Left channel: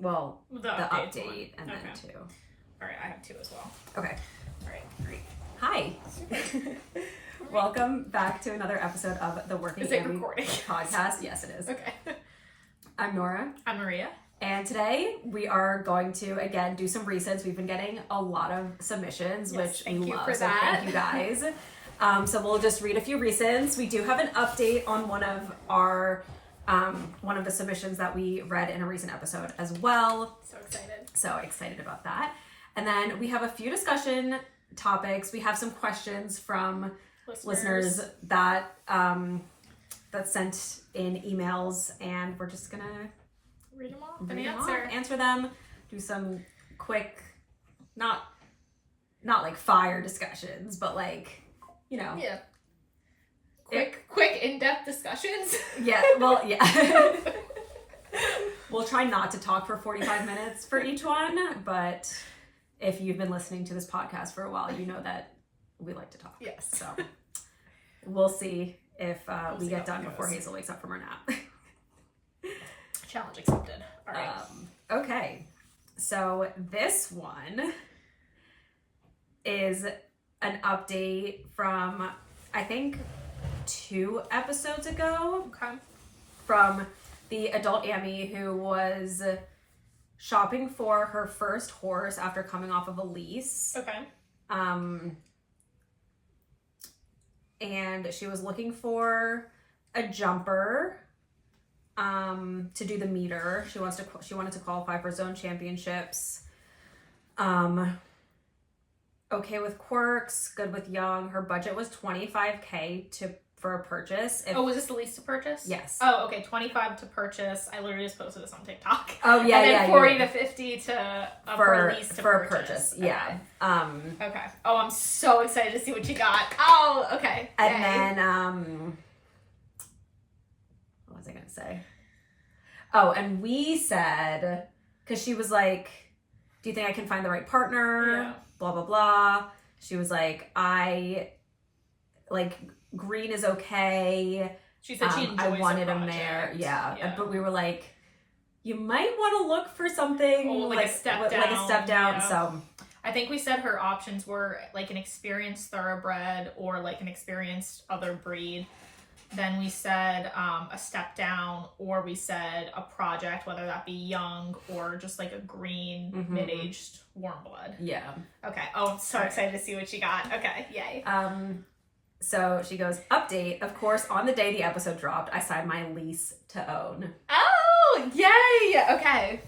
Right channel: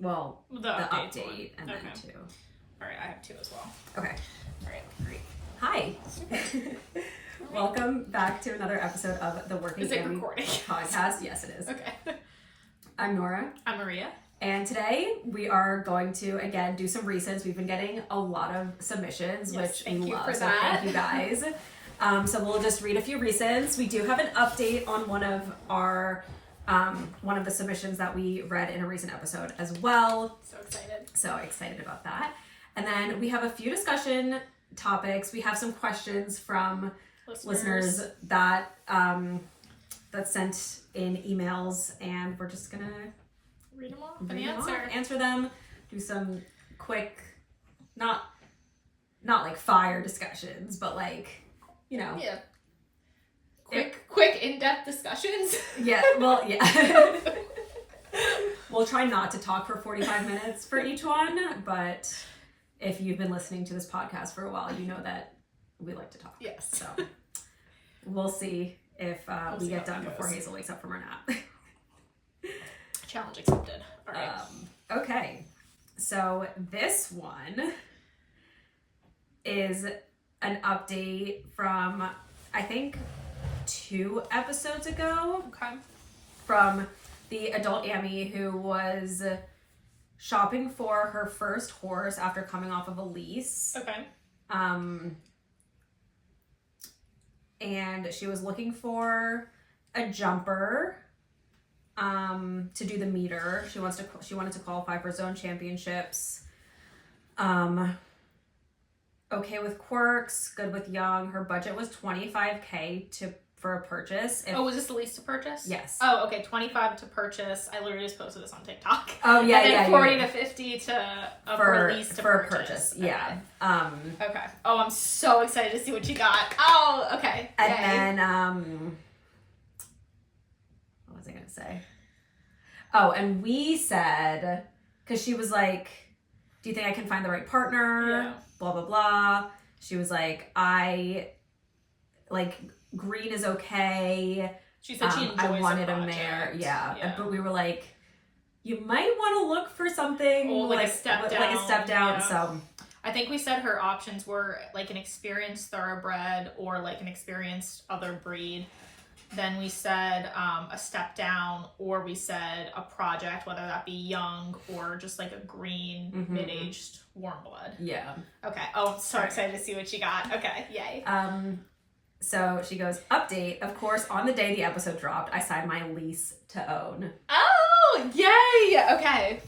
Well, the update and then 2. All right, I have 2 as well. Okay. All right, great. Hi. Welcome back to another episode of the Working Ammy podcast. Yes, it is. Okay. I'm Nora. I'm Maria. And today we are going to, again, do some resends. We've been getting a lot of submissions, which we love. So thank you guys. So we'll just read a few resends. We do have an update on one of our one of the submissions that we read in a recent episode as well. So excited about that. And then we have a few discussion topics. We have some questions from listeners that that sent in emails, and we're just gonna read them off and answer them, do some quick, not like fire discussions, but like, you know. Yeah. Quick in-depth discussions. Yeah, well, yeah. We'll try not to talk for 45 minutes for each one, but if you've been listening to this podcast for a while, you know that we like to talk. Yes. So we'll see if we get done before Hazel wakes up from her nap. Challenge accepted. All right. Okay. So this one is an update from, I think, 2 episodes ago. Okay. From the adult Ammy who was shopping for her first horse after coming off of a lease. Okay. And she was looking for a jumper to do the meter. She wanted to qualify for zone championships. Okay with quirks, good with young. Her budget was $25,000 for a purchase. Was this the lease to purchase? Yes. Oh, okay. 25 to purchase. I literally just posted this on TikTok. Oh yeah, and then 40 to 50 for lease to purchase. Yeah. Okay. Okay. Oh, I'm so excited to see what you got. Oh, okay. And then what was I gonna say? Oh, and we said, because she was like, "Do you think I can find the right partner?" Yeah. Blah blah blah. She was like, green is okay. She said she enjoys I wanted a mare. Yeah. But we were like, you might want to look for something like a step down. Yeah. So I think we said her options were like an experienced thoroughbred or like an experienced other breed. Then we said a step down, or we said a project, whether that be young or just like a green mid-aged warm blood. Yeah. Okay. Oh, I'm so excited to see what you got. Okay. Yay. So she goes, update, of course, on the day the episode dropped, I signed my lease to own. Oh, yay! Okay.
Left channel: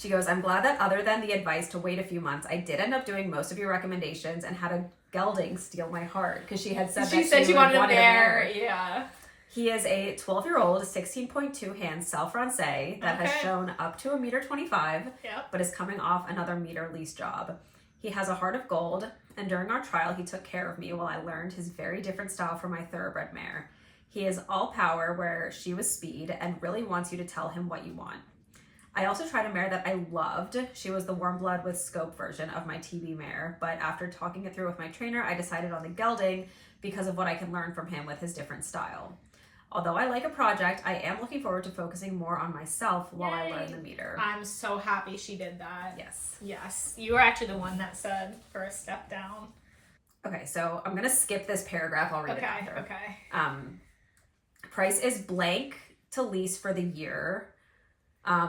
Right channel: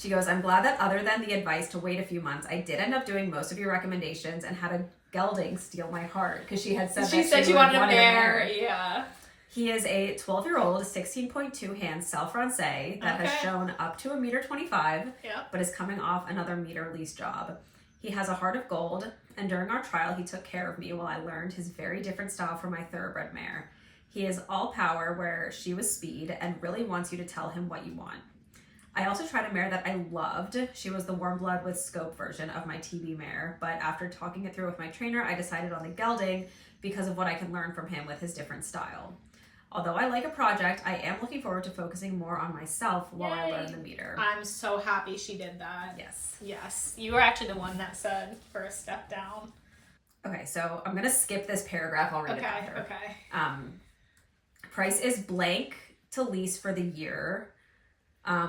She goes, I'm glad that other than the advice to wait a few months, I did end up doing most of your recommendations and had a gelding steal my heart, because she had said she wanted a mare. Yeah. He is a 12-year-old, 16.2 hand Sal Francais that has shown up to $1.25 m, but is coming off another meter lease job. He has a heart of gold, and during our trial, he took care of me while I learned his very different style from my thoroughbred mare. He is all power where she was speed and really wants you to tell him what you want. I also tried a mare that I loved. She was the warm blood with scope version of my TB mare, but after talking it through with my trainer, I decided on the gelding because of what I can learn from him with his different style. Although I like a project, I am looking forward to focusing more on myself while I learn the meter. I'm so happy she did that. Yes. Yes. You were actually the one that said for a step down. Okay, so I'm going to skip this paragraph. I'll read it after. Okay. Price is blank to lease for the year,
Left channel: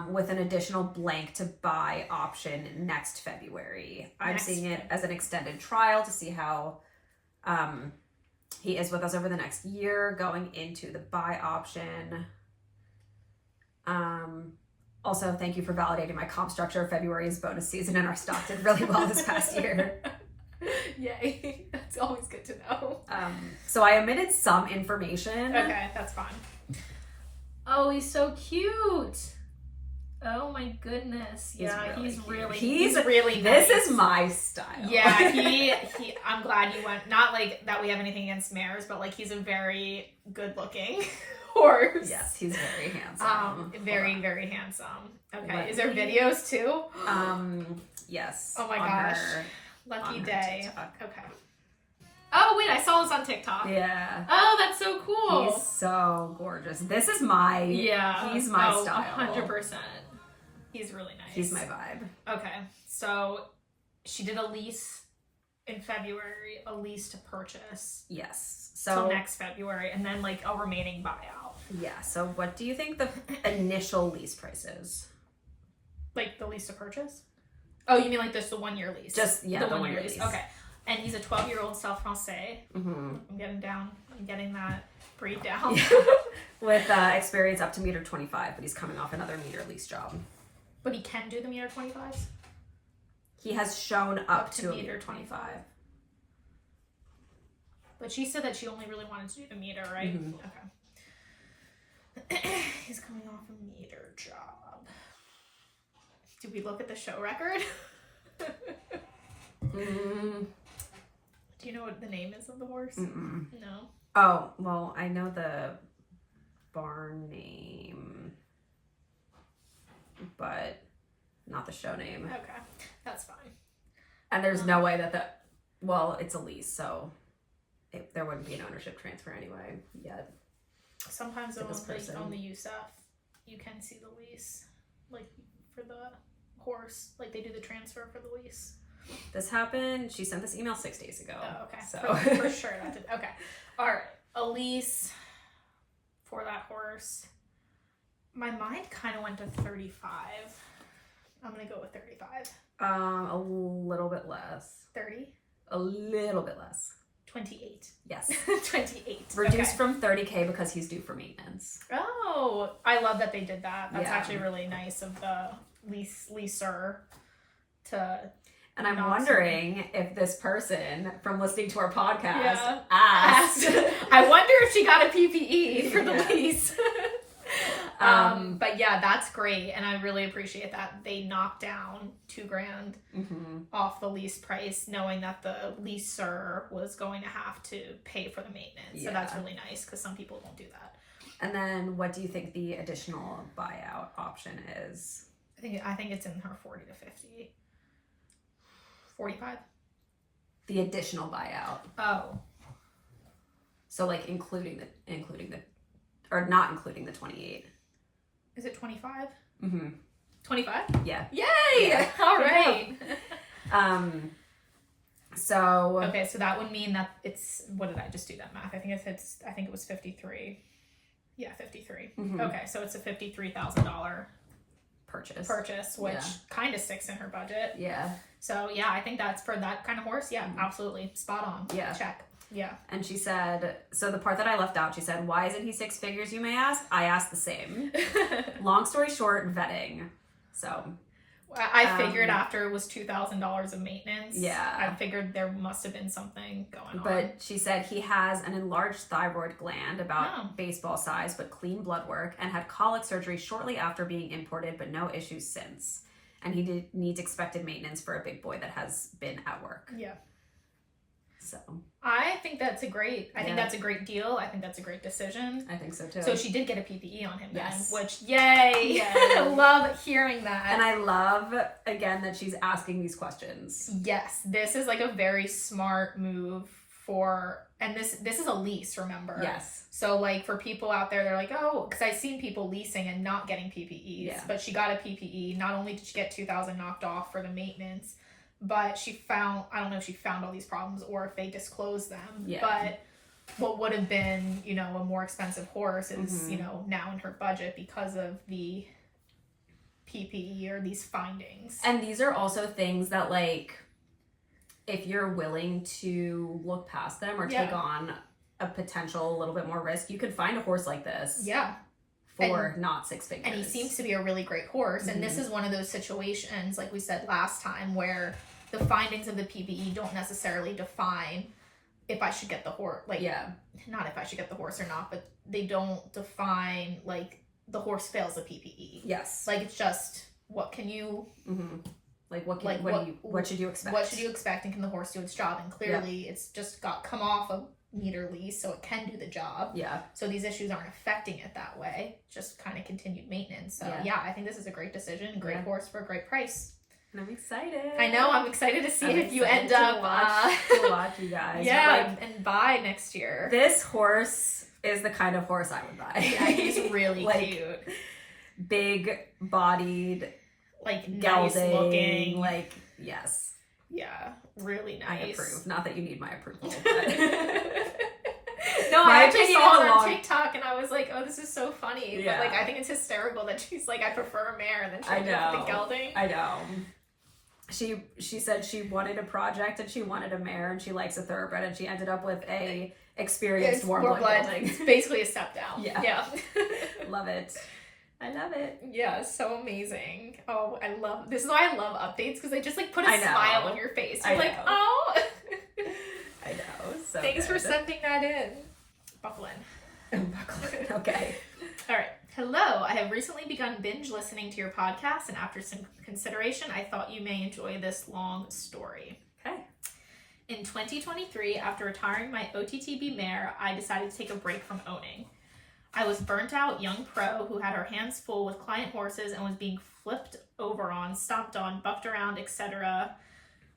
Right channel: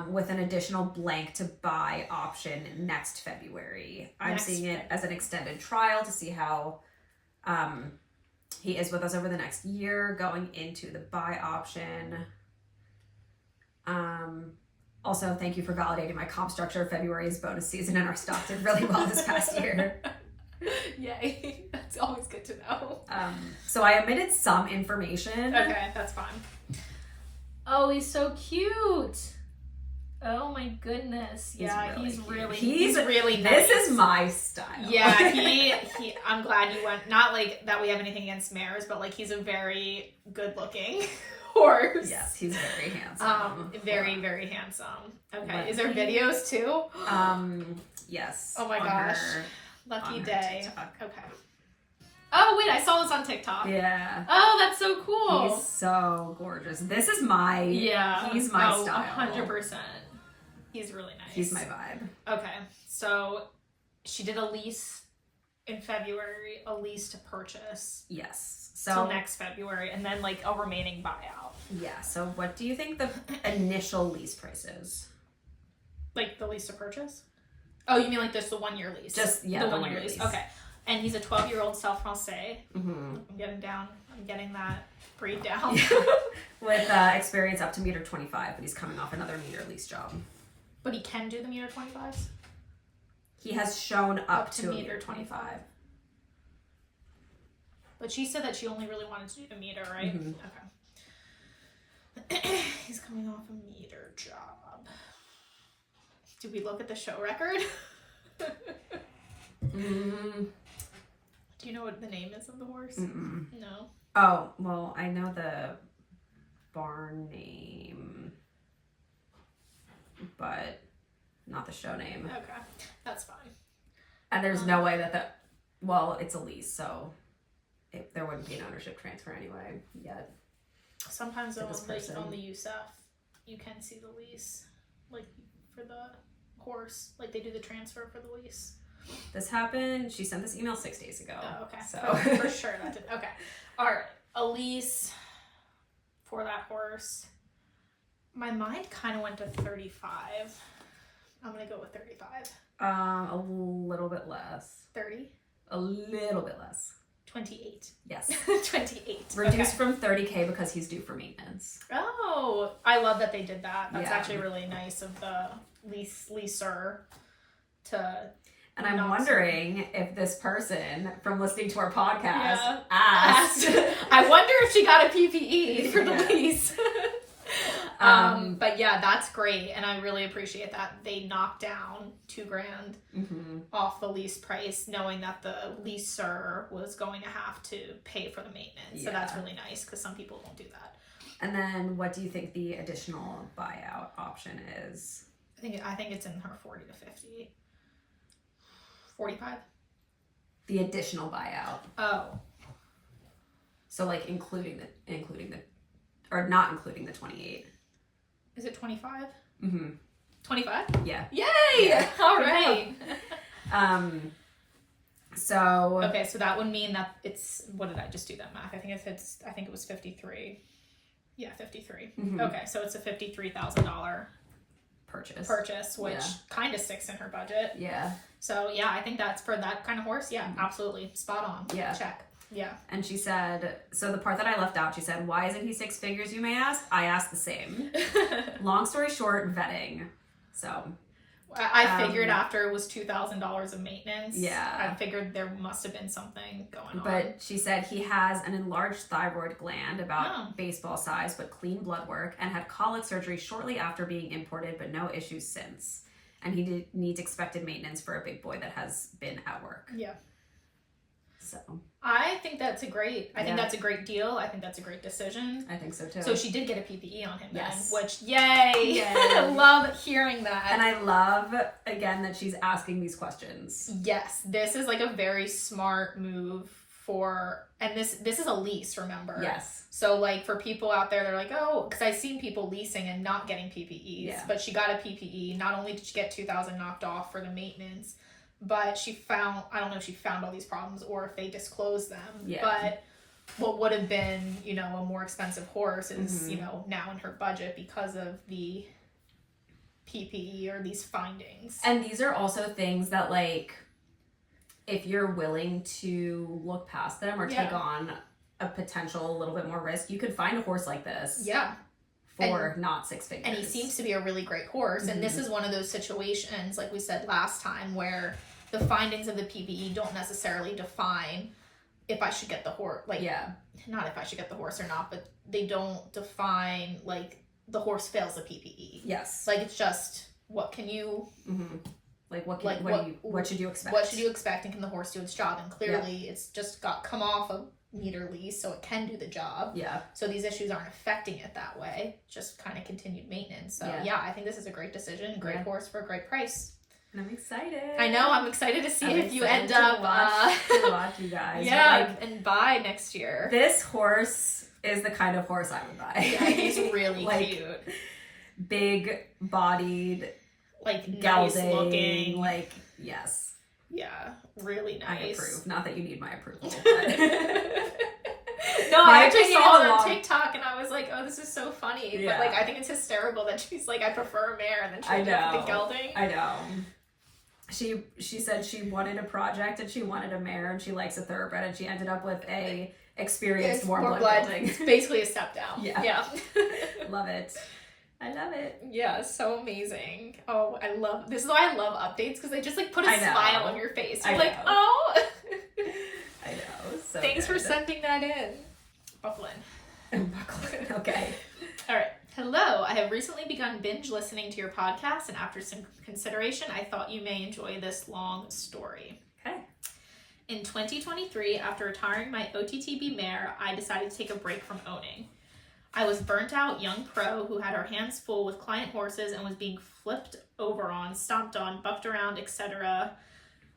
with an additional blank to buy option next February. I'm seeing it as an extended trial to see how he is with us over the next year, going into the buy option. Also, thank you for validating my comp structure. February is bonus season and our stock did really well this past year. Yay. That's always good to know. So I omitted some information. Okay, that's fine. Oh, he's so cute. Oh my goodness. He's really nice. This is my style. Yeah, he I'm glad you went, not like that we have anything against mares, but like he's a very good looking horse. Yes, he's very handsome. Very handsome. Okay. Is there videos too? Yes. Oh my gosh. Lucky day. Okay. Oh wait, I saw this on TikTok. Yeah. Oh, that's so cool. He's so gorgeous. This is my he's my style. 100%. He's really nice. He's my vibe. Okay, so she did a lease in February, a lease to purchase. Yes. So next February, and then like a remaining buyout. Yeah. So what do you think the initial lease price is? Like the lease to purchase? Oh, you mean like this the 1 year lease? Just the 1 year lease. Okay. And he's a 12-year-old South Francais. Mm-hmm. I'm getting that breed down. With experience up to 1.25 meters, but he's coming off another meter lease job. But he can do the 1.25 meters? He has shown up to 1.25 meters. But she said that she only really wanted to do the meter, right? Mm-hmm. Okay. He's coming off a meter job. Do we look at the show record? Do you know what the name is of the horse? Mm-mm. No. Oh, well, I know the barn name, but not the show name. Okay, that's fine. And there's no way that it's a lease, so there wouldn't be an ownership transfer anyway yet. Sometimes on the USF, you can see the lease, like for the horse, like they do the transfer for the lease. This happened. She sent this email 6 days ago. Oh, okay. So for sure that did. Okay. All right. A lease for that horse. My mind kind of went to 35. I'm gonna go with 35. A little bit less. 30. A little bit less. 28. Yes. 28. Reduced from $30,000 because he's due for maintenance. Oh, I love that they did that. That's Yeah. actually really nice of the leaser to. And I'm wondering if this person from listening to our podcast asked. I wonder if she got a PPE for the lease. But yeah, that's great. And I really appreciate that they knocked down $2,000 off the lease price, knowing that the leaser was going to have to pay for the maintenance. Yeah. So that's really nice because some people won't do that. And then what do you think the additional buyout option is? I think it's in her 40 to 50. 45? The additional buyout. Oh. So like including the or not including the 28. Is it 25? Mm-hmm. 25? Yeah. Yay! Yeah. All right. So okay, so that would mean that it's, what did I just do that math? I think it was 53. Yeah, 53. Mm-hmm. Okay, so it's a $53,000 purchase, which kind of sticks in her budget. Yeah. So yeah, I think that's for that kind of horse. Yeah, absolutely. Spot on. Yeah. Check. Yeah. And she said, so the part that I left out, she said, why isn't he 6 figures, you may ask? I asked the same. Long story short, vetting. So I figured after it was $2,000 of maintenance. Yeah. I figured there must have been something going on. But she said he has an enlarged thyroid gland, about baseball size, but clean blood work, and had colic surgery shortly after being imported, but no issues since. And he needs expected maintenance for a big boy that has been at work. Yeah. So I think that's a great deal. I think that's a great decision. I think so too. So she did get a PPE on him then, which yay. Love hearing that. And I love again that she's asking these questions. Yes, this is like a very smart move and this is a lease, remember? Yes. So like for people out there, they're like, oh, because I've seen people leasing and not getting PPEs, but she got a PPE. Not only did she get $2,000 knocked off for the maintenance, but I don't know if she found all these problems or if they disclosed them. Yeah. But what would have been, a more expensive horse is, now in her budget because of the PPE or these findings. And these are also things that like, if you're willing to look past them or take on a potential a little bit more risk, you could find a horse like this. Yeah. For not 6 figures. And he seems to be a really great horse. And this is one of those situations, like we said last time, where the findings of the PPE don't necessarily define if I should get the horse. Like, not if I should get the horse or not, but they don't define, like, the horse fails the PPE. Yes. Like, it's just, what can you... Mm-hmm. Like, what should you expect? What should you expect, and can the horse do its job? And clearly, it's just come off a meter lease, so it can do the job. Yeah. So these issues aren't affecting it that way, just kind of continued maintenance. So I think this is a great decision, great horse for a great price. And I'm excited. I know, I'm excited to see if you end up to watch you guys. Yeah, and buy next year. This horse is the kind of horse I would buy. Yeah, he's really cute. Big bodied, like gelding, nice looking. like, yes. Yeah, really nice. I approve. Not that you need my approval. No, I actually saw it on TikTok and I was like, oh, this is so funny. Yeah. But like, I think it's hysterical that she's like, I prefer a mare, and then she ended up with the gelding. I know. She said she wanted a project and she wanted a mare and she likes a thoroughbred, and she ended up with a experienced warm blood gelding. It's basically a step down. Yeah. Love it. I love it. Yeah, so amazing. Oh, this is why I love updates, because they just like put a smile on your face. You're like, oh. I know. So thanks for sending that in. Buckle in. Okay. All right. Hello. I have recently begun binge listening to your podcast, and after some consideration, I thought you may enjoy this long story. Okay. In 2023, after retiring my OTTB mare, I decided to take a break from owning. I was burnt out young pro who had her hands full with client horses and was being flipped over on, stomped on, bucked around, etc.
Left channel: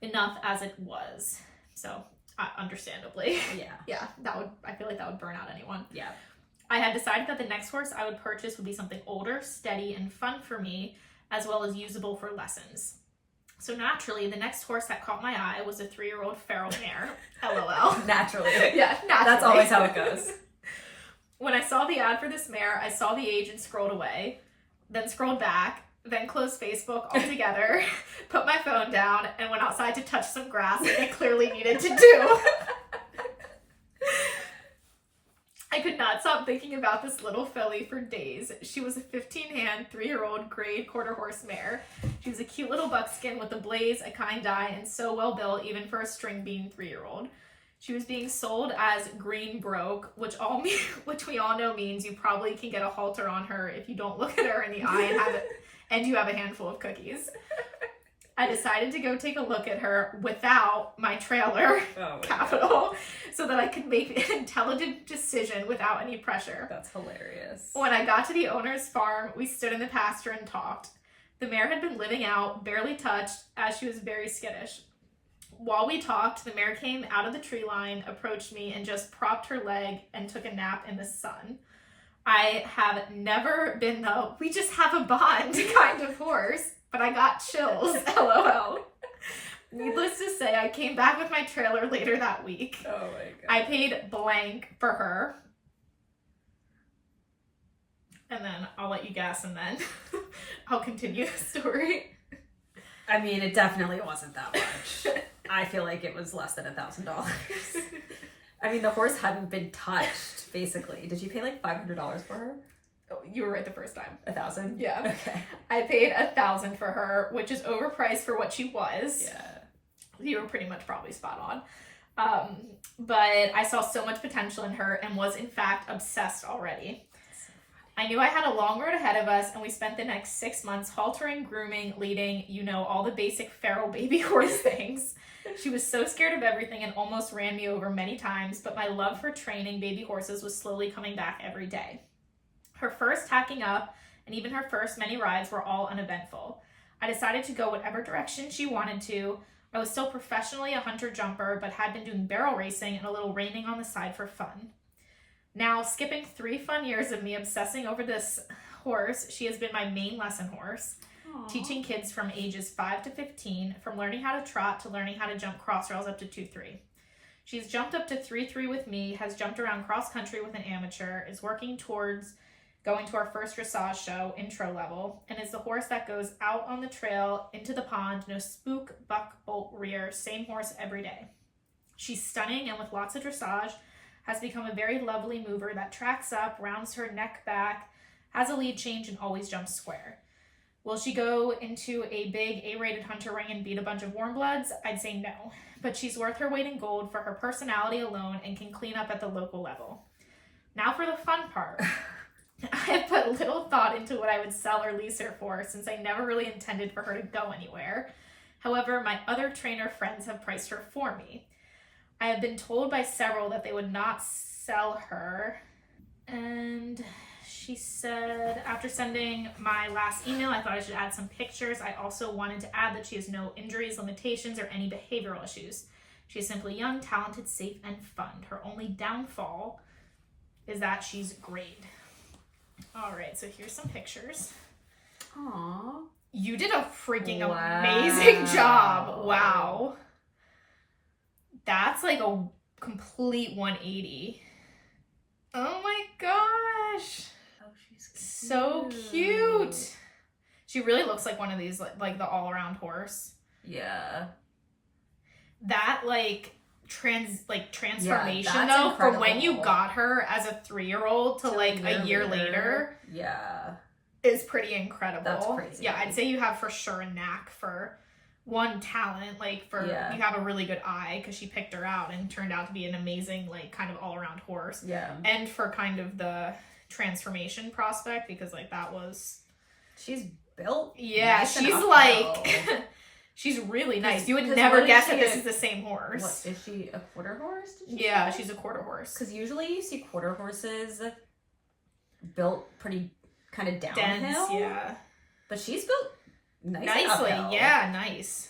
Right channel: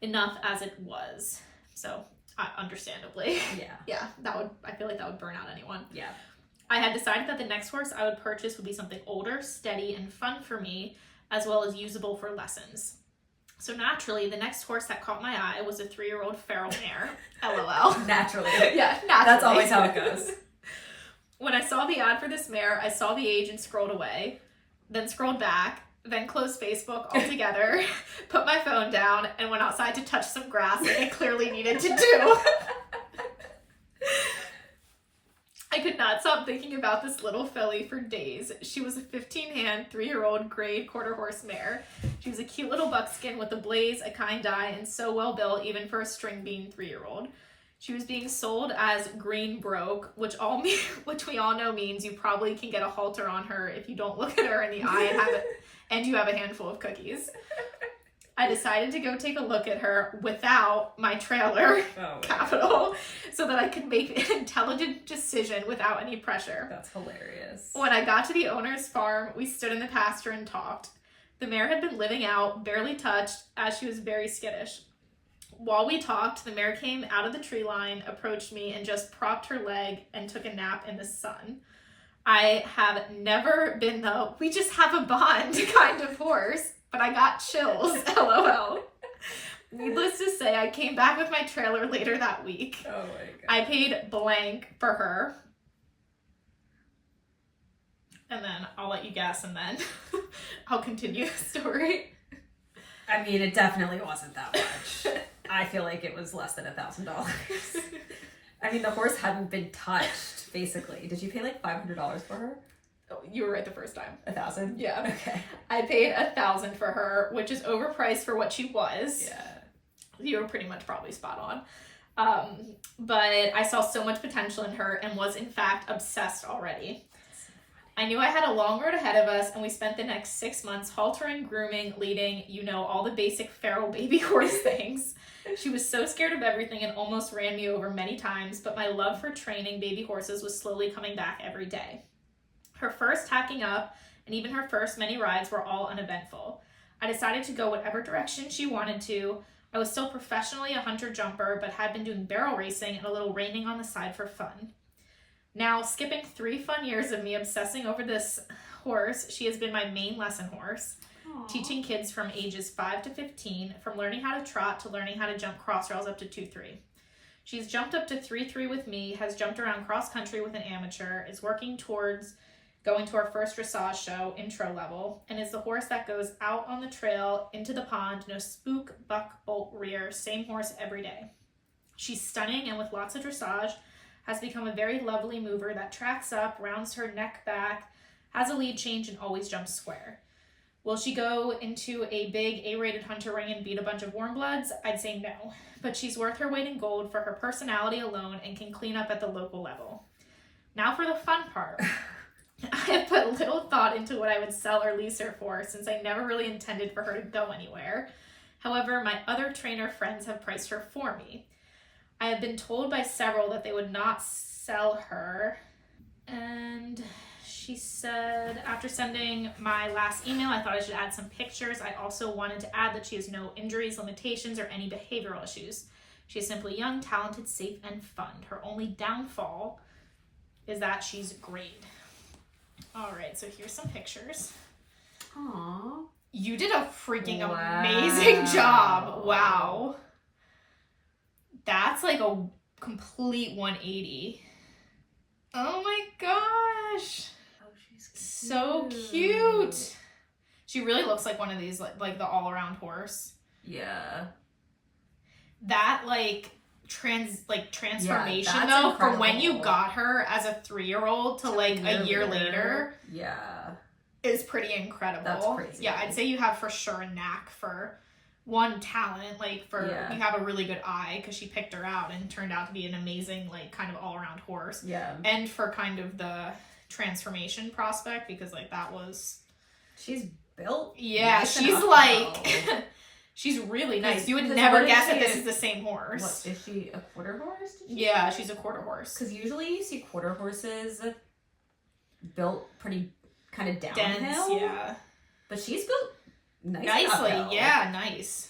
Enough as it was. So, understandably. Yeah. I feel like that would burn out anyone. Yeah. I had decided that the next horse I would purchase would be something older, steady, and fun for me, as well as usable for lessons. So naturally, the next horse that caught my eye was a 3-year-old feral mare. LOL. Naturally. Yeah, naturally. That's always how it goes. When I saw the ad for this mare, I saw the age and scrolled away, then scrolled back, then closed Facebook altogether, put my phone down, and went outside to touch some grass like I clearly needed to do. I could not stop thinking about this little filly for days. She was a 15-hand, 3-year-old gray quarter horse mare. She was a cute little buckskin with a blaze, a kind eye, and so well built even for a string bean 3-year-old. She was being sold as green broke, which we all know means you probably can get a halter on her if you don't look at her in the eye and you have a handful of cookies. I decided to go take a look at her without my trailer, capital, so that I could make an intelligent decision without any pressure. That's hilarious. When I got to the owner's farm, we stood in the pasture and talked. The mare had been living out, barely touched, as she was very skittish. While we talked, the mare came out of the tree line, approached me, and just propped her leg and took a nap in the sun. I have never been the we just have a bond kind of horse, but I got chills, LOL. Needless to say, I came back with my trailer later that week. Oh my god. I paid blank for her. And then I'll let you guess, and then I'll continue the story. I mean, it definitely wasn't that much. I feel like it was less than $1,000. I mean, the horse hadn't been touched, basically. Did you pay like $500 for her? Oh, you were right the first time. 1,000? Yeah. Okay. I paid 1,000 for her, which is overpriced for what she was. Yeah. You were pretty much probably spot on. But I saw so much potential in her and was in fact obsessed already. I knew I had a long road ahead of us, and we spent the next 6 months haltering, grooming, leading, all the basic feral baby horse things. She was so scared of everything and almost ran me over many times, but my love for training baby horses was slowly coming back every day. Her first tacking up and even her first many rides were all uneventful. I decided to go whatever direction she wanted to. I was still professionally a hunter jumper, but had been doing barrel racing and a little reining on the side for fun. Now, skipping 3 fun years of me obsessing over this horse, she has been my main lesson horse. Aww. Teaching kids from ages 5 to 15, from learning how to trot to learning how to jump cross rails up to 2-3. She's jumped up to 3-3 with me, has jumped around cross country with an amateur, is working towards going to our first dressage show, intro level, and is the horse that goes out on the trail, into the pond, no spook, buck, bolt, rear, same horse every day. She's stunning and with lots of dressage, has become a very lovely mover that tracks up, rounds her neck back, has a lead change, and always jumps square. Will she go into a big A-rated hunter ring and beat a bunch of warm bloods? I'd say no, but she's worth her weight in gold for her personality alone and can clean up at the local level. Now for the fun part. I have put little thought into what I would sell or lease her for, since I never really intended for her to go anywhere. However, my other trainer friends have priced her for me. I have been told by several that they would not sell her. And she said, after sending my last email, I thought I should add some pictures. I also wanted to add that she has no injuries, limitations, or any behavioral issues. She is simply young, talented, safe, and fun. Her only downfall is that she's grayed. All right, so here's some pictures. Aww. You did a freaking amazing job. Wow. That's like a complete 180. Oh my gosh. Oh, she's cute. So cute. She really looks like one of these, like the all-around horse. Yeah. That transformation though, incredible. From when you got her as a 3-year-old to like a year later. Yeah. Is pretty incredible. That's crazy. Yeah, I'd say you have for sure a knack for one talent, like for you have a really good eye because she picked her out and turned out to be an amazing like kind of all-around horse. Yeah. And for kind of the transformation prospect because like that was she's built. Yeah, nice she's like she's really nice. You would never guess that this is the same horse. What is she, a quarter horse? Yeah, she's a quarter horse. Because usually you see quarter horses built pretty kind of downhill. Dense, yeah. But she's built nicely. Uphill. Yeah, nice.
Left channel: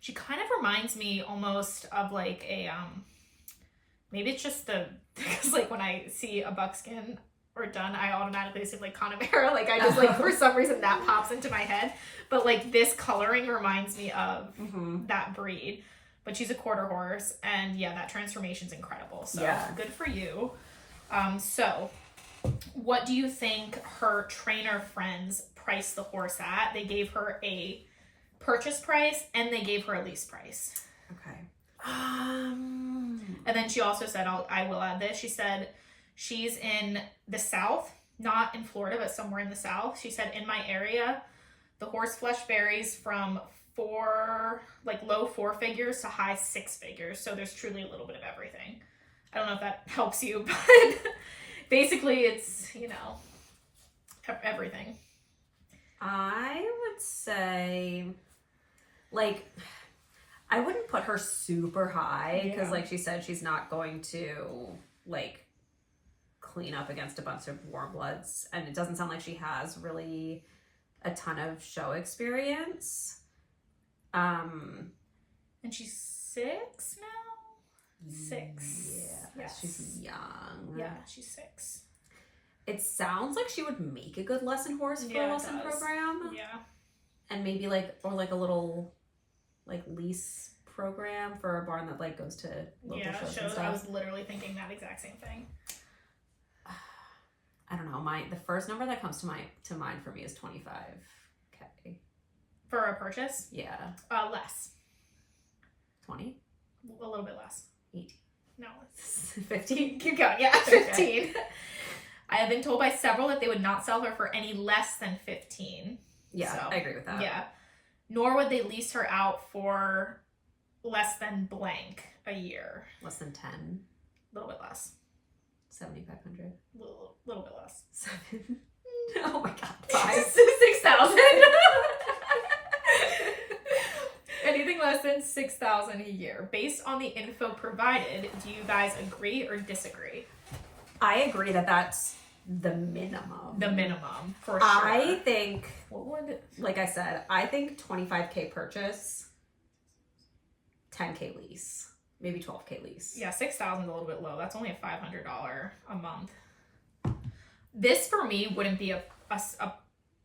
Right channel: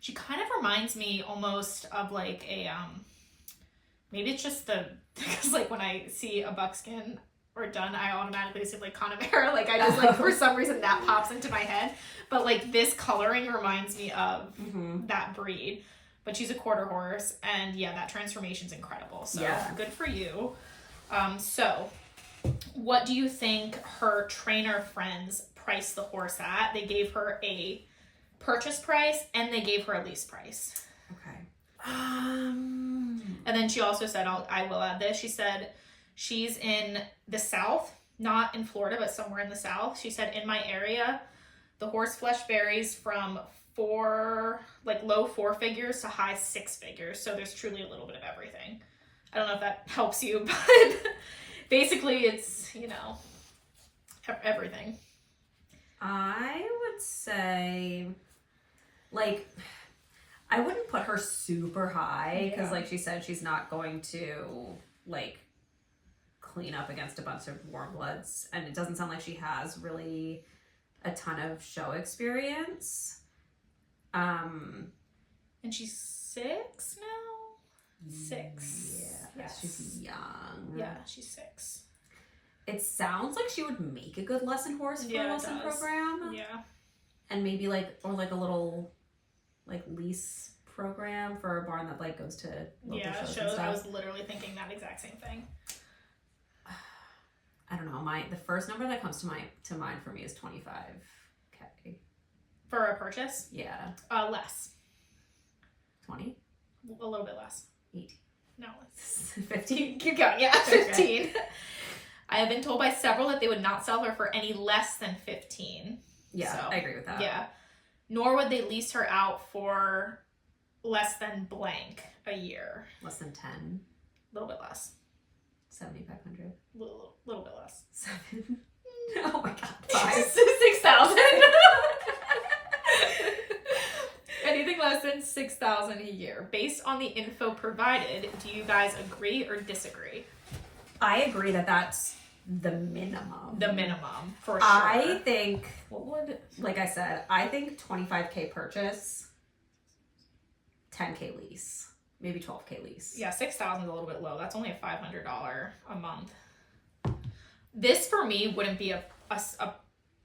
She kind of reminds me almost of like a maybe it's just because like when I see a buckskin or done, I automatically see like Connemara. Like I just like for some reason that pops into my head. But like this coloring reminds me of that breed. But she's a quarter horse, and yeah, that transformation's incredible. So good for you. So what do you think her trainer friends priced the horse at? They gave her a purchase price and they gave her a lease price. Okay. And then she also said, I will add this. She said she's in the South, not in Florida, but somewhere in the South. She said, in my area, the horse flesh varies from low 4 figures to high 6 figures. So there's truly a little bit of everything. I don't know if that helps you, but basically it's, everything. I would say, like, I wouldn't put her super high because, like she said, she's not going to, like, clean up against a bunch of warm bloods. And it doesn't sound like she has really a ton of show experience. And she's 6 now? 6. Yeah. Yes. She's young. Yeah, she's 6. It sounds like she would make a good lesson horse for a lesson program. Yeah. And maybe a little lease program for a barn that like goes to local shows and stuff. I was literally thinking that exact same thing. I don't know. The first number that comes to mind for me is 25K. For a purchase? Yeah. Less. 20? A little bit less. 18. No. 15? Keep going. Yeah, 15. Okay. I have been told by several that they would not sell her for any less than 15. Yeah, so, I agree with that. Yeah. Nor would they lease her out for less than blank a year. Less than 10? A little bit less. 7,500. Little bit less. 7. Oh my god. 5. 6,000. Anything less than 6,000 a year. Based on the info provided, do you guys agree or disagree? I agree that that's the minimum. The minimum, for sure. I think, like I said, I think 25K purchase, 10K lease, maybe 12K lease. Yeah, 6,000 is a little bit low. That's only a $500 a month. This for me wouldn't be a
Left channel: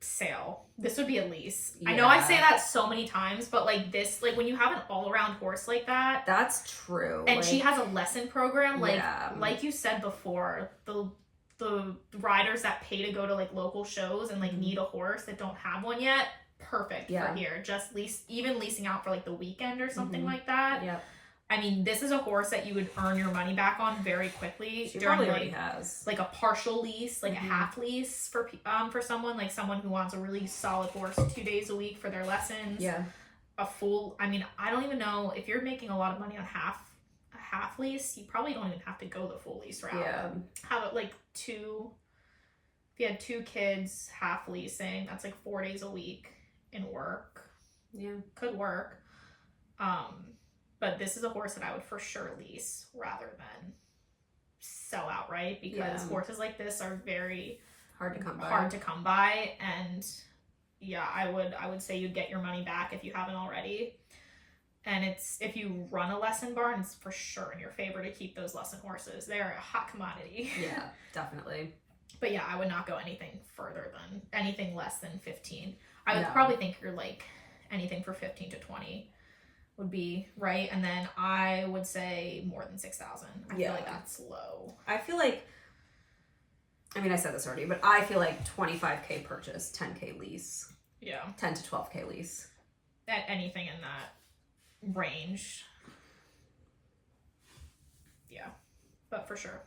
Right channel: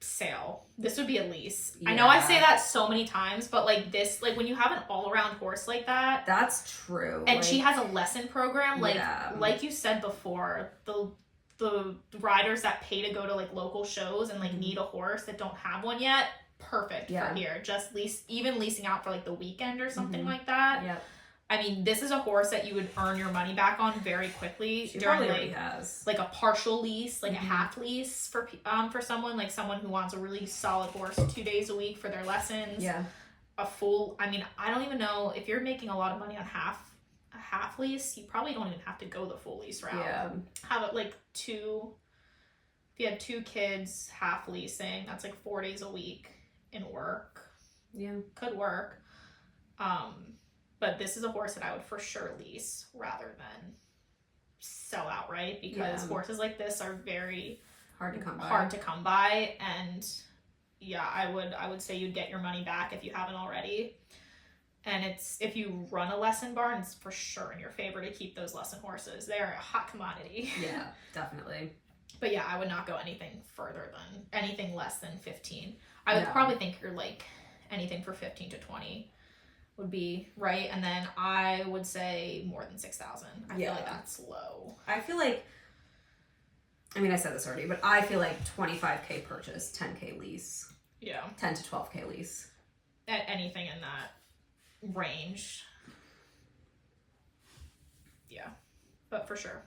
sale. This would be a lease. Yeah. I know I say that so many times, but like this, like when you have an all-around horse like that, that's true. And she has a lesson program, like you said before, the riders that pay to go to like local shows and like need a horse that don't have one yet, perfect for here. Just leasing out for like the weekend or something like that. Yeah. I mean, this is a horse that you would earn your money back on very quickly. She probably already has. Like a partial lease, like a half lease for someone who wants a really solid horse 2 days a week for their lessons. Yeah. A full, I mean, I don't even know if you're making a lot of money on a half lease, you probably don't even have to go the full lease route. Yeah. How about like if you had 2 kids, half leasing, that's like 4 days a week in work. Yeah. Could work. But this is a horse that I would for sure lease rather than sell outright because horses like this are very hard to come by. And yeah, I would say you'd get your money back if you haven't already. And if you run a lesson barn, it's for sure in your favor to keep those lesson horses. They are a hot commodity. Yeah, definitely. But yeah, I would not go anything less than 15. I would probably think you're like anything for 15 to 20 would be right. And then I would say more than 6,000. I feel like that's low. I feel like, I mean, I said this already, but I feel like 25K purchase, 10K lease. Yeah. 10 to 12K lease. At anything in that range. Yeah. But for sure.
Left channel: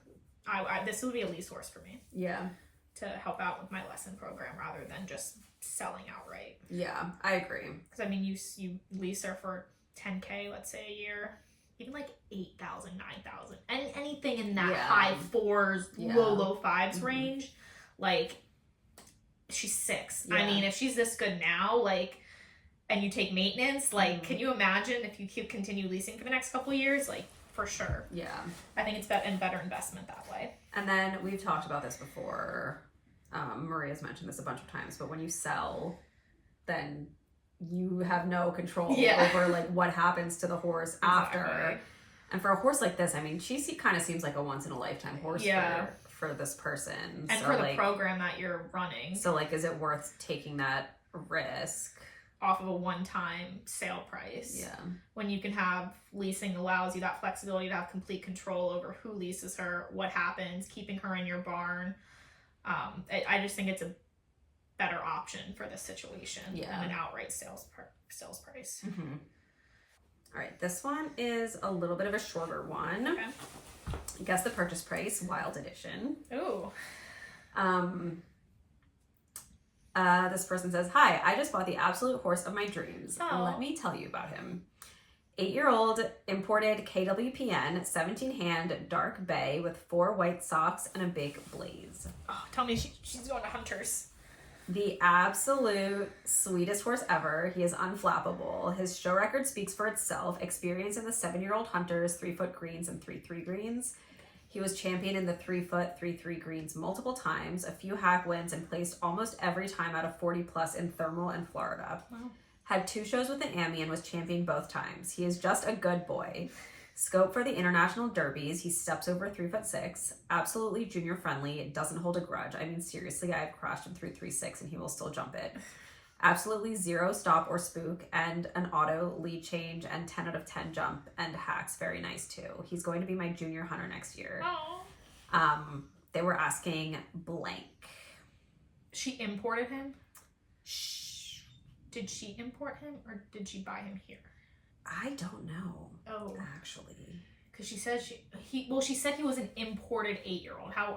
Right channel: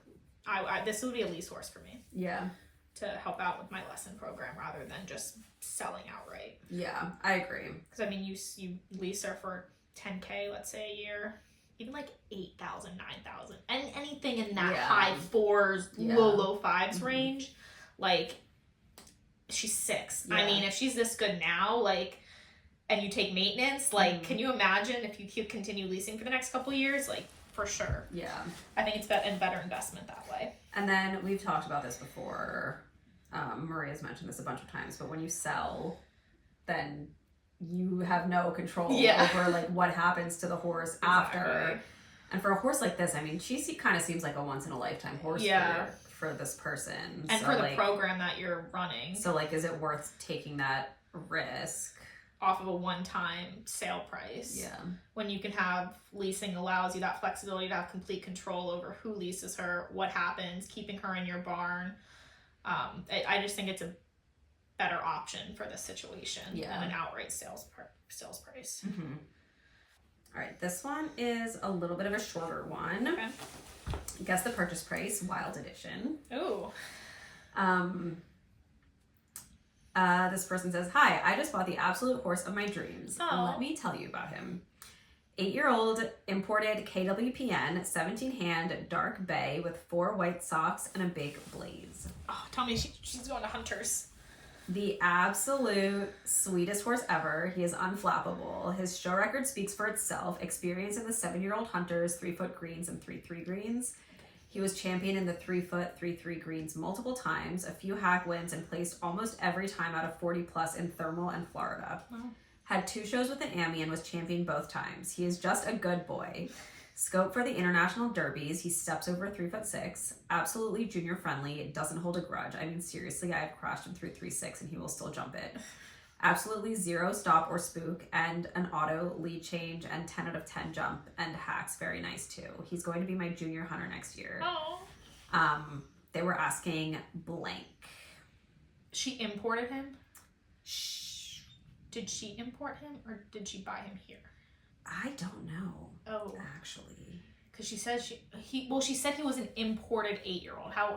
This would be a lease horse for me. Yeah. To help out with my lesson program rather than just selling outright. Yeah, I agree. Because I mean, you lease her for 10K, let's say, a year, even like 8,000, 9,000, and anything in that high 4s, low 5s range. Like, she's 6. I mean, if she's this good now, like, and you take maintenance, like, can you imagine if you continue leasing for the next couple years? Like, for sure. Yeah. I think it's a better investment that way. And then we've talked about this before. Maria's mentioned this a bunch of times, but when you sell, then you have no control over like what happens to the horse after. And for a horse like this, I mean, she kind of seems like a once in a lifetime horse for this person. And so, for the program that you're running. So like, is it worth taking that risk? Off of a one-time sale price. Yeah. When you can have leasing allows you that flexibility to have complete control over who leases her, what happens, keeping her in your barn. I just think it's a better option for this situation than an outright sales price. Mm-hmm. All right, this one is a little bit of a shorter one. Okay. Guess the purchase price, Wild Edition. Ooh. This person says, "Hi, I just bought the absolute horse of my dreams. Let me tell you about him. 8-year-old imported KWPN, 17-hand, dark bay with 4 white socks and a big blaze. Oh, tell me she's going to Hunters. The absolute sweetest horse ever. He is unflappable. His show record speaks for itself. Experience in the 7-year-old Hunters, 3-foot greens and 3-3 greens. He was champion in the 3-foot, 3-3 greens multiple times, a few hack wins, and placed almost every time out of 40 plus in Thermal and Florida. Wow. Had 2 shows with the Ammy and was champion both times. He is just a good boy. Scope for the international derbies. He steps over 3'6". Absolutely junior friendly. Doesn't hold a grudge. I mean, seriously, I have crashed him through 3.6 and he will still jump it. Absolutely 0 stop or spook, and an auto lead change and 10 out of 10 jump and hacks. Very nice too. He's going to be my junior hunter next year. Oh. They were asking blank. She imported him? Did she import him or did she buy him here? I don't know. Oh. Actually. Because she said she said he was an imported 8-year-old. How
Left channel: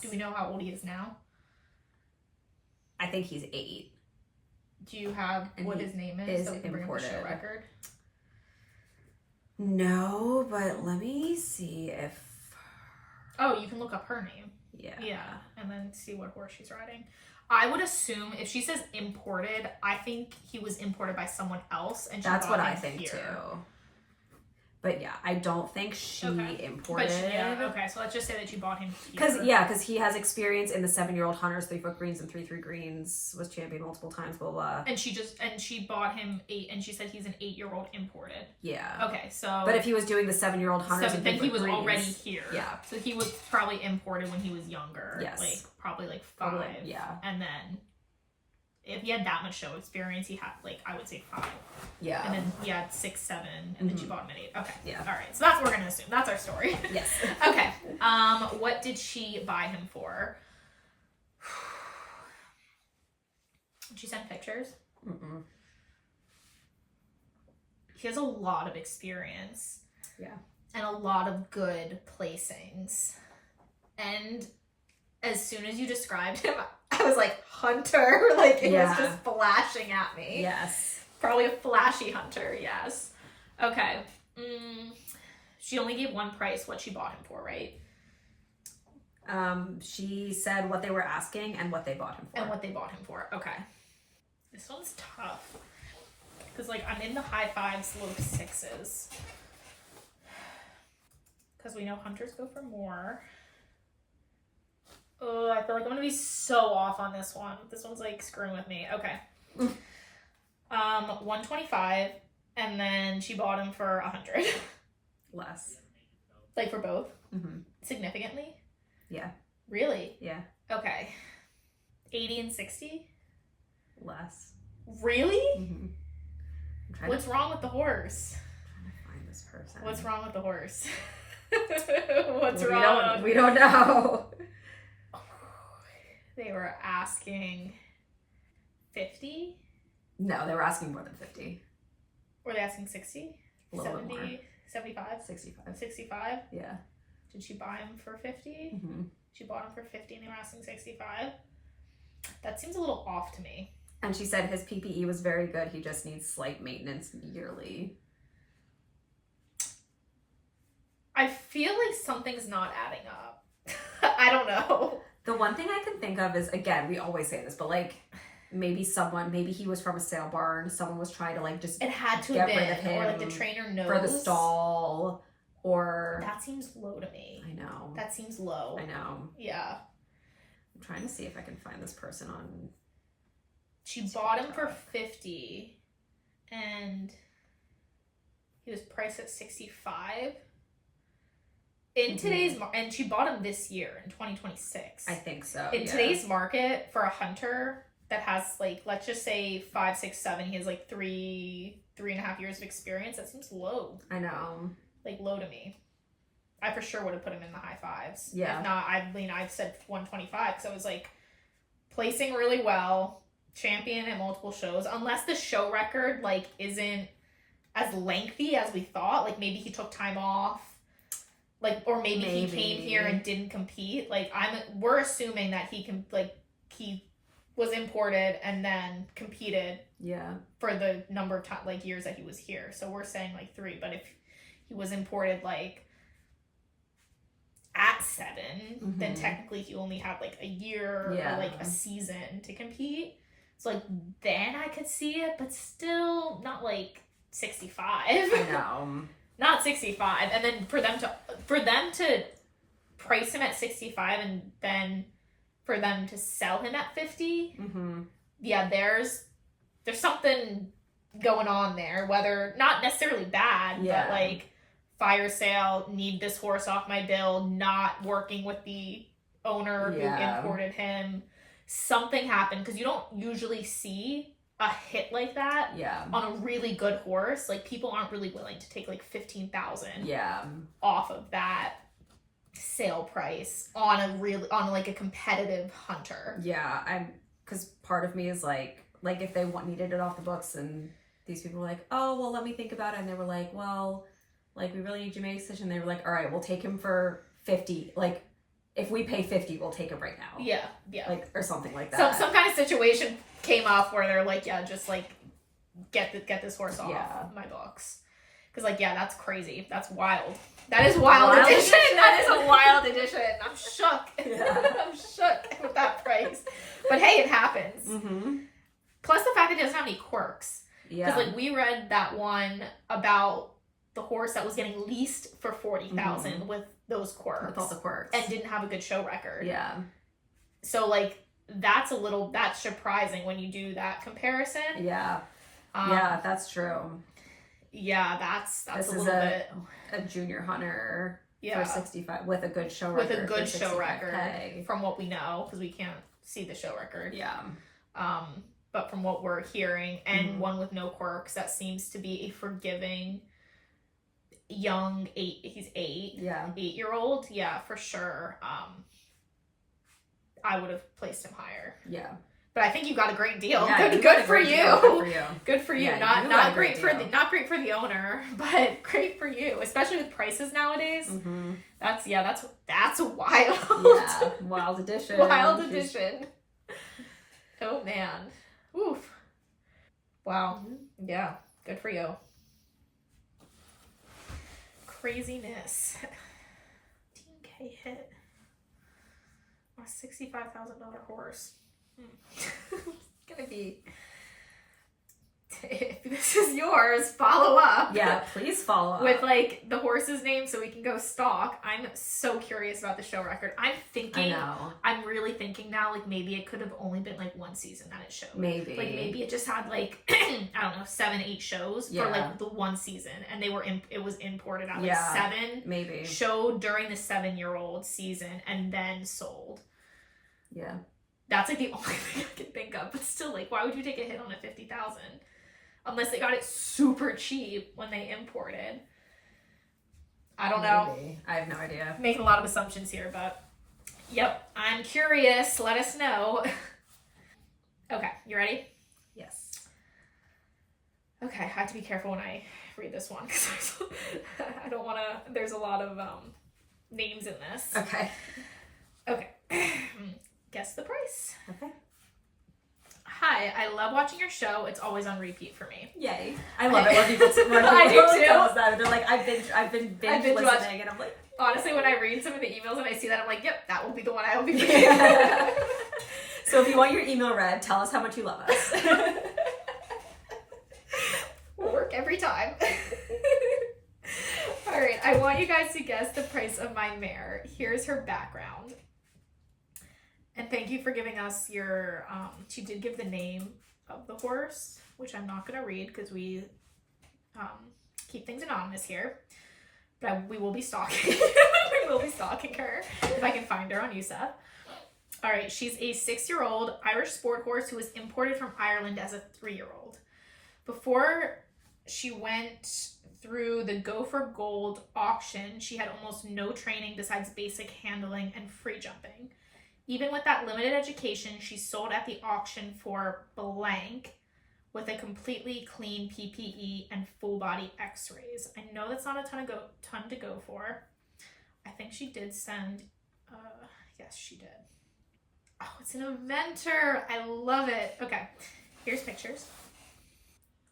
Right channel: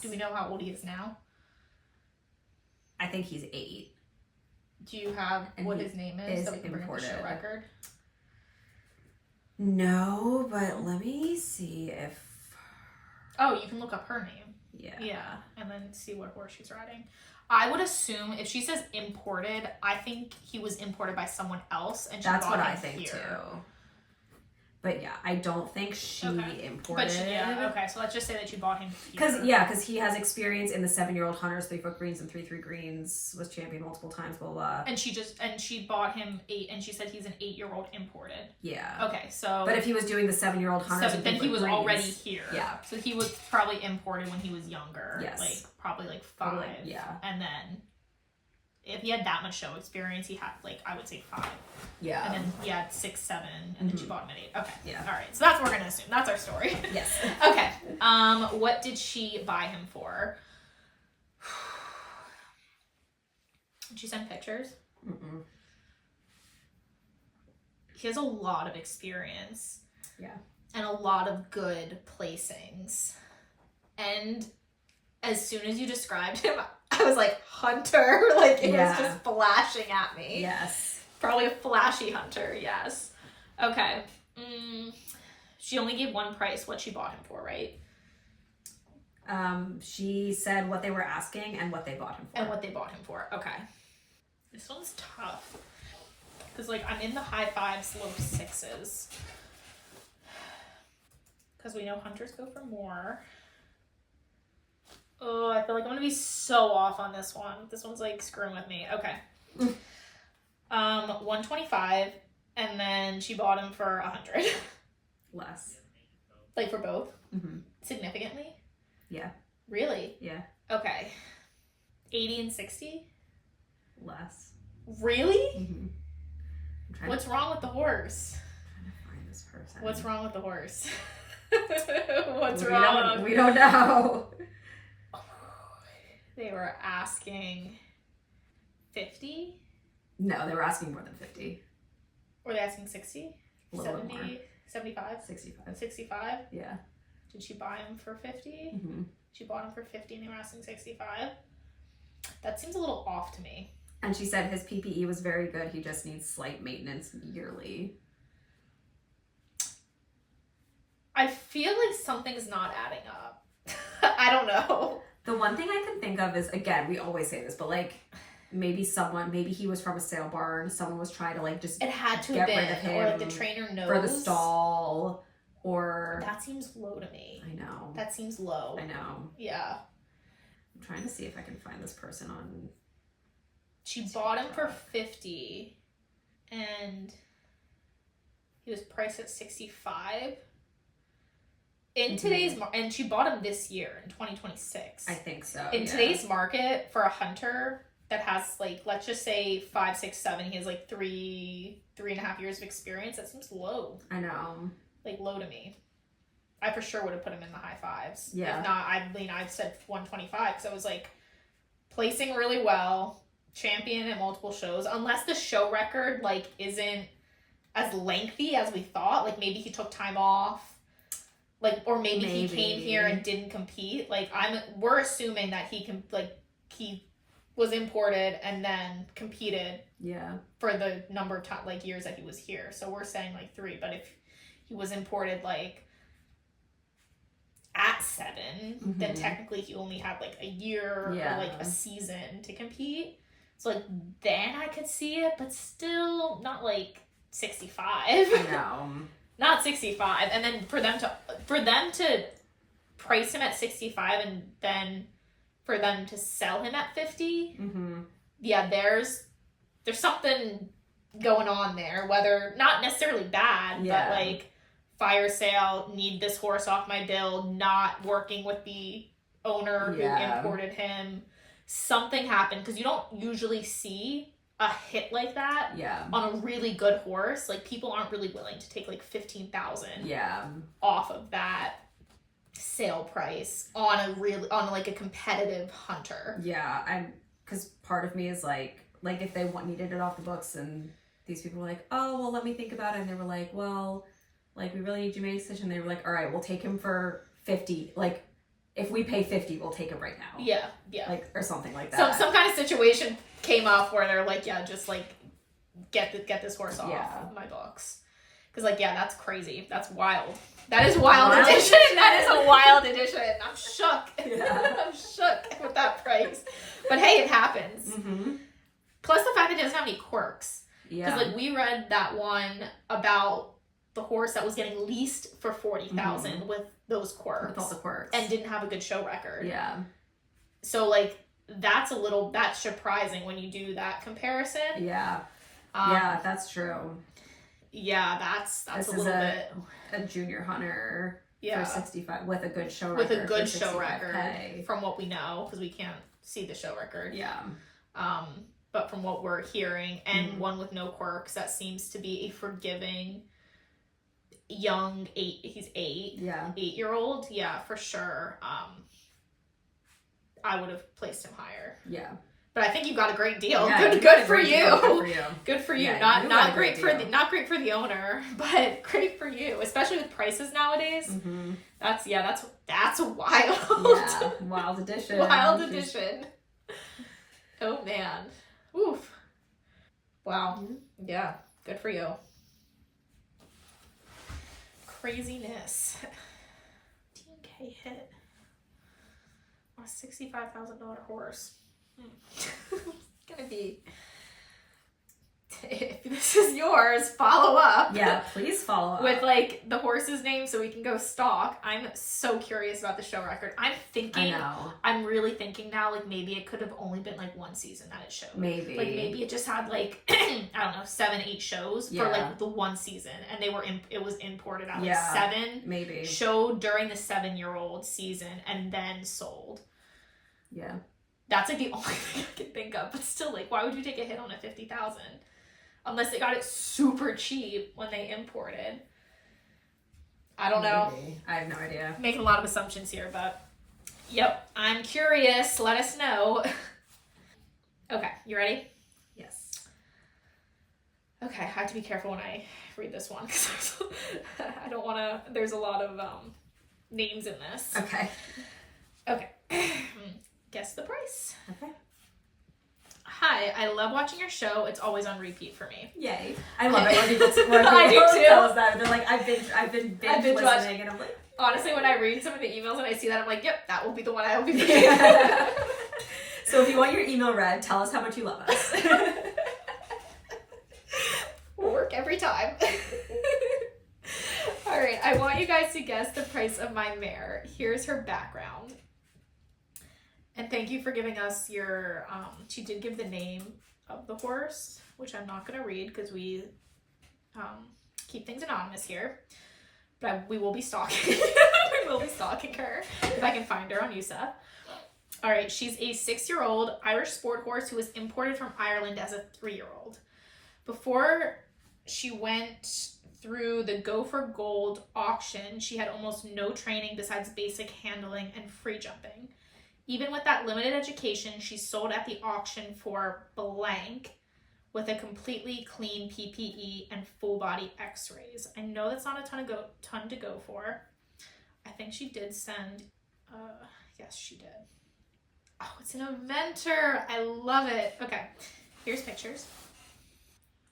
do we know how old he is now? I think he's 8. Do you have what his name is? So we can bring up the show record? No, but let me see if... Oh, you can look up her name. Yeah. Yeah, and then see what horse she's riding. I would assume if she says imported, I think he was imported by someone else, and that's what I think too. But yeah, I don't think she imported. Okay, so let's just say that you bought him here. Because he has experience in the 7-year-old Hunters, 3-foot greens and 3-3 greens, was champion multiple times, blah, blah. And she bought him 8, and she said he's an 8-year-old imported. Yeah. Okay, so. But if he was doing the 7-year-old Hunters and 3-foot greens. Then he was already here. Yeah. So he was probably imported when he was younger. Yes. Like, probably like 5. Yeah. And then, if he had that much show experience, he had, like, I would say 5. Yeah. And then he had 6, 7, and then she bought him at 8. Okay. Yeah. All right. So that's what we're going to assume. That's our story. Yes. Okay. What did she buy him for? Did she send pictures? Mm-mm. He has a lot of experience. Yeah. And a lot of good placings. And as soon as you described him, I was like, Hunter. Like, it was just flashing at me. Yes. Probably a flashy Hunter, yes. Okay. She only gave one price, what she bought him for, right? She said what they were asking and what they bought him for. And what they bought him for. Okay. This one's tough. Because, like, I'm in the high 5s, low 6s. Because we know Hunters go for more. Oh, I feel like I'm going to be so off on this one. This one's, like, screwing with me. Okay. 125, and then she bought him for 100. Less. Like, for both? Mm-hmm. Significantly? Yeah. Really? Yeah. Okay. 80 and 60? Less. Really? Mm-hmm. What's wrong with the horse? I'm trying to find this person. What's wrong with the horse? What's wrong? We don't know. They were asking 50? No, they were asking more than 50. Were they asking 60? A little 70? bit more. 75? 65. 65? Yeah. Did she buy him for 50? Mm-hmm. She bought him for 50 and they were asking 65? That seems a little off to me. And she said his PPE was very good. He just needs slight maintenance yearly. I feel like something's not adding up. I don't know. The one thing I can think of is, again, we always say this, but like maybe he was from a sale barn. Someone was trying to like just it had to get have been, rid of him, or like the trainer knows for the stall, or that seems low to me. I know that seems low. I know. Yeah. I'm trying to see if I can find this person on. She bought him for 50, and he was priced at 65. In today's and she bought him this year in 2026. I think so. In today's market, for a hunter that has like, let's just say 5, 6, 7, he has like 3.5 years of experience. That seems low. I know. Like low to me. I for sure would have put him in the high 5s. Yeah. If not, I said 125 because I was like placing really well, champion at multiple shows. Unless the show record like isn't as lengthy as we thought. Like maybe he took time off. Like, or maybe he came here and didn't compete. Like, we're assuming that he was imported and then competed. Yeah. For the number of years that he was here. So we're saying like 3. But if he was imported like at 7, then technically he only had like a year or like a season to compete. So like then I could see it, but still not like 65. I know. Not 65, and then for them to price him at 65 and then for them to sell him at 50, yeah, there's something going on there. Whether not necessarily bad, but like fire sale, need this horse off my bill, not working with the owner who imported him. Something happened because you don't usually see a hit like that on a really good horse. Like people aren't really willing to take like 15,000 off of that sale price on a competitive hunter. Because part of me is like if they needed it off the books and these people were like, oh well, let me think about it, and they were like, well, like we really need you to make a decision. They were like, all right, we'll take him for 50. Like if we pay 50, we'll take him right now. Like or something like that. So some kind of situation came up where they're like, yeah, just like get this horse off my books. Because like, yeah, that's crazy. That's wild. That is wild addition. That is a wild addition. I'm shook. I'm shook with that price. But hey, it happens. Plus the fact that it doesn't have any quirks. Because like we read that one about the horse that was getting leased for 40,000 with those quirks. With all the quirks. And didn't have a good show record. Yeah. So like that's surprising when you do that comparison. Yeah, that's true. Yeah, that's a little bit. A junior hunter for 65 with a good show record. With a good show record, from what we know, because we can't see the show record. Yeah. But from what we're hearing, and one with no quirks, that seems to be a forgiving young 8-year-old. Yeah, for sure. I would have placed him higher. Yeah. But I think you got a great deal. Yeah, good for you. Good for you. Good for you. Yeah, not great for the owner, but great for you, especially with prices nowadays. That's a wild. Yeah, wild addition. Wild addition. Oh man. Oof. Wow. Yeah. Good for you. Craziness. 15K hit. A $65,000 horse. It's gonna be. If this is yours, follow up. Yeah, please follow up with like the horse's name so we can go stalk. I'm so curious about the show record. I'm really thinking now like maybe it could have only been like one season that it showed. Maybe it just had like I don't know 7-8 shows for like the one season, and it was imported out like 7 maybe showed during the 7-year-old season and then sold. Yeah. That's like the only thing I can think of. But still, like, why would you take a hit on a $50,000? Unless they got it super cheap when they imported. I don't know. I have no idea. Making a lot of assumptions here, but yep. I'm curious. Let us know. Okay, you ready? Yes. Okay, I have to be careful when I read this one because I don't want to. There's a lot of names in this. Okay. Okay. Guess the price. Okay. Hi, I love watching your show. It's always on repeat for me. Yay. I love it when people I do too. tell us that. They're like, I've been listening, watching. And I'm like, honestly, when I read some of the emails and I see that, I'm like, yep, that will be the one I will be reading. So if you want your email read, tell us how much you love us. Will work every time. All right, I want you guys to guess the price of my mare. Here's her background. And thank you for giving us your, she did give the name of the horse, which I'm not going to read because we keep things anonymous here. But we will be stalking. We will be stalking her if I can find her on USEF. All right, she's a 6-year-old Irish sport horse who was imported from Ireland as a 3-year-old. Before she went through the Go for Gold auction, she had almost no training besides basic handling and free jumping. Even with that limited education, she sold at the auction for blank with a completely clean PPE and full body x-rays. I know that's not a ton to go for. I think she did send, yes, she did. Oh, it's an eventer. I love it. Okay, here's pictures.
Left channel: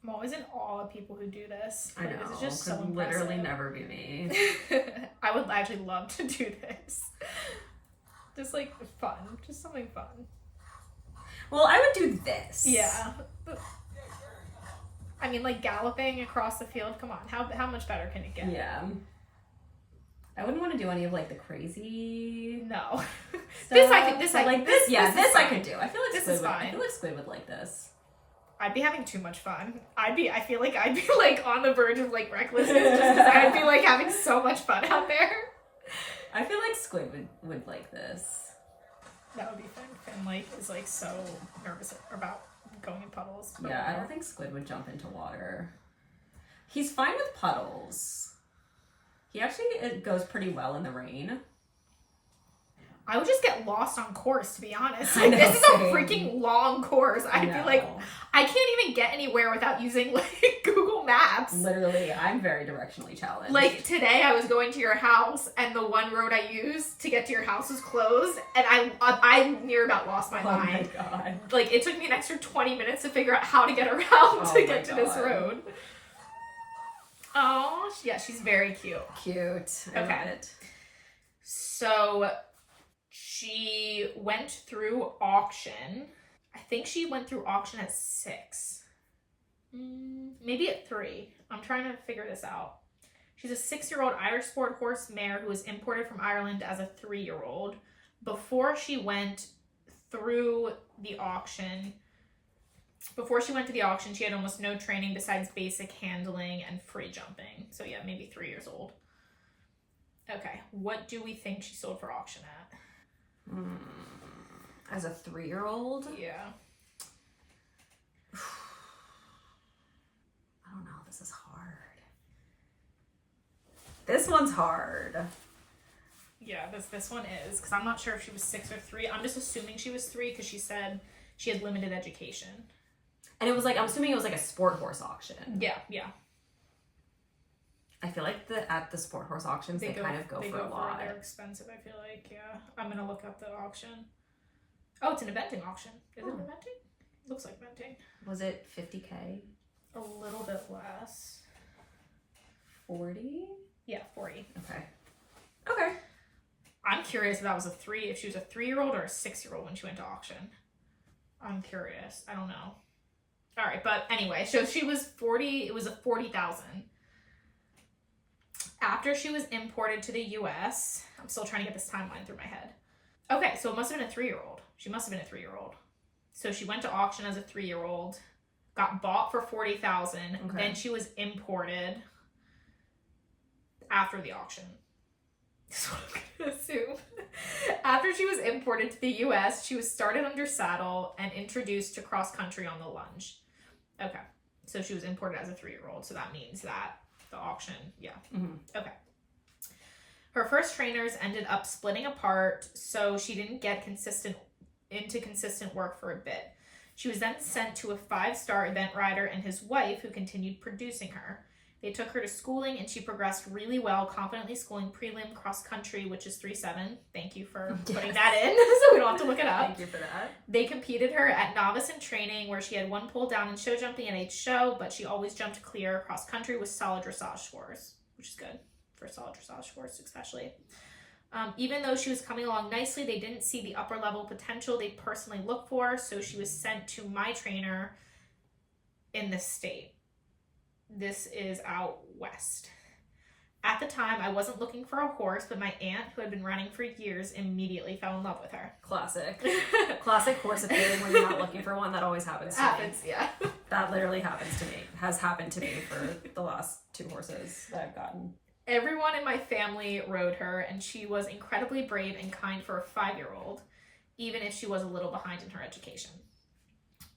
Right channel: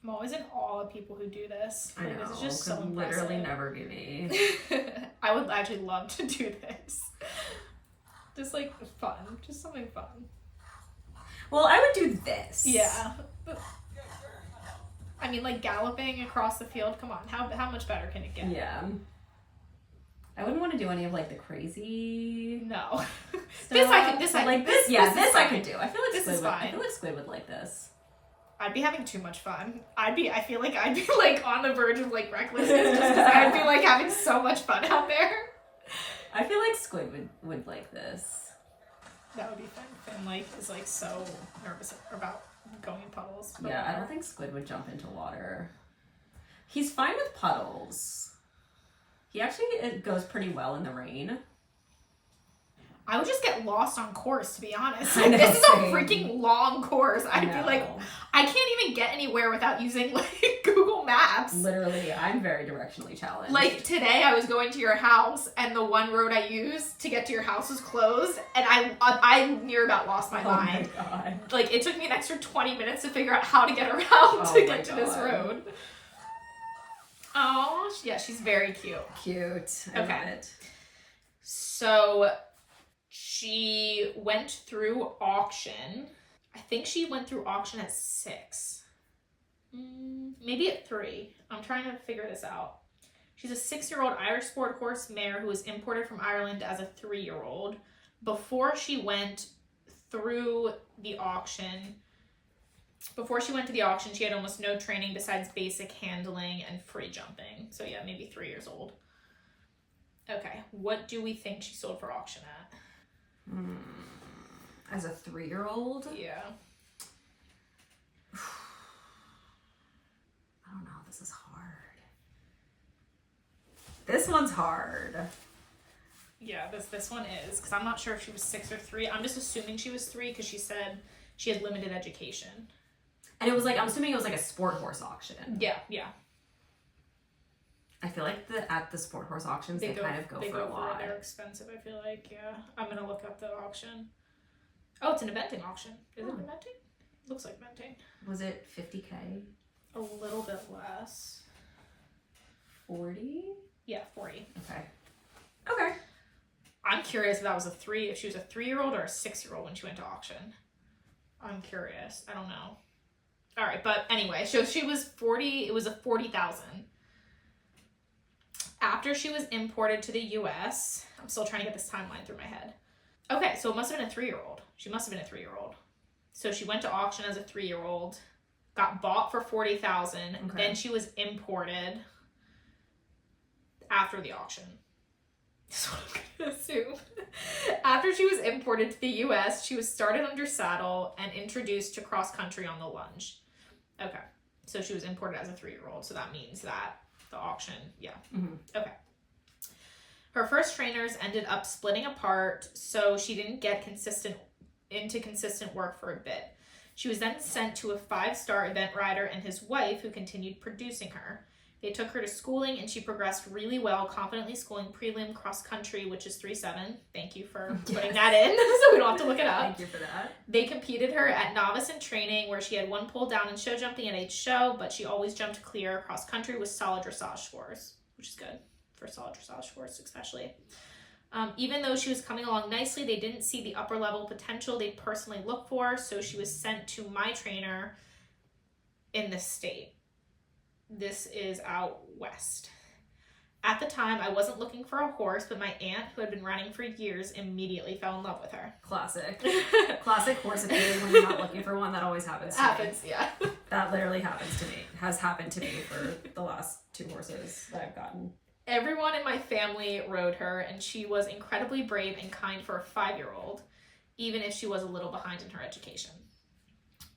I'm always in awe of people who do this. I know. This is just so could impressive. literally never be me. I would actually love to do this. Just like fun. Just something fun. Well, I would do this. Yeah. I mean, like galloping across the field. Come on. How much better can it get? Yeah. I wouldn't want to do any of like the crazy. No. This I could do. I feel like this Squid is would, fine. I feel like Squid would like this. I'd be having too much fun. I feel like I'd be like on the verge of like recklessness just 'cause I'd be like having so much fun out there. I feel like Squid would like this. That would be fun. Finn like is like so nervous about going in puddles. Yeah, I don't think Squid would jump into water. He's fine with puddles. He actually it goes pretty well in the rain. I would just get lost on course, to be honest. I know, this is same. a freaking long course. I'd be like, I can't even get anywhere without using like Google Maps. Literally, I'm very directionally challenged. Like today I was going to your house and the one road I used to get to your house was closed and I near about lost my mind. Oh my god. Like it took me an extra 20 minutes to figure out how to get around to get to this road. Oh, yeah, she's very cute. Cute. I love it. So she went through auction. I think she went through auction at 6. Maybe at 3. I'm trying to figure this out. She's a 6-year-old Irish sport horse mare who was imported from Ireland as a 3-year-old. Before she went through the auction, she had almost no training besides basic handling and free jumping. So yeah, maybe 3 years old. Okay, what do we think she sold for auction at? As a 3-year-old? Yeah. I don't know. This is hard. This one's hard. Yeah, this one is, because I'm not sure if she was 6 or 3. I'm just assuming she was 3 because she said she had limited education. And it was like, I'm assuming it was like a sport horse auction. Yeah. I feel like at the sport horse auctions, they kind of go for a lot. They're expensive, I feel like, yeah. I'm going to look up the auction. Oh, it's an eventing auction. Is it eventing? Looks like eventing. Was it 50K? A little bit less. 40? Yeah, 40. Okay. I'm curious if that was if she was a 3-year-old or a 6-year-old when she went to auction. I'm curious. I don't know. All right, but anyway, so she was 40, it was a 40,000. After she was imported to the US, I'm still trying to get this timeline through my head. Okay, so it must have been a 3-year-old. She must have been a 3-year-old. So she went to auction as a 3-year-old, got bought for 40,000, then she was imported after the auction. That's what I'm gonna assume. After she was imported to the US, she was started under saddle and introduced to cross country on the lunge. Okay. So she was imported as a 3-year-old. So that means that the auction, yeah. Mm-hmm. Okay. Her first trainers ended up splitting apart, so she didn't get consistent work for a bit. She was then sent to a 5-star event rider and his wife, who continued producing her. They took her to schooling, and she progressed really well, confidently schooling prelim cross country, which is 3.7. Thank you for putting that in, so we don't have to look it up. Thank you for that. They competed her at novice in training, where she had 1 pull down in show jumping at each show, but she always jumped clear cross country with solid dressage scores, which is good for solid dressage scores, especially. Even though she was coming along nicely, they didn't see the upper level potential they personally looked for, so she was sent to my trainer in this state. This is out west. At the time, I wasn't looking for a horse, but my aunt, who had been running for years, immediately fell in love with her. Classic. Classic horse appealing when you're not looking for one. That always happens to me. Yeah. That literally happens to me. Has happened to me for the last 2 horses that I've gotten. Everyone in my family rode her, and she was incredibly brave and kind for a 5-year-old, even if she was a little behind in her education.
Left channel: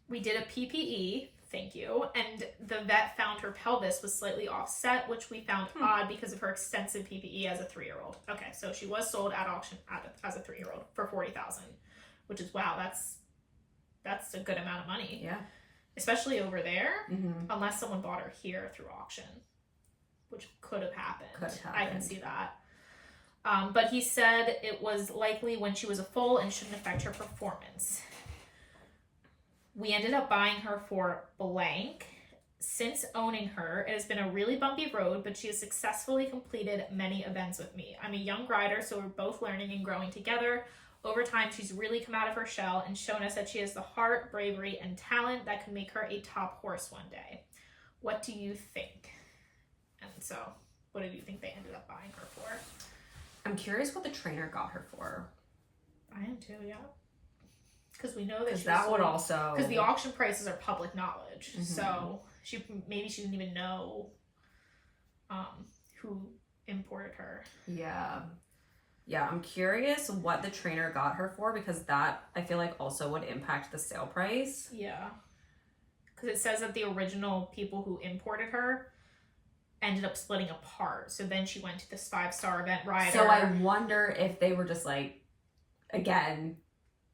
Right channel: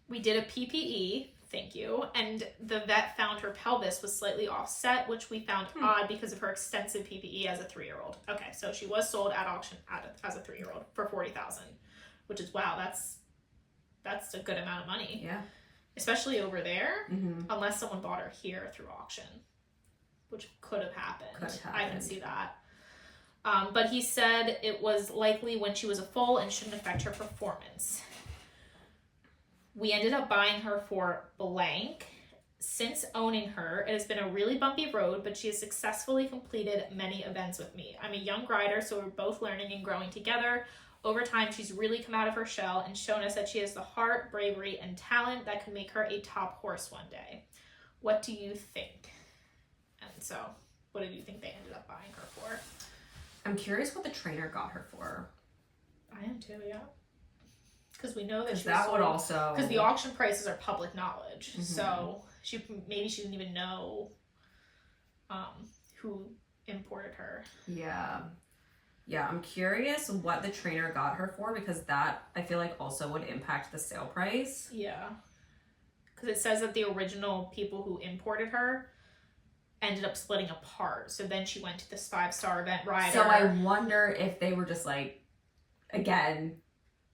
We did a PPE, thank you, and the vet found her pelvis was slightly offset, which we found odd because of her extensive PPE as a 3-year-old. Okay, so she was sold at auction as a 3-year-old for $40,000, which is, wow, that's a good amount of money. Yeah. Especially over there, unless someone bought her here through auction, which could have happened. I can see that. But he said it was likely when she was a foal and shouldn't affect her performance. We ended up buying her for blank. Since owning her, it has been a really bumpy road, but she has successfully completed many events with me. I'm a young rider, so we're both learning and growing together. Over time, she's really come out of her shell and shown us that she has the heart, bravery, and talent that could make her a top horse one day. What do you think? And so, what did you think they ended up buying her for? I'm curious what the trainer got her for. I am too, yeah. Because we know that she that would also... Because the auction prices are public knowledge. So, maybe she didn't even know who imported her. Yeah. Yeah, I'm curious what the trainer got her for, because that, I feel like, also would impact the sale price. Yeah. Because it says that the original people who imported her ended up splitting apart. So then she went to this 5-star event rider. So I wonder if they were just like, again,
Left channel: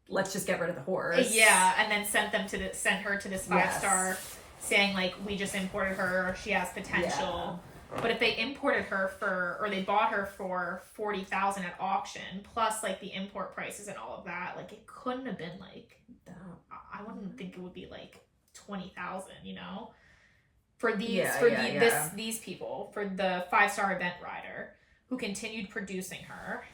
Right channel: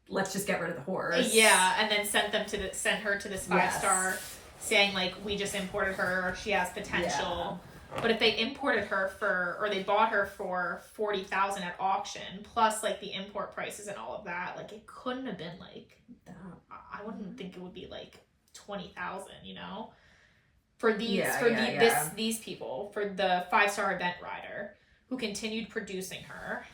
let's just get rid of the horse. Yeah, and then sent her to this 5-star saying, like, we just imported her, she has potential. Yeah. But if they imported her or they bought her for $40,000 at auction, plus like the import prices and all of that, like it couldn't have been like that. I wouldn't think it would be like $20,000, you know, for these these people, for the 5-star event rider who continued producing her.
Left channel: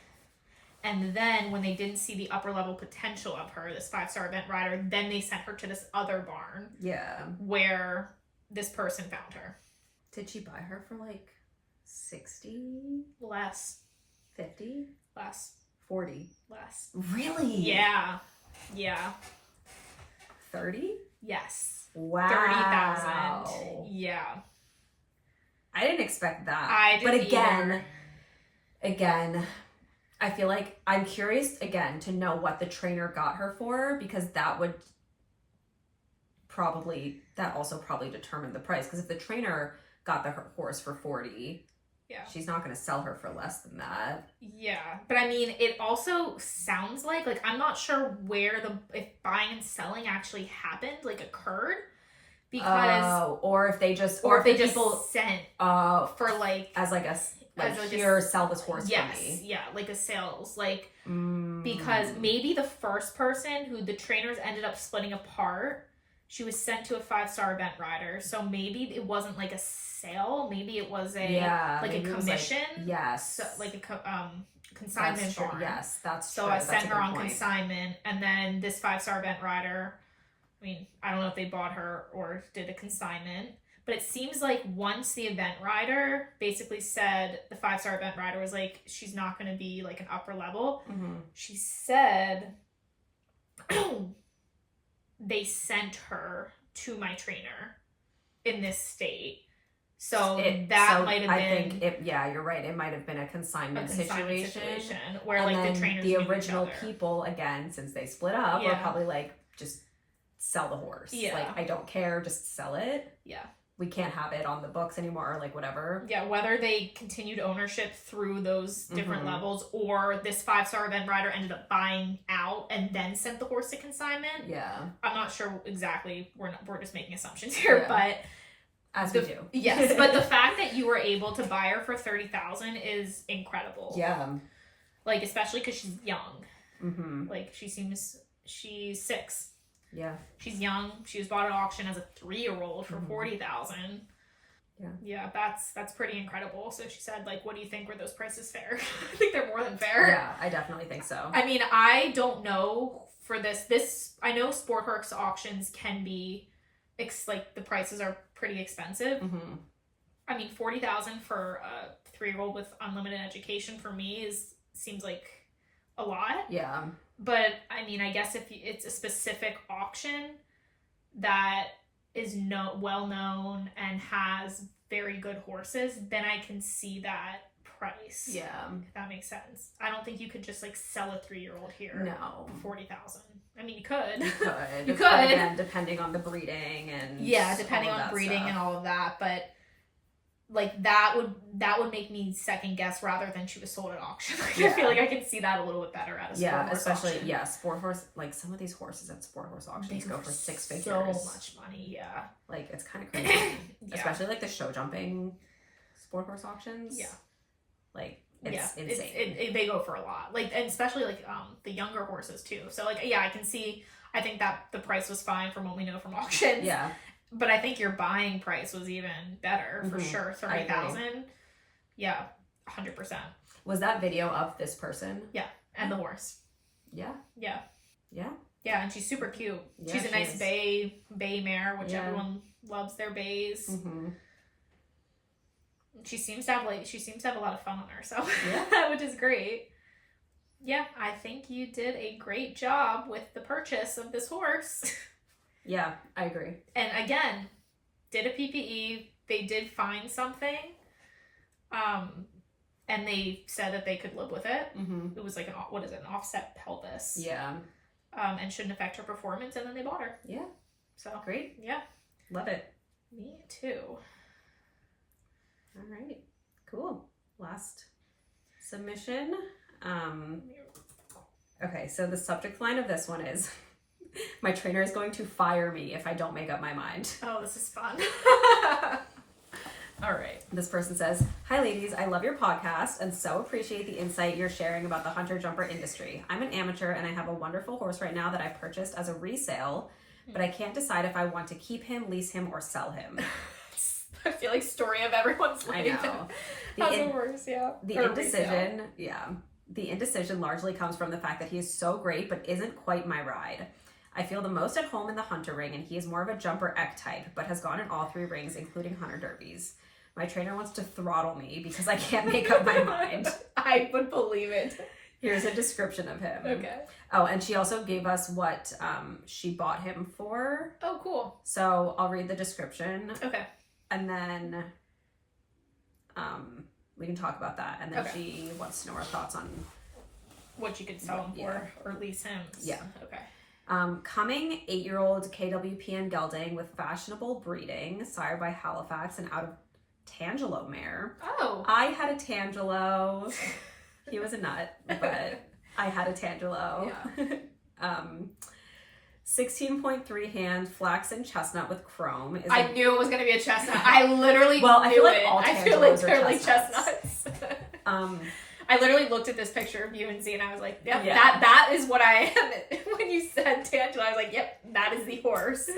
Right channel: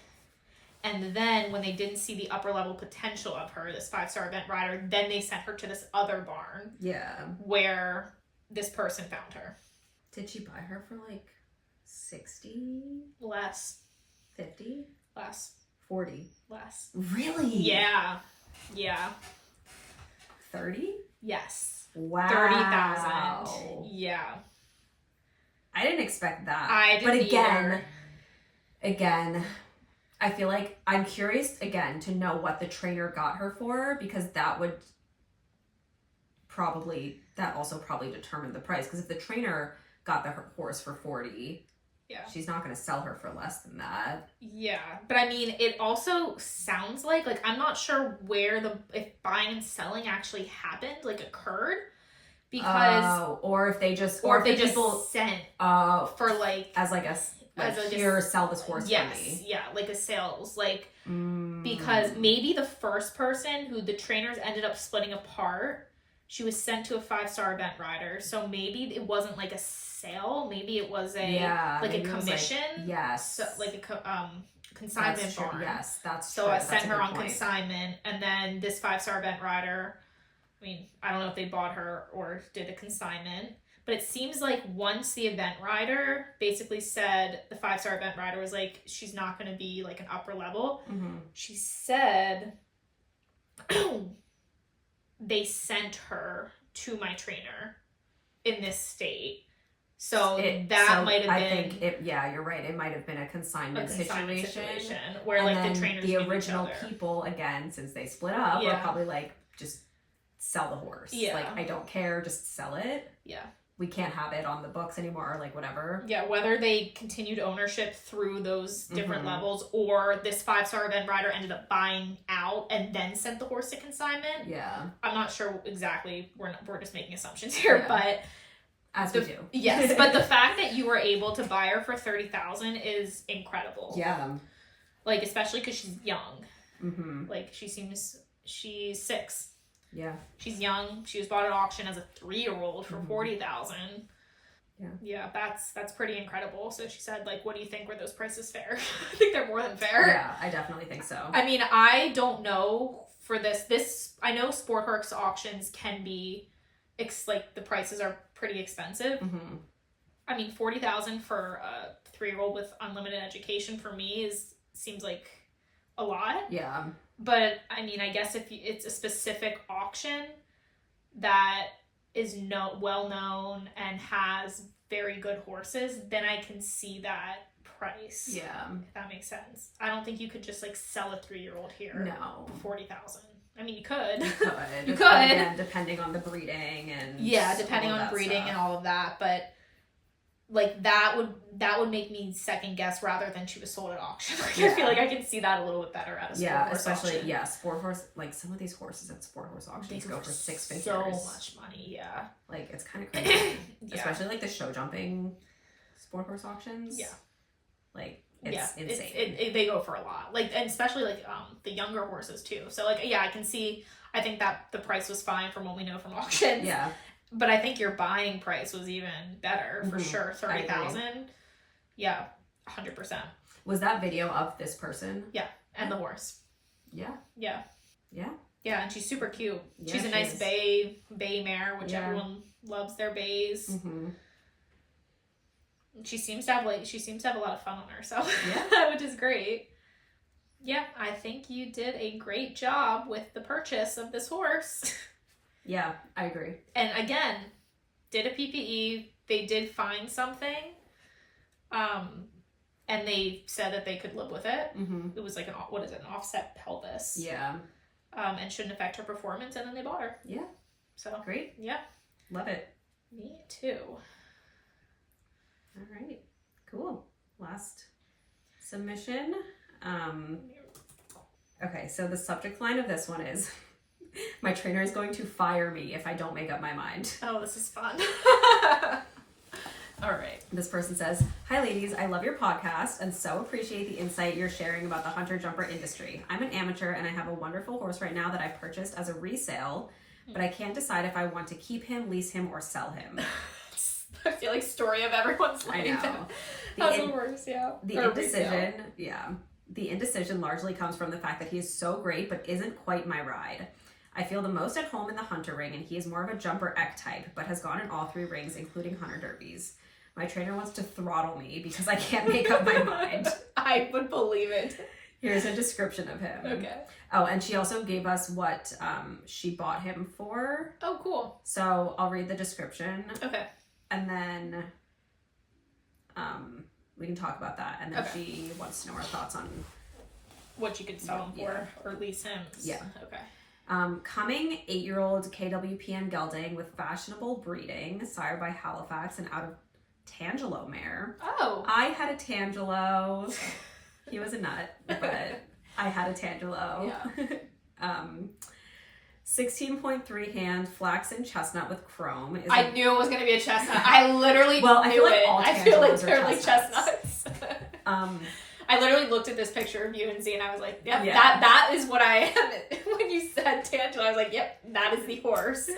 And then when they didn't see the upper level potential of her, this 5-star event rider, then they sent her to this other barn. Yeah. Where this person found her. Did she buy her for like 60? Less. 50? Less. 40? Less. Really? Yeah. Yeah. 30? Yes. Wow. 30,000. Yeah. I didn't expect that. I didn't either. Again, I feel like I'm curious again to know what the trainer got her for, because that would also probably determine the price. Because if the trainer got the horse for 40, she's not going to sell her for less than that. Yeah, but I mean, it also sounds like I'm not sure where if buying and selling actually happened, like occurred, because or if they just sent for like as like a here, sell this horse for me. Yeah, like a sales, because maybe the first person who the trainers ended up splitting apart, she was sent to a 5-star event rider. So maybe it wasn't like a sale. Maybe it was a commission. Yes. So like a consignment barn. Yes, that's true. So I sent her on consignment, and then this 5-star event rider, I mean, I don't know if they bought her or did a consignment, but it seems like once the event rider basically said, the 5-star event rider was like, she's not going to be like an upper level. She said they sent her to my trainer in this state So that might have been. I think you're right. It might have been a consignment situation where like the trainers, the original people, again, since they split up, were probably like, just sell the horse. Yeah. Like, I don't care, just sell it. Yeah. We can't have it on the books anymore, or like whatever. Yeah, whether they continued ownership through those different levels, or this 5-star event rider ended up buying out and then sent the horse to consignment. Yeah. I'm not sure exactly. We're just making assumptions here, but as we do. Yes, but the fact that you were able to buy her for $30,000 is incredible. Yeah. Like, especially because she's young. Mm-hmm. Like, she's 6. Yeah. She's young. She was bought at auction as a 3-year-old for $40,000. Yeah. Yeah, that's pretty incredible. So she said, like, what do you think? Were those prices fair? I think they're more than fair. Yeah, I definitely think so. I mean, I don't know for this. I know sport horse auctions can be, like, the prices are pretty expensive. Mm-hmm. I mean, $40,000 for a 3-year-old with unlimited education for me seems like a lot. Yeah. But I mean, I guess if it's a specific auction that is well known and has very good horses, then I can see that price. Yeah. If that makes sense. I don't think you could just like sell a 3-year-old here. No. For $40,000. I mean, you could. You could. You could. But again, depending on the breeding and depending on breeding and all of that, but like that would make me second guess rather than she was sold at auction. Like, I feel like I can see that a little bit better at a sport horse especially auction. Sport horse, like some of these horses at sport horse auctions go for 6 figures. So much money, yeah. Like, it's kind of crazy. Especially like the show jumping sport horse auctions. Yeah. Like, it's insane. They go for a lot. Like, and especially like the younger horses too. So like, I can see, I think that the price was fine from what we know from auctions. Yeah. But I think your buying price was even better for sure. 30,000. Yeah, 100%. Was that video of this person? Yeah, and the horse. Yeah. Yeah. Yeah. Yeah, and she's super cute. Yeah, she's a nice bay mare, which everyone loves their bays. Mm-hmm. She seems to have a lot of fun on her, so which is great. Yeah, I think you did a great job with the purchase of this horse. Yeah, I agree. And again, did a PPE. They did find something. And they said that they could live with it. Mm-hmm. It was like an offset pelvis. Yeah. And shouldn't affect her performance, and then they bought her. Yeah. So great. Yeah. Love it. Me too. All right. Cool. Last submission. Okay, so the subject line of this one is, my trainer is going to fire me if I don't make up my mind. Oh, this is fun. All right. This person says, hi ladies, I love your podcast and so appreciate the insight you're sharing about the hunter jumper industry. I'm an amateur and I have a wonderful horse right now that I purchased as a resale, but I can't decide if I want to keep him, lease him, or sell him. I feel like story of everyone's life. I know. That's the worst, yeah. The indecision largely comes from the fact that he is so great but isn't quite my ride. I feel the most at home in the hunter ring, and he is more of a jumper eck type, but has gone in all 3 rings, including hunter derbies. My trainer wants to throttle me because I can't make up my mind. I would believe it. Here's a description of him. Okay. Oh, and she also gave us what she bought him for. Oh, cool. So I'll read the description. Okay. And then we can talk about that. And then she wants to know our thoughts on what you could sell him for or lease him. Yeah. Okay. Coming 8-year-old KWPN gelding with fashionable breeding, sired by Halifax and out of Tangelo mare. Oh. I had a Tangelo. He was a nut, but I had a Tangelo. Yeah. 16.3 hand flaxen chestnut with chrome. I knew it was going to be a chestnut. I literally I feel like all Tangelos are like chestnuts. I literally looked at this picture of you and Z and I was like, yep, that is what I am. When you said Tangelo, I was like, yep, that is the horse.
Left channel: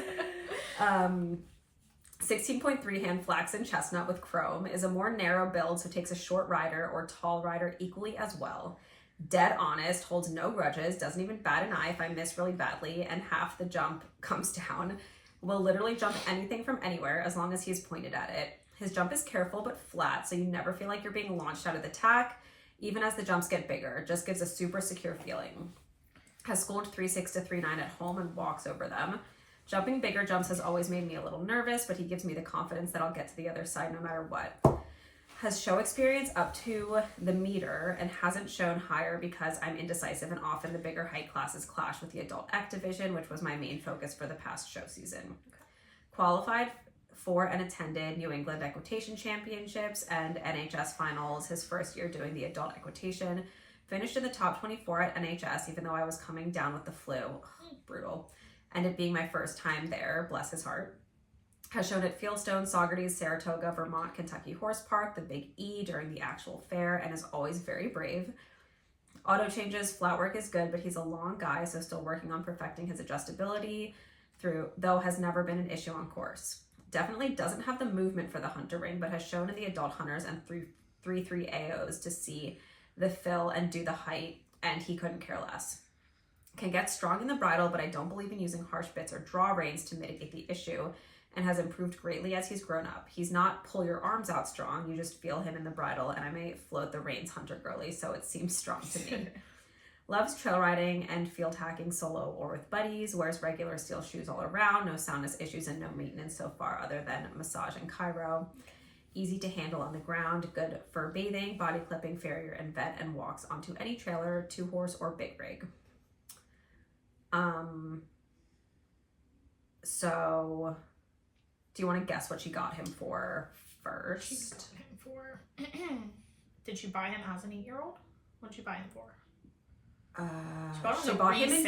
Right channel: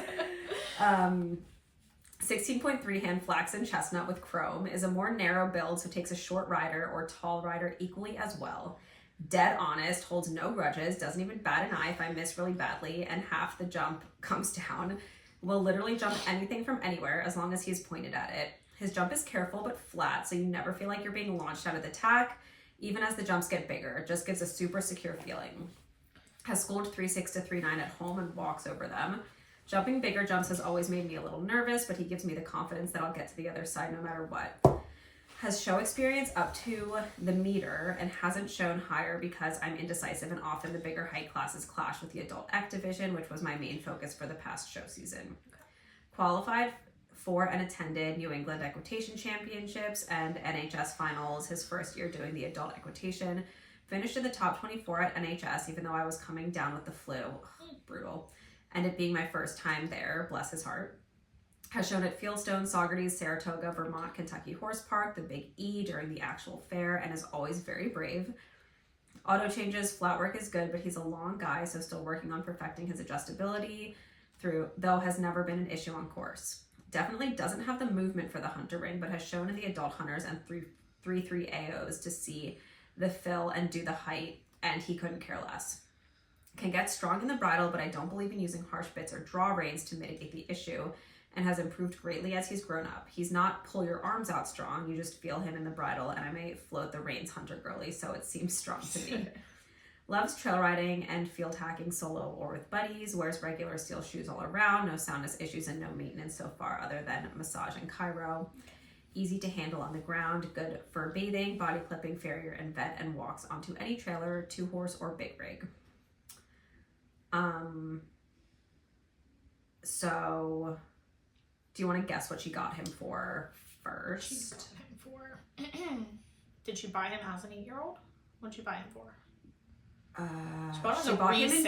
16.3 hand flaxen chestnut with chrome is a more narrow build, so takes a short rider or tall rider equally as well. Dead honest, holds no grudges, doesn't even bat an eye if I miss really badly, and half the jump comes down. Will literally jump anything from anywhere as long as he's pointed at it. His jump is careful but flat, so you never feel like you're being launched out of the tack, even as the jumps get bigger. It just gives a super secure feeling. Has schooled 3.6 to 3.9 at home and walks over them. Jumping bigger jumps has always made me a little nervous, but he gives me the confidence that I'll get to the other side no matter what. Has show experience up to the meter and hasn't shown higher because I'm indecisive and often the bigger height classes clash with the adult X division, which was my main focus for the past show season. Qualified for and attended New England Equitation Championships and NHS finals his first year doing the adult equitation. Finished in the top 24 at NHS, even though I was coming down with the flu. Ugh, brutal. And it being my first time there, bless his heart. Has shown at Fieldstone, Saugerties, Saratoga, Vermont, Kentucky Horse Park, the Big E during the actual fair, and is always very brave. Auto changes, flat work is good, but he's a long guy, so still working on perfecting his adjustability though has never been an issue on course. Definitely doesn't have the movement for the hunter ring, but has shown in the adult hunters and 3-3 AOs to see the fill and do the height, and he couldn't care less. Can get strong in the bridle, but I don't believe in using harsh bits or draw reins to mitigate the issue, and has improved greatly as he's grown up. He's not pull your arms out strong, you just feel him in the bridle, and I may float the reins hunter girly, so it seems strong to me. Loves trail riding and field hacking solo or with buddies, wears regular steel shoes all around, no soundness issues and no maintenance so far other than massage and chiro. Easy to handle on the ground, good for bathing, body clipping, farrier, and vet, and walks onto any trailer, 2-horse, or big rig. So, do you want to guess what she got him for first? She got him for... Did she buy him as an 8-year-old? What did she buy him for? She bought him in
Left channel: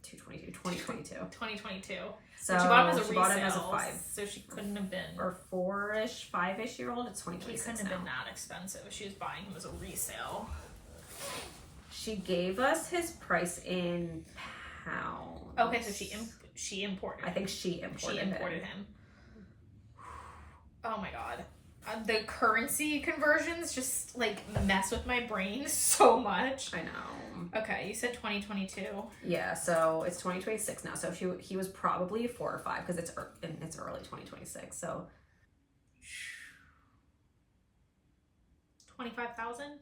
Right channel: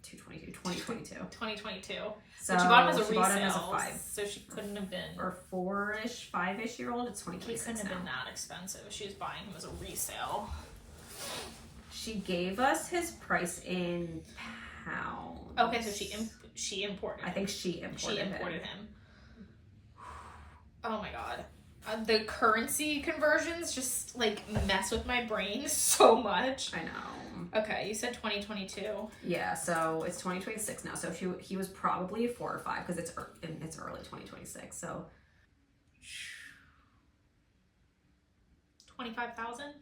2022. 2022. So she bought him as a resale. Bought him as a 5. So she couldn't have been... Or 4-ish, 5-ish year old. It's 2026 He couldn't have now. been that expensive. She was buying him as a resale. She gave us his price in pounds. Okay, so she imported. I think she imported him. Oh my god. The currency conversions just like mess with my brain so much. I know. Okay, you said 2022. Yeah, so it's 2026 now. So he was probably 4 or 5 because it's early 2026. So 25,000.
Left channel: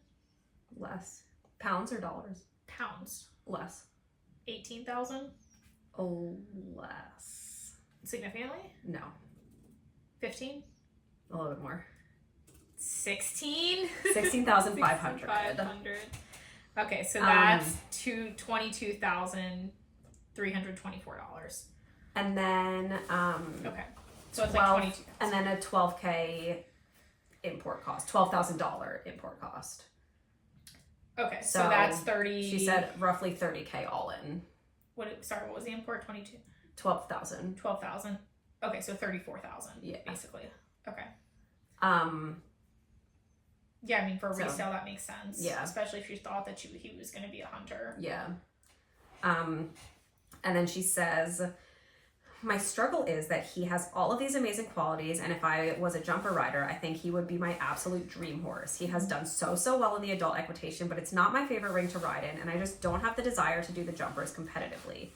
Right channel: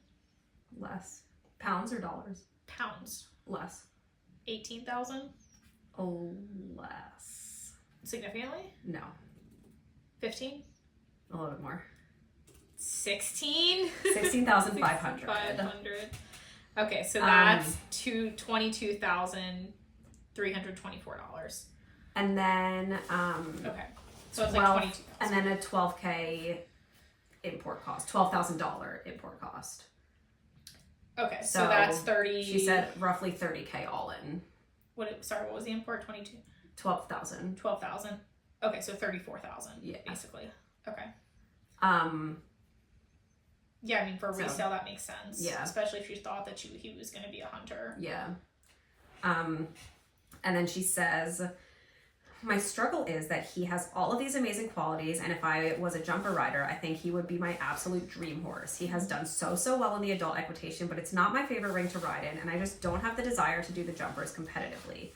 Less. Pounds or dollars? Pounds. Less. 18,000. Oh, less. Significantly? No. 15. A little bit more. 16? 16,500. 500. Okay, so that's $22,324. And then okay. So it's 12, like 22. And then a $12,000 import cost. $12,000 import cost. Okay, so that's 30. She said roughly $30,000 all in. What was the import? 22. 12,000. 12,000. Okay, so 34,000. Yeah. Basically. Okay. Yeah, I mean, for resale, that makes sense. Yeah. Especially if you thought that he was going to be a hunter. Yeah. And then she says, my struggle is that he has all of these amazing qualities, and if I was a jumper rider, I think he would be my absolute dream horse. He has done so well in the adult equitation, but it's not my favorite ring to ride in, and I just don't have the desire to do the jumpers competitively.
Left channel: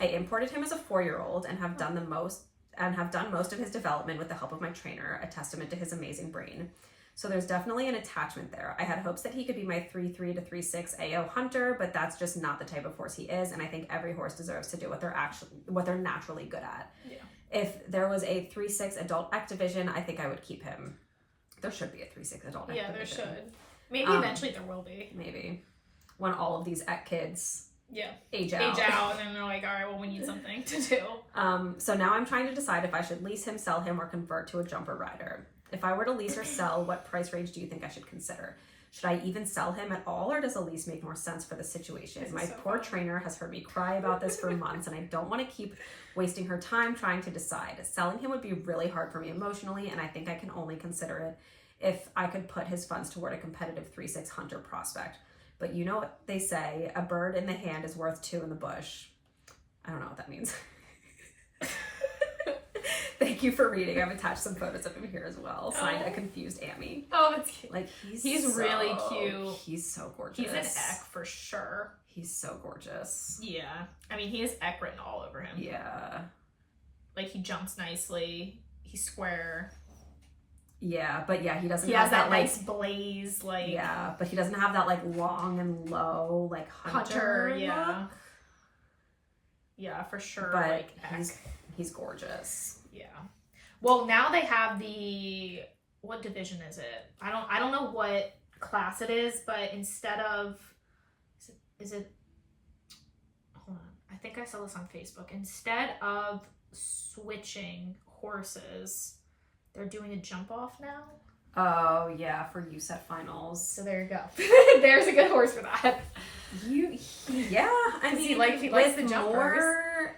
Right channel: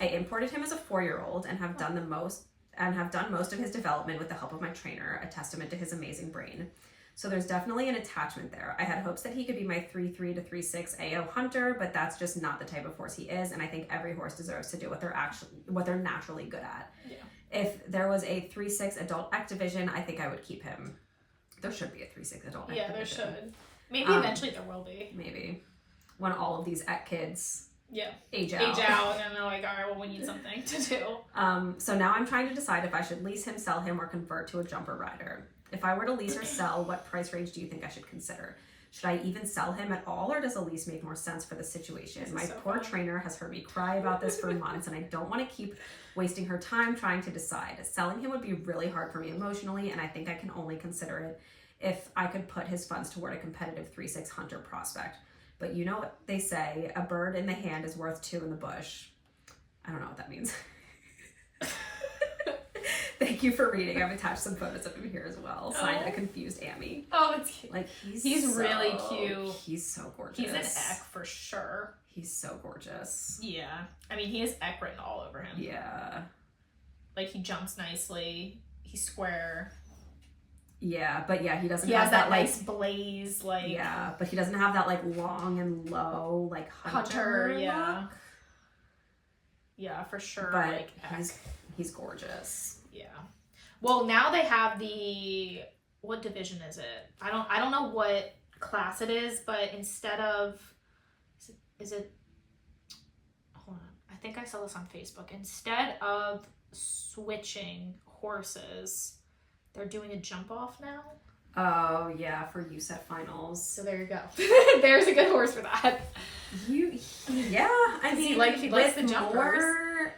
I imported him as a 4-year-old and have done most of his development with the help of my trainer, a testament to his amazing brain. So there's definitely an attachment there. I had hopes that he could be my 3-3 to 3-6 AO hunter, but that's just not the type of horse he is, and I think every horse deserves to do what they're naturally good at. Yeah. If there was a 3-6 adult X division, I think I would keep him. There should be a 3-6 adult X division. Yeah, there should. Maybe eventually there will be. Maybe. When all of these X kids age out and they're like, all right, well, we need something to do. So now I'm trying to decide if I should lease him, sell him, or convert to a jumper rider. If I were to lease or sell, what price range do you think I should consider? Should I even sell him at all, or does a lease make more sense for the situation? My poor trainer has heard me cry about this for months, and I don't want to keep wasting her time trying to decide. Selling him would be really hard for me emotionally, and I think I can only consider it if I could put his funds toward a competitive 3-6 hunter prospect. But you know what they say, a bird in the hand is worth 2 in the bush. I don't know what that means. Thank you for reading. I've attached some photos of him here as well. Signed, a confused Ammy. Oh, that's cute. Like he's really cute. He's so gorgeous. He's an Eck for sure. He's so gorgeous. Yeah. I mean, he has Eck written all over him. Yeah. Like, he jumps nicely. He's square. Yeah, but yeah, he doesn't have has that nice blaze, like... Yeah, but he doesn't have that, like, long and low, like, hunter yeah. Yeah, for sure. But like he's gorgeous. Yeah. Well, now they have what division is it? I don't know what class it is, but instead of is it hold on. I think I saw this on Facebook. Instead of switching horses, they're doing a jump off now. Oh yeah, for USET finals. So there you go. There's a good horse for that. I mean, like he likes the jumpers.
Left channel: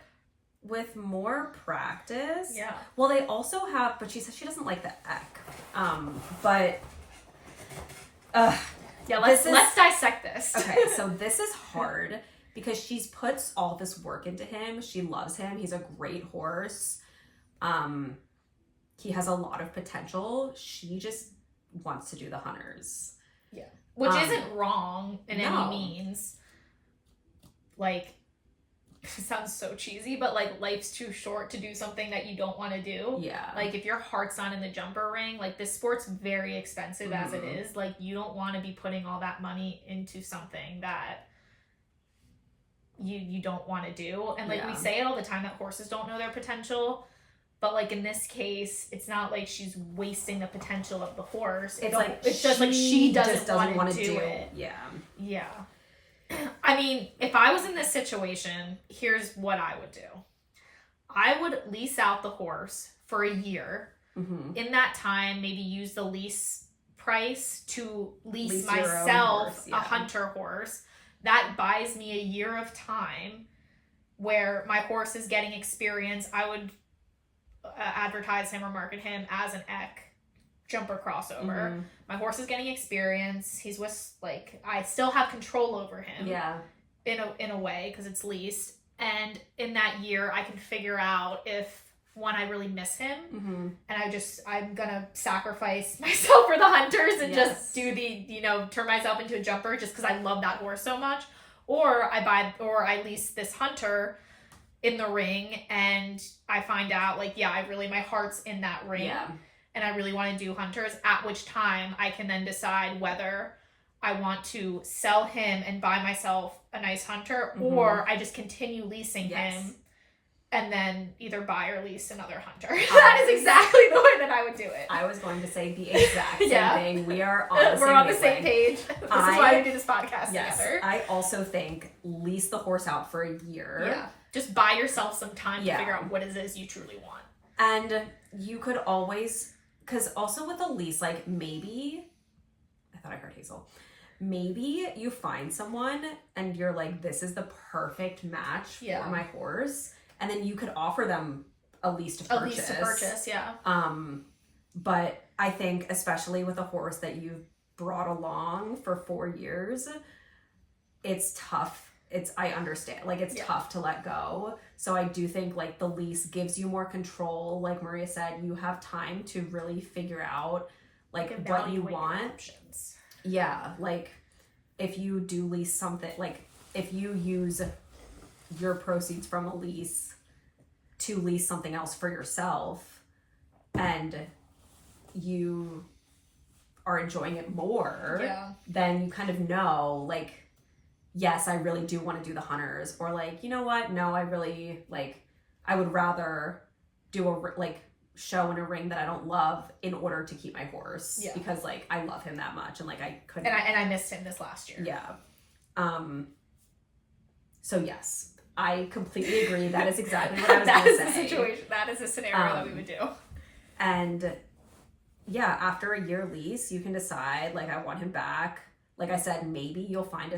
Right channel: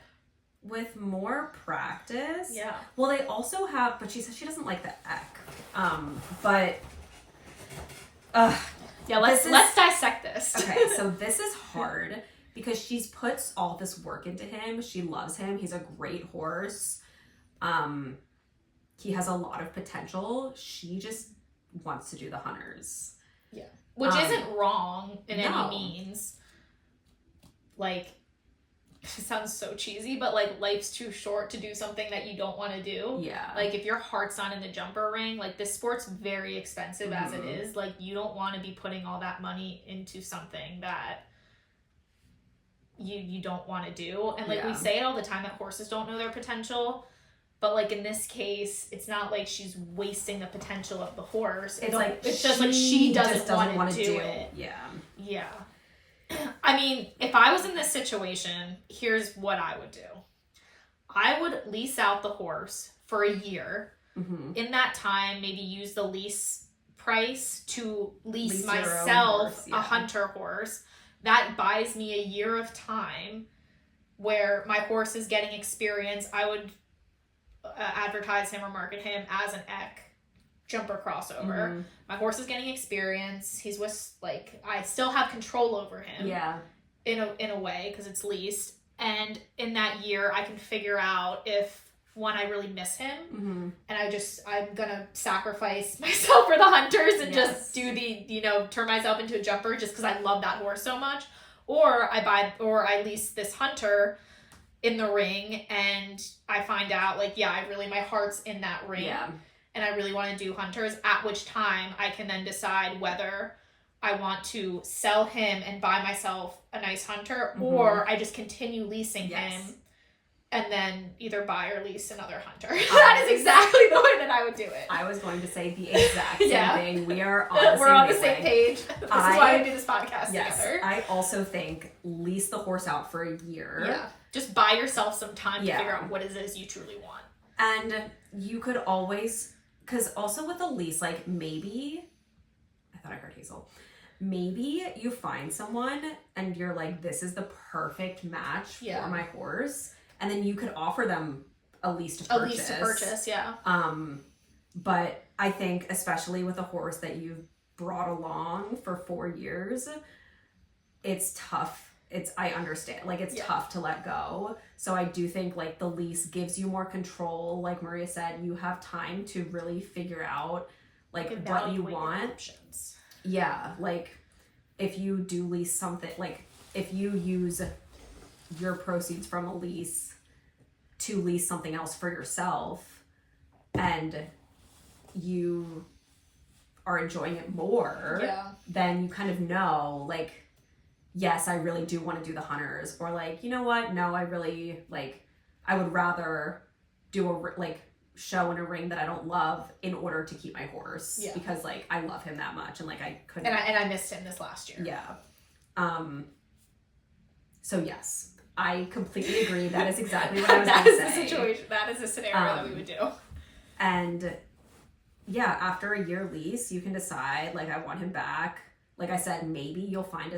With more practice. Yeah. Well, they also have, but she says she doesn't like the eck. But yeah, let's dissect this. Okay, so this is hard because she's puts all this work into him. She loves him. He's a great horse. He has a lot of potential. She just wants to do the hunters. Yeah. Which isn't wrong in any means. Like, it sounds so cheesy, but like life's too short to do something that you don't want to do. Yeah. Like if your heart's not in the jumper ring, like this sport's very expensive as it is. Like you don't want to be putting all that money into something that you don't want to do. And like we say it all the time that horses don't know their potential. But like in this case, it's not like she's wasting the potential of the horse. It's just like she doesn't want to do it. Yeah. Yeah. I mean, if I was in this situation, here's what I would do. I would lease out the horse for a year. Mm-hmm. In that time, maybe use the lease price to lease myself a hunter horse. That buys me a year of time where my horse is getting experience. I would advertise him or market him as an eck jumper crossover. Mm-hmm. My horse is getting experience. He's with, like, I still have control over him. Yeah. In a way, because it's leased. And in that year, I can figure out if, one, I really miss him, mm-hmm. and I'm gonna sacrifice myself for the hunters and just do turn myself into a jumper just because I love that horse so much. Or I lease this hunter in the ring, and I find out, like, my heart's in that ring. Yeah. And I really want to do hunters, at which time I can then decide whether I want to sell him and buy myself a nice hunter, mm-hmm. or I just continue leasing him and then either buy or lease another hunter. That is exactly the way that I would do it. I was going to say the exact same thing. We are on the same page. This is why we do this podcast together. I also think lease the horse out for a year. Yeah. Just buy yourself some time to figure out what it is you truly want. And you could always, because also with a lease, like maybe, I thought I heard Hazel. Maybe you find someone and you're like, this is the perfect match for my horse. And then you could offer them a lease to purchase. A lease to purchase, yeah. But I think especially with a horse that you've brought along for 4 years, it's tough. I understand. Like, it's tough to let go. So I do think, like, the lease gives you more control. Like Maria said, you have time to really figure out, like, what you want. Yeah, like, if you do lease something, like, if you use your proceeds from a lease to lease something else for yourself and you are enjoying it more, then you kind of know, like, yes, I really do want to do the hunters, or like, you know what? No, I really, like, I would rather do a, like, show in a ring that I don't love in order to keep my horse because, like, I love him that much and, like, I couldn't. And I missed him this last year. Yeah. So yes, I completely agree. That is exactly what I was going to say. That is the situation. That is the scenario that we would do. And yeah, after a year lease, you can decide, like, I want him back. Like I said, maybe you'll find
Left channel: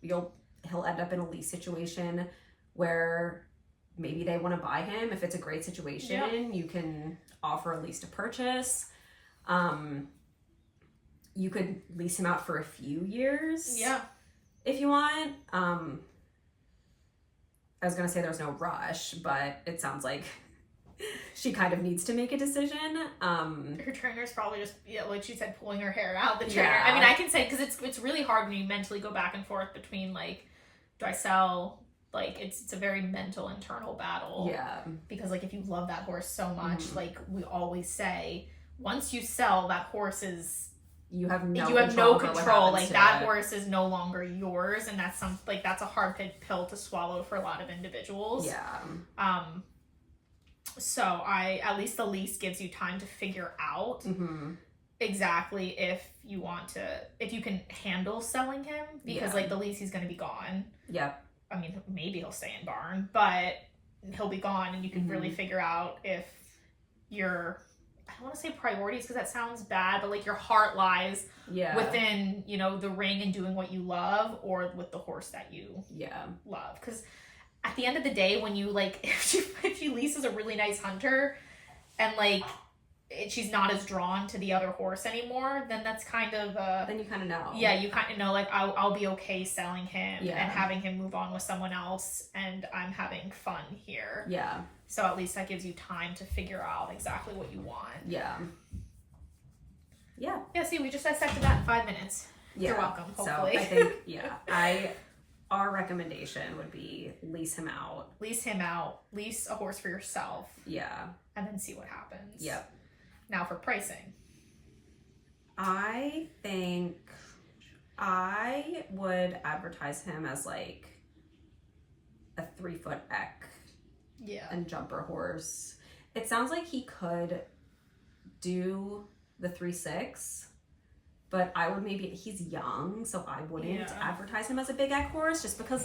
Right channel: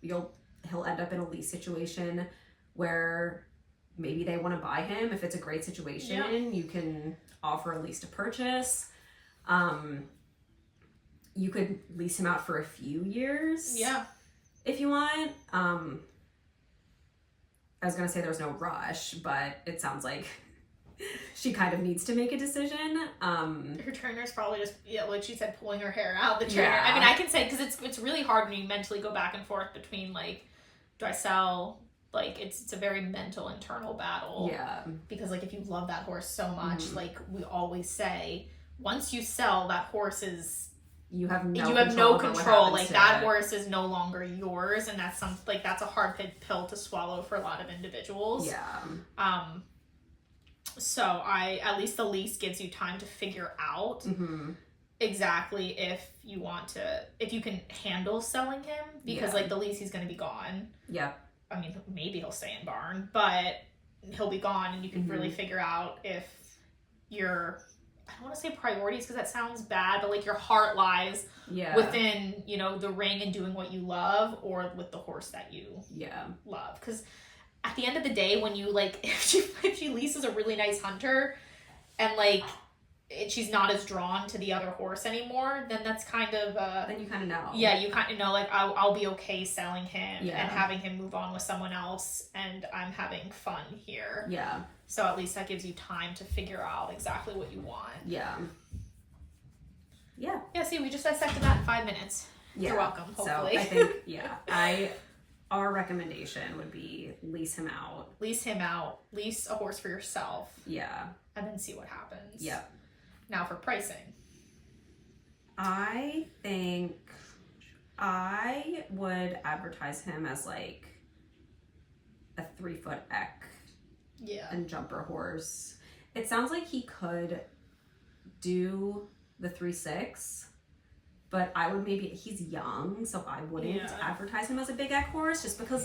he'll end up in a lease situation where maybe they want to buy him. If it's a great situation, you can offer a lease to purchase. You could lease him out for a few years. Yeah. If you want. I was going to say there's no rush, but it sounds like she kind of needs to make a decision. Her trainer's probably just, like she said, pulling her hair out. The trainer. I mean, I can say, because it's really hard when you mentally go back and forth between, like, do I sell? Like, it's a very mental, internal battle. Yeah. Because, like, if you love that horse so much, like we always say, once you sell, that horse is you have no control. Like that horse is no longer yours, and that's that's a hard pill to swallow for a lot of individuals. Yeah. So at least the lease gives you time to figure out exactly if you can handle selling him, because like the lease, he's going to be gone. Yep. I mean, maybe he'll stay in barn, but he'll be gone, and you can really figure out if your, I don't want to say priorities because that sounds bad, but like your heart lies within, the ring and doing what you love, or with the horse that you love. Because at the end of the day, when you if she leases a really nice hunter and she's not as drawn to the other horse anymore, then that's kind of then you kind of know. Yeah, you kind of know, I'll be okay selling him and having him move on with someone else, and I'm having fun here. Yeah. So at least that gives you time to figure out exactly what you want. Yeah. Yeah. Yeah, see, we just dissected that in 5 minutes. Yeah. You're welcome, hopefully. So I think, our recommendation would be lease him out. Lease a horse for yourself. Yeah. And then see what happens. Yep. Now for pricing. I think I would advertise him as a 3-foot eck. Yeah. And jumper horse. It sounds like he could do the 3-6, but I would he's young, so I wouldn't advertise him as a big eck horse, just because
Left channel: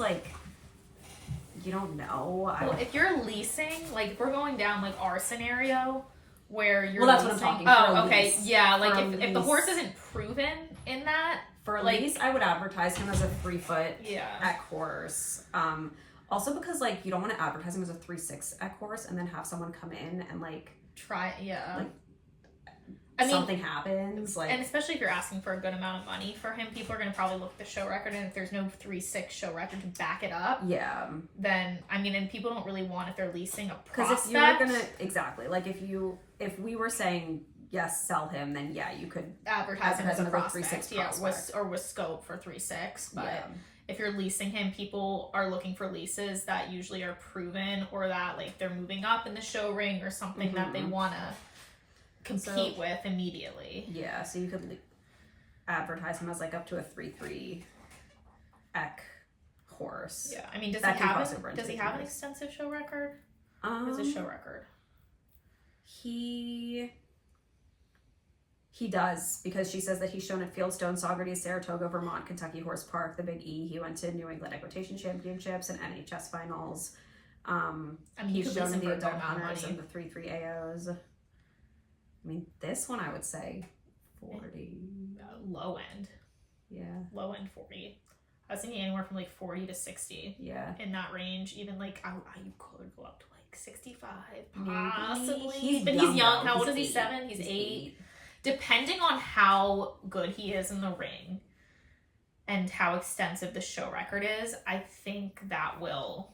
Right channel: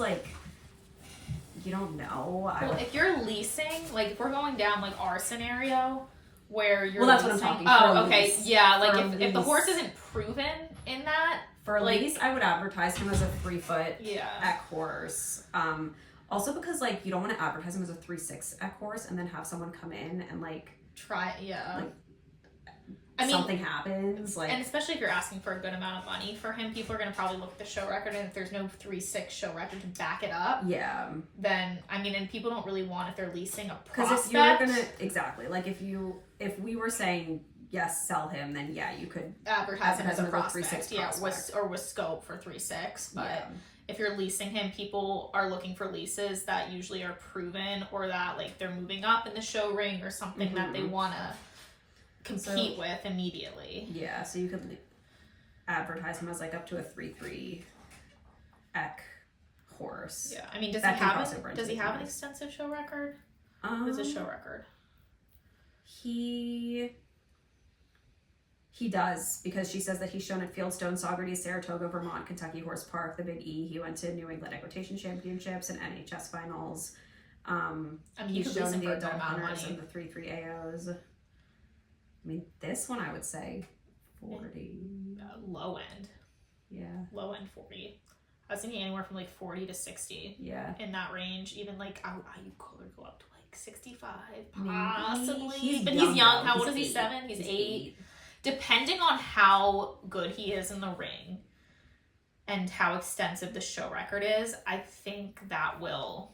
you don't know. Well, if you're leasing, if we're going down our scenario where you're that's what I'm talking about. Oh, okay. Lease. Yeah, if the horse isn't proven in that. For a lease, I would advertise him as a 3-foot eck horse. Also because you don't want to advertise him as a 3-6 eck horse and then have someone come in and try something happens. And especially if you're asking for a good amount of money for him, people are going to probably look at the show record, and if there's no 3-6 show record to back it up, then and people don't really want, if they're leasing a prospect. Because if you're gonna if we were saying yes, sell him, then you could advertise him as a prospect, with scope for 3-6, but if you're leasing him, people are looking for leases that usually are proven, or that they're moving up in the show ring, or something that they want to compete with immediately. Yeah, so you could advertise him as up to a 3-3 eck horse. Yeah, I mean, does he have an extensive show record? What's his show record? He does, because she says that he's shown at Fieldstone, Saugerties, Saratoga, Vermont, Kentucky Horse Park, the Big E. He went to New England Equitation Championships and NHS finals. He's shown in the adult hunters and the 3-3 AOs. I mean, this one I would say 40. Low end. Yeah. Low end 40. I was thinking anywhere from 40 to 60. Yeah. In that range. Even you could go up to 65, maybe. Possibly. He's young. How old is he? 7? He's 8. Depending on how good he is in the ring and how extensive the show record is, I think that will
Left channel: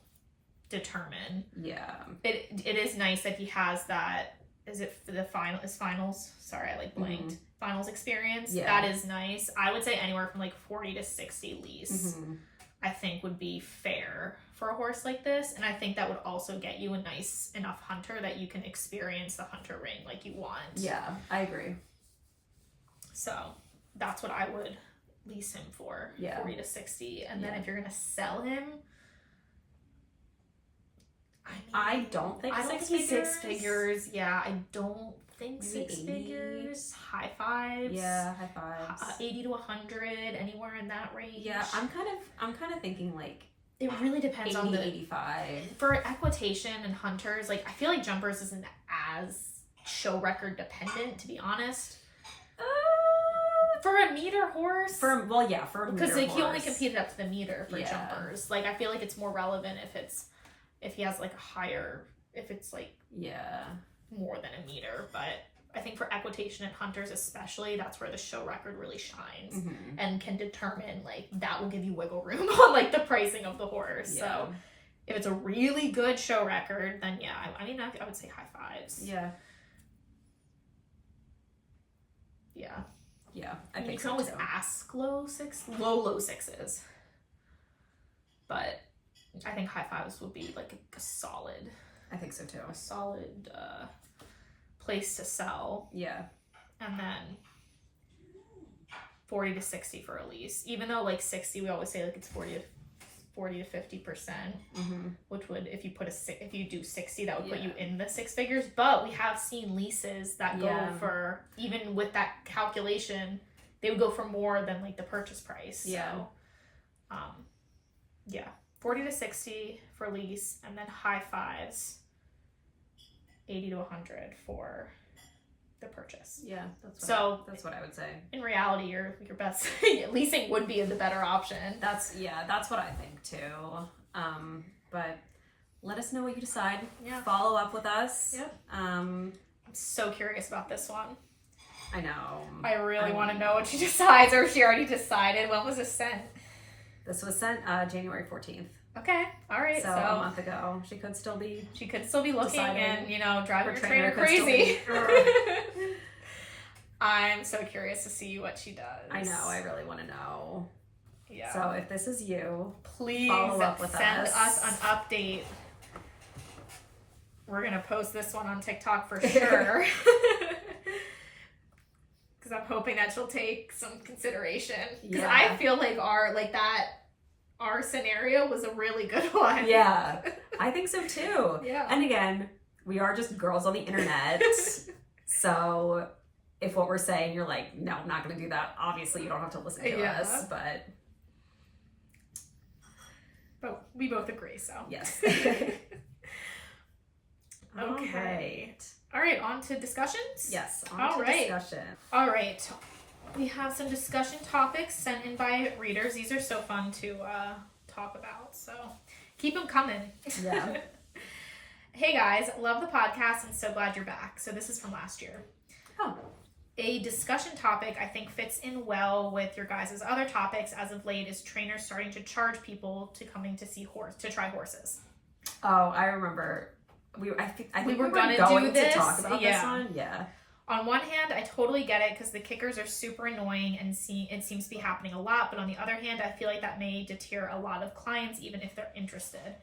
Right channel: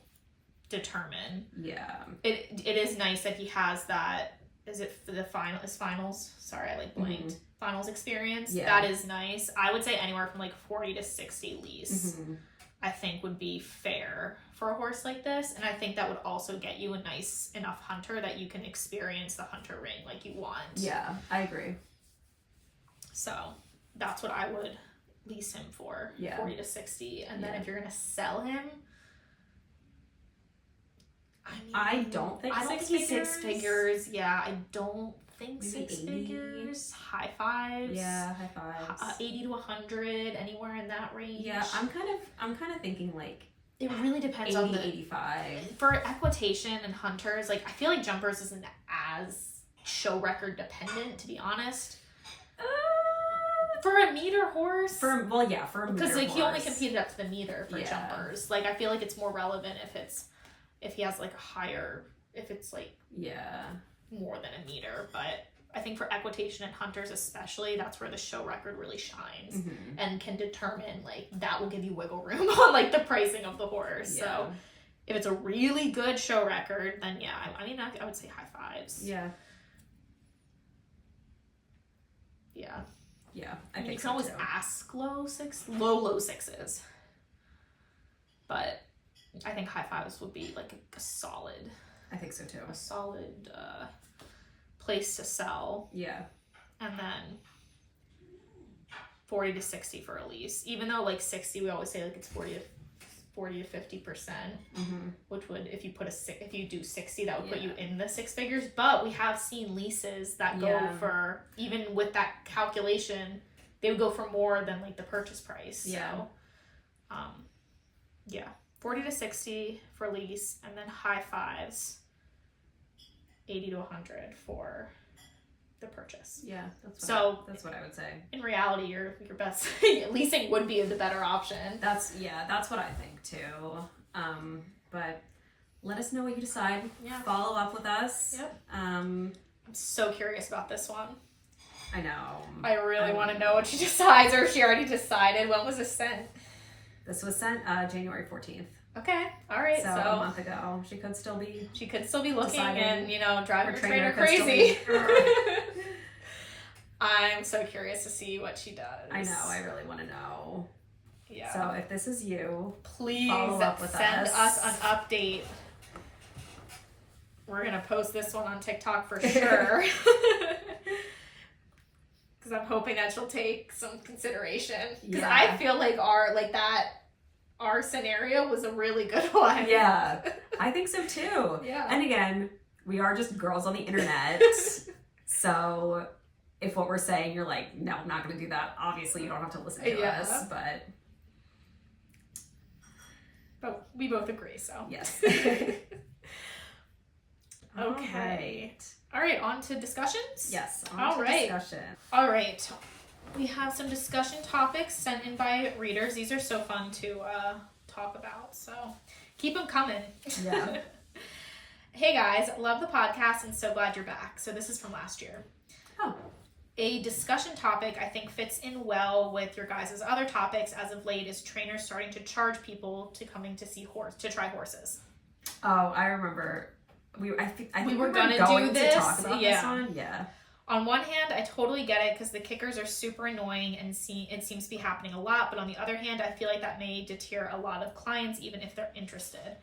determine. Yeah. It is nice that he has that. Is it for the finals? Sorry, I blanked. Finals experience. Yeah. That is nice. I would say anywhere from 40 to 60 lease. I think would be fair for a horse like this, and I think that would also get you a nice enough hunter that you can experience the hunter ring like you want. Yeah, I agree. So that's what I would lease him for. 40 to 60, and then if you're gonna sell him, I don't think he's 6 figures. Yeah, I don't think maybe 6 figures. High fives. Yeah, high fives. 80 to 100, anywhere in that range. Yeah, I'm kind of thinking it really depends 80, on the 85. For equitation and hunters. I feel like jumpers isn't as show record dependent, to be honest. For a meter horse, for a meter horse, because he only competed up to the meter for jumpers. I feel like it's more relevant if he has a higher, if it's more than a meter. But I think for equitation and hunters especially, that's where the show record really shines and can determine that will give you wiggle room on the pricing of the horse. Yeah. So if it's a really good show record, then I would say high fives. Yeah. Yeah. Yeah, I think you can always ask low sixes, but I think high fives would be a solid. I think so too. A solid place to sell. Yeah, and then 40 to 60 for a lease. Even though like 60, we always say like it's 40 to 50%, which would, if you do 60, that would put you in the six figures. But we have seen leases that go for, even with that calculation, they would go for more than like the purchase price. Yeah. So, 40 to 60 for lease, and then high fives, 80 to 100 for the purchase. Yeah, that's what I would say. In reality, your best leasing would be the better option. That's what I think too. But let us know what you decide. Yeah. Follow up with us. Yep. I'm so curious about this one. I know. I really want to know what she decides, or if she already decided. When was this sent? This was sent January 14th. Okay. All right. So a month ago. She could still be looking deciding, and, driving her trainer crazy. I'm so curious to see what she does. I know. I really want to know. Yeah. So if this is you, please follow up with send us an update. We're going to post this one on TikTok for sure. Because I'm hoping that she'll take some consideration. Because I feel like our scenario was a really good one. Yeah, I think so too. Yeah. And again, we are just girls on the internet. So if what we're saying, you're like, no, I'm not going to do that. Obviously, you don't have to listen to us, but we both agree, so. Yes. Okay. All right, on to discussions? Yes, on to discussion. All right. We have some discussion topics sent in by readers. These are so fun to talk about, so keep them coming. Yeah. Hey guys, love the podcast and so glad you're back. So this is from last year. Oh. A discussion topic I think fits in well with your guys' other topics as of late is trainers starting to charge people to coming to try horses. Oh, I remember. I think we were going to talk about this one. Yeah. On one hand, I totally get it because the kickers are super annoying and it seems to be happening a lot. But on the other hand, I feel like that may deter a lot of clients even if they're interested.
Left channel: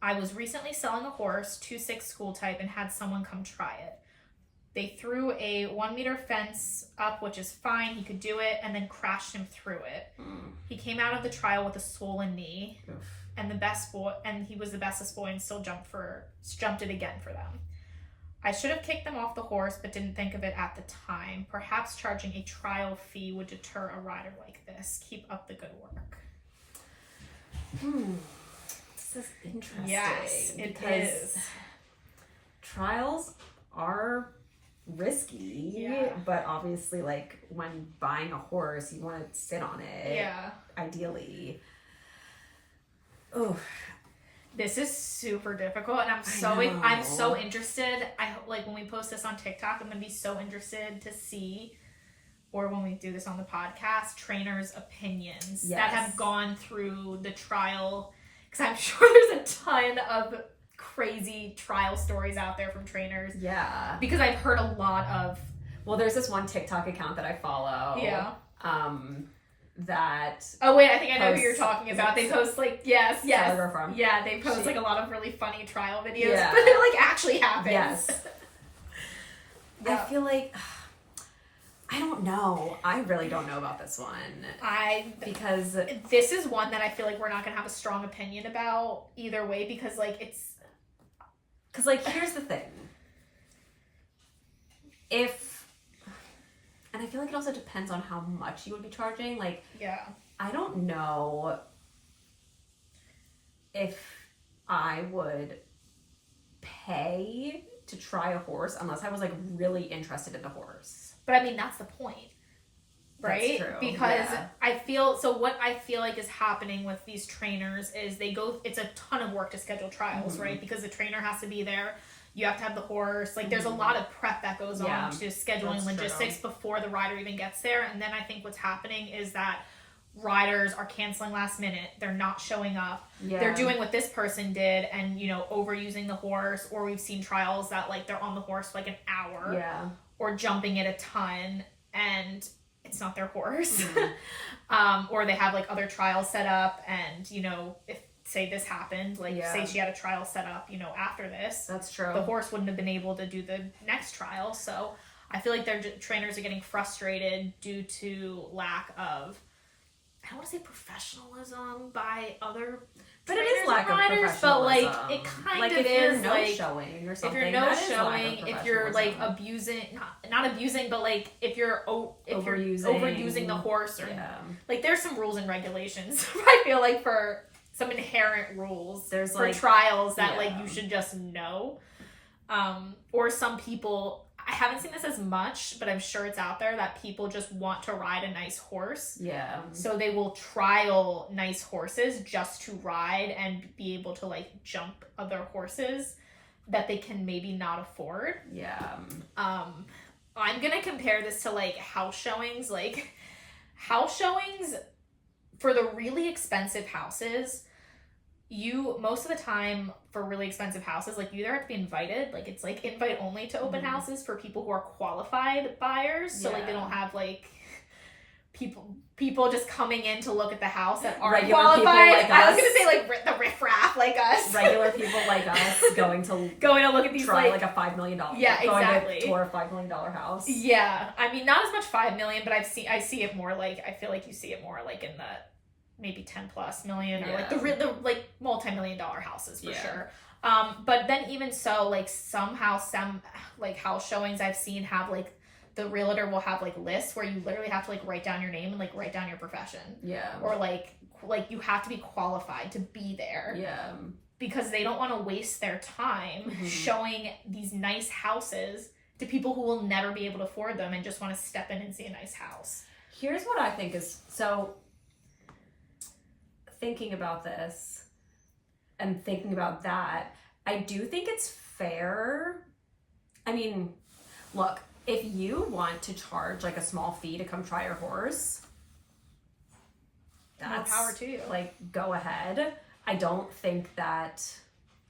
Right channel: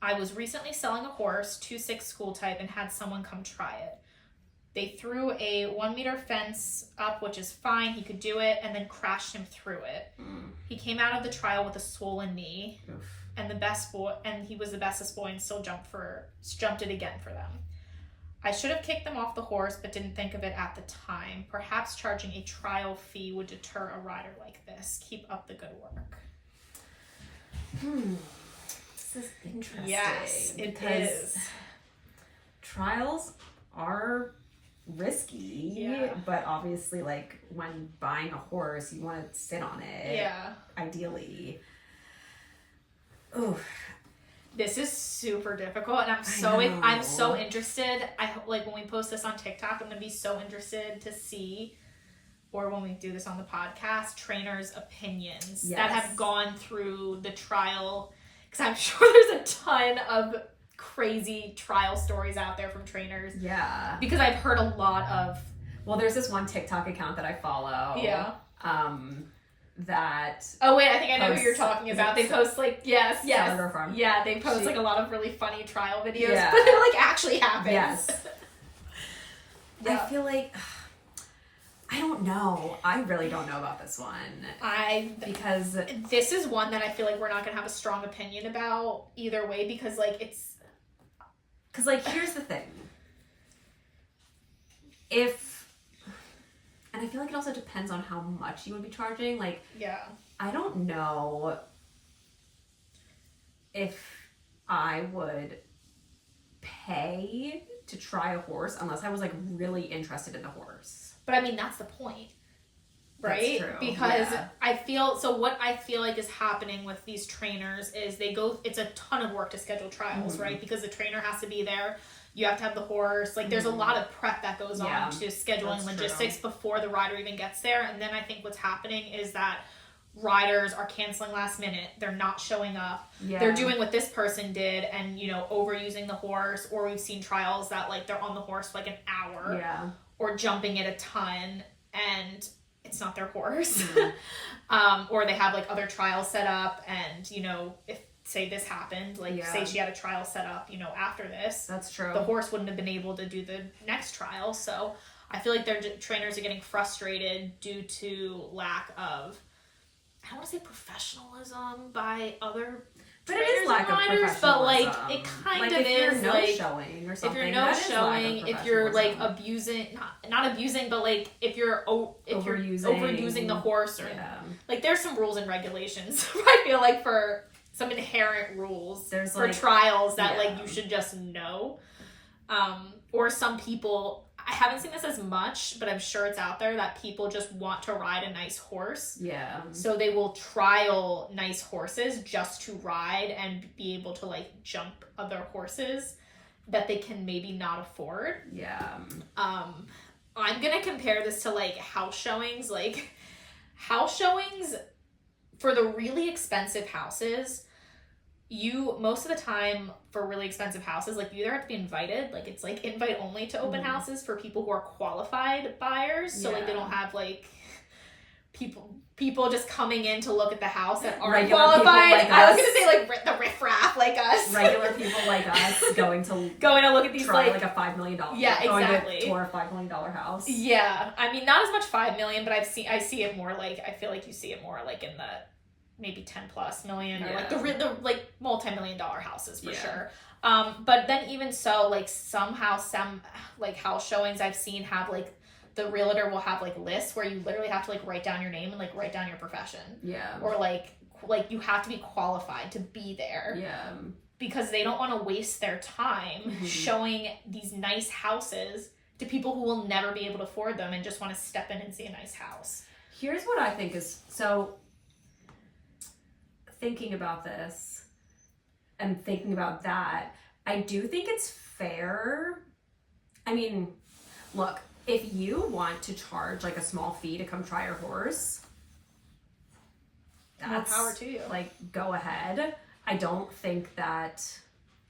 I was recently selling a horse, 2-6 school type, and had someone come try it. They threw a 1-meter fence up, which is fine. He could do it, and then crashed him through it. He came out of the trial with a swollen knee. Oof. And he was the bestest boy and still jumped it again for them. I should have kicked them off the horse, but didn't think of it at the time. Perhaps charging a trial fee would deter a rider like this. Keep up the good work. This is interesting. Yes, it is. Trials are risky, but obviously, like, when buying a horse, you want to sit on it. Yeah. Ideally. Oh, this is super difficult, and I'm so interested. I hope, like, when we post this on TikTok, I'm gonna be so interested to see, or when we do this on the podcast, trainers' opinions that have gone through the trial, because I'm sure there's a ton of crazy trial stories out there from trainers. Yeah, because I've heard a lot of. Well, there's this one TikTok account that I follow. Yeah. That I think I know who you're talking about. They post like they post she, like a lot of really funny trial videos, but it like actually happens. Yes. I feel like I don't know. I really don't know about this one. Because this is one that I feel like we're not gonna have a strong opinion about either way, because like here's the thing. And I feel like it also depends on how much you would be charging. Like, I don't know if I would pay to try a horse unless I was, like, really interested in the horse. But, I mean, that's the point, right? That's true. Because what I feel like is happening with these trainers is it's a ton of work to schedule trials, right? Because the trainer has to be there. You have to have the horse. Like, there's a lot of prep that goes on to scheduling logistics before the rider even gets there. And then I think what's happening is that riders are canceling last minute. They're not showing up. Yeah. They're doing what this person did and, overusing the horse. Or we've seen trials that, like, they're on the horse for, like, an hour. Yeah. Or jumping it a ton. And it's not their horse. Mm-hmm. Or they have, like, other trials set up. And, if say this happened, like say she had a trial set up, after this. That's true. The horse wouldn't have been able to do the next trial. So I feel like their trainers are getting frustrated due to lack of, I don't want to say professionalism by other but it is lack of professionalism. But like it kind of if is you're no like showing or something. If you're no showing, if you're like abusing, not abusing, but like if you're overusing the horse or like there's some rules and regulations. I feel like for some inherent rules there's for trials that like you should just know. Or some people, I haven't seen this as much, but I'm sure it's out there that people just want to ride a nice horse. Yeah. So they will trial nice horses just to ride and be able to like jump other horses that they can maybe not afford. Yeah. I'm gonna compare this to like house showings. Like house showings for the really expensive houses, you most of the time for really expensive houses, like you either have to be invited, like it's like invite only to open houses for people who are qualified buyers. So like they don't have like people just coming in to look at the house that aren't regular qualified. Like I was gonna say like the riffraff like us. Regular people like us going to look at these like a $5 million. Yeah, exactly. Going to tour a $5 million house. Yeah, I mean not as much 5 million, but I see it more like, I feel like you see it more like in the maybe 10 plus million or like the like multi-million dollar houses for sure. But then even so, like somehow some like house showings I've seen have like the realtor will have like lists where you literally have to like write down your name and like write down your profession. Yeah. Or like you have to be qualified to be there. Yeah. Because they don't want to waste their time showing these nice houses to people who will never be able to afford them and just want to step in and see a nice house. Here's what I think is so. Thinking about this and thinking about that, I do think it's fair. I mean, look, if you want to charge like a small fee to come try your horse, that's more power to you. Like, go ahead. I don't think that.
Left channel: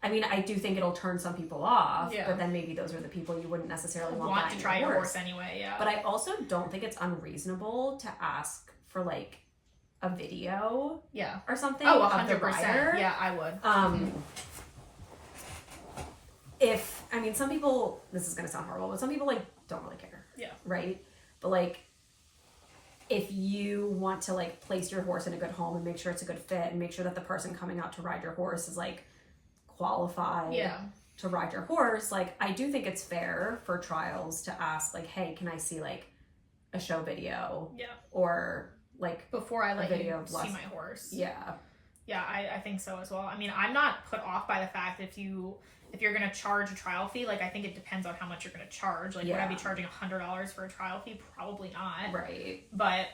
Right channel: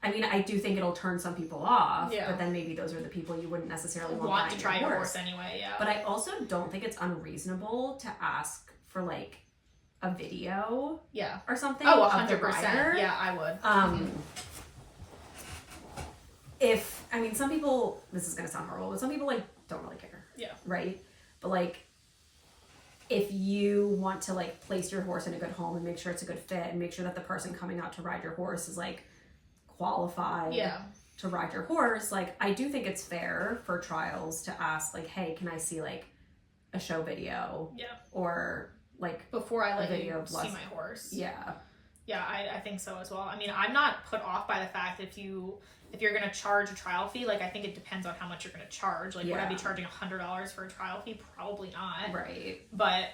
I mean, I do think it'll turn some people off, but then maybe those are the people you wouldn't necessarily want to try your horse anyway. Yeah. But I also don't think it's unreasonable to ask for like a video or something. Oh, 100%. Yeah, I would. If, I mean, some people, this is going to sound horrible, but some people like don't really care. Yeah. Right? But like, if you want to like place your horse in a good home and make sure it's a good fit and make sure that the person coming out to ride your horse is like qualified to ride your horse, like I do think it's fair for trials to ask like, hey, can I see like a show video? Yeah. Or like before I let you see my horse. Yeah. Yeah, I think so as well. I mean, I'm not put off by the fact if you're gonna charge a trial fee, like I think it depends on how much you're gonna charge. Like would I be charging $100 for a trial fee? Probably not. Right. But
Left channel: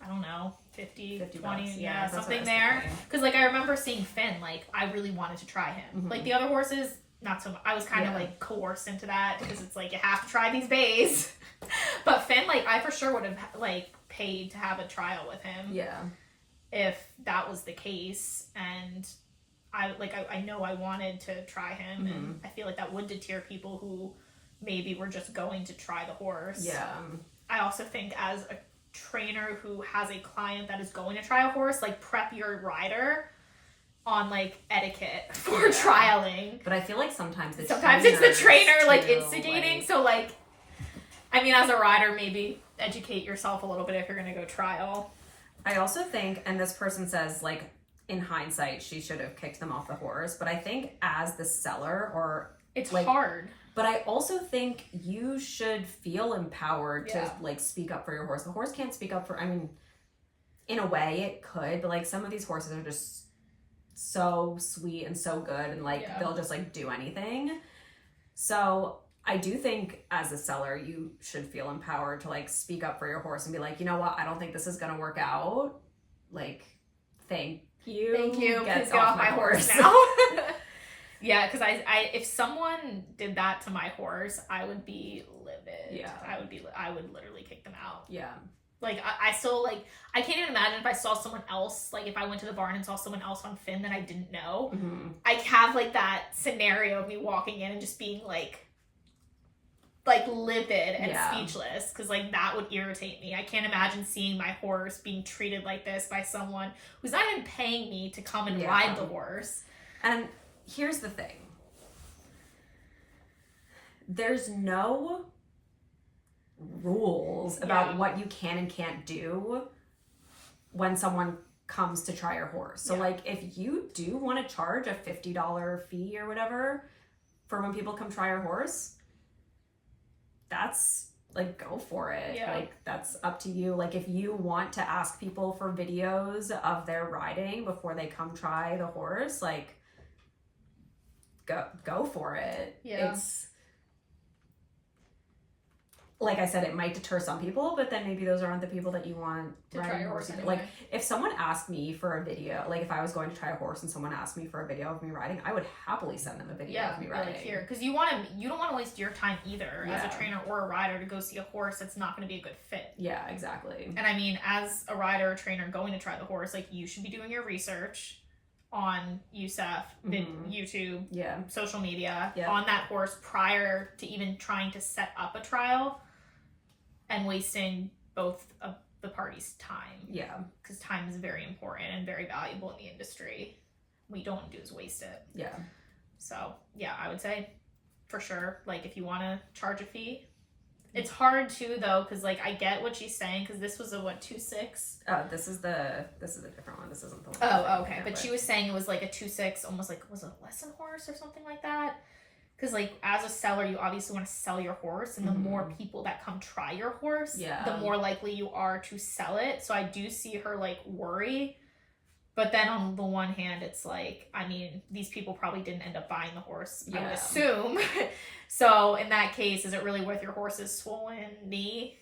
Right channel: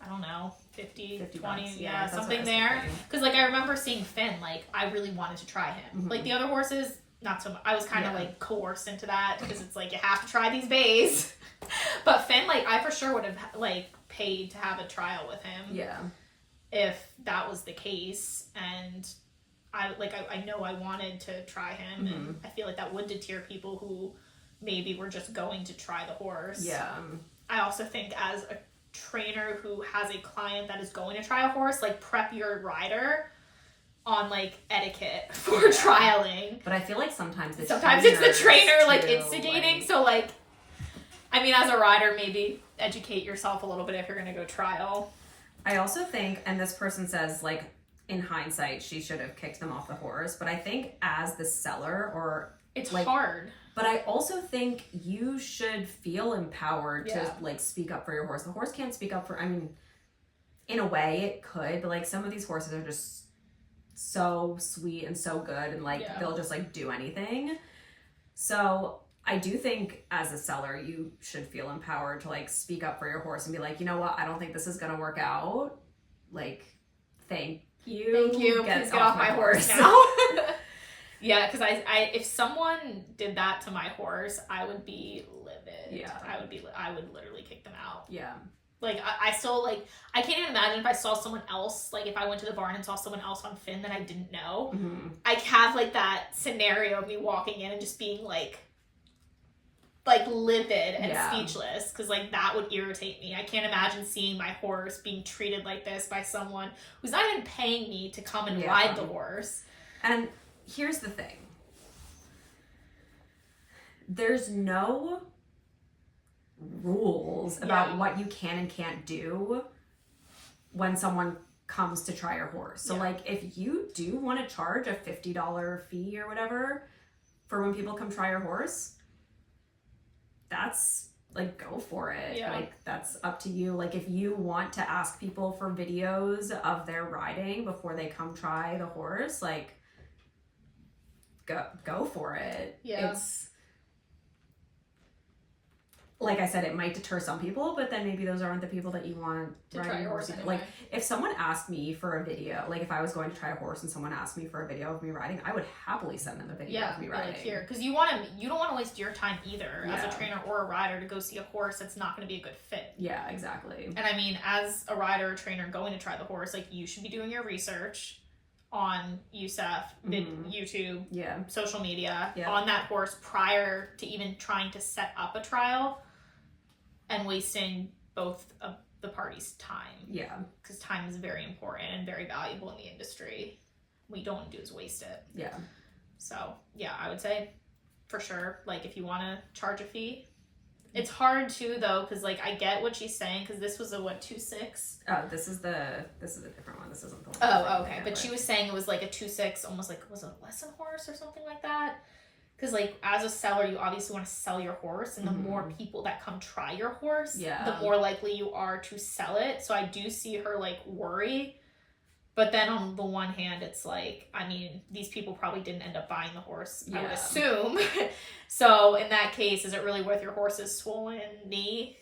I don't know, 50 20 bucks. Something there. Because like I remember seeing Finn, like I really wanted to try him. Like the other horses, not so much. I was kind of like coerced into that because it's like you have to try these bays. But Finn, like I for sure would have like paid to have a trial with him. Yeah. If that was the case, and I know I wanted to try him, and I feel like that would deter people who maybe were just going to try the horse. Yeah. I also think as a trainer who has a client that is going to try a horse, like prep your rider on like etiquette for trialing. But I feel like sometimes it's the trainer like too, instigating. So like, I mean, as a rider, maybe educate yourself a little bit if you're going to go trial. I also think, and this person says like in hindsight she should have kicked them off the horse, but I think as the seller or it's like, hard. But I also think you should feel empowered to like speak up for your horse. The horse can't speak up for, I mean, in a way it could, but like some of these horses are just so sweet and so good and like they'll just like do anything. So I do think as a seller you should feel empowered to like speak up for your horse and be like, you know what, I don't think this is gonna work out. Like, thank you. Please get off my horse now. Yeah, because I if someone did that to my horse, I would be livid. Yeah. I would literally kick them out. Yeah. Like, I still, like, I can't even imagine if I saw someone else, like, if I went to the barn and saw someone else on Finn that I didn't know. I have, like, that scenario of me walking in and just being, like livid and speechless, because, like, that would irritate me. I can't imagine seeing my horse being treated like this by someone who's not even paying me to come and ride the horse. And here's the thing. There's no rules about what you can and can't do when someone comes to try your horse. So like if you do want to charge a $50 fee or whatever for when people come try your horse, that's like, go for it. Yeah. Like that's up to you. Like if you want to ask people for videos of their riding before they come try the horse, like go for it. Yeah. It's like I said, it might deter some people, but then maybe those aren't the people that you want to try your horse. Anyway. Like if someone asked me for a video, like if I was going to try a horse and someone asked me for a video of me riding, I would happily send them a video of me riding. Like here, because you don't want to waste your time either as a trainer or a rider to go see a horse that's not going to be a good fit. Yeah, exactly. And I mean, as a rider or trainer going to try the horse, like you should be doing your research on USEF, YouTube, social media on that horse prior to even trying to set up a trial. And wasting both of the parties' time. Yeah. Because time is very important and very valuable in the industry. What you don't want to do is waste it. Yeah. So, yeah, I would say for sure, like, if you want to charge a fee. It's hard, too, though, because, like, I get what she's saying, because this was a, 2.6? Oh, this is a different one. This isn't the one. Oh, okay. But she was saying it was, like, a 2.6, almost like, was it a lesson horse or something like that? Because, like, as a seller, you obviously want to sell your horse. And the more people that come try your horse, the more likely you are to sell it. So I do see her, like, worry. But then on the one hand, it's like, I mean, these people probably didn't end up buying the horse, I would assume. So in that case, is it really worth your horse's swollen knee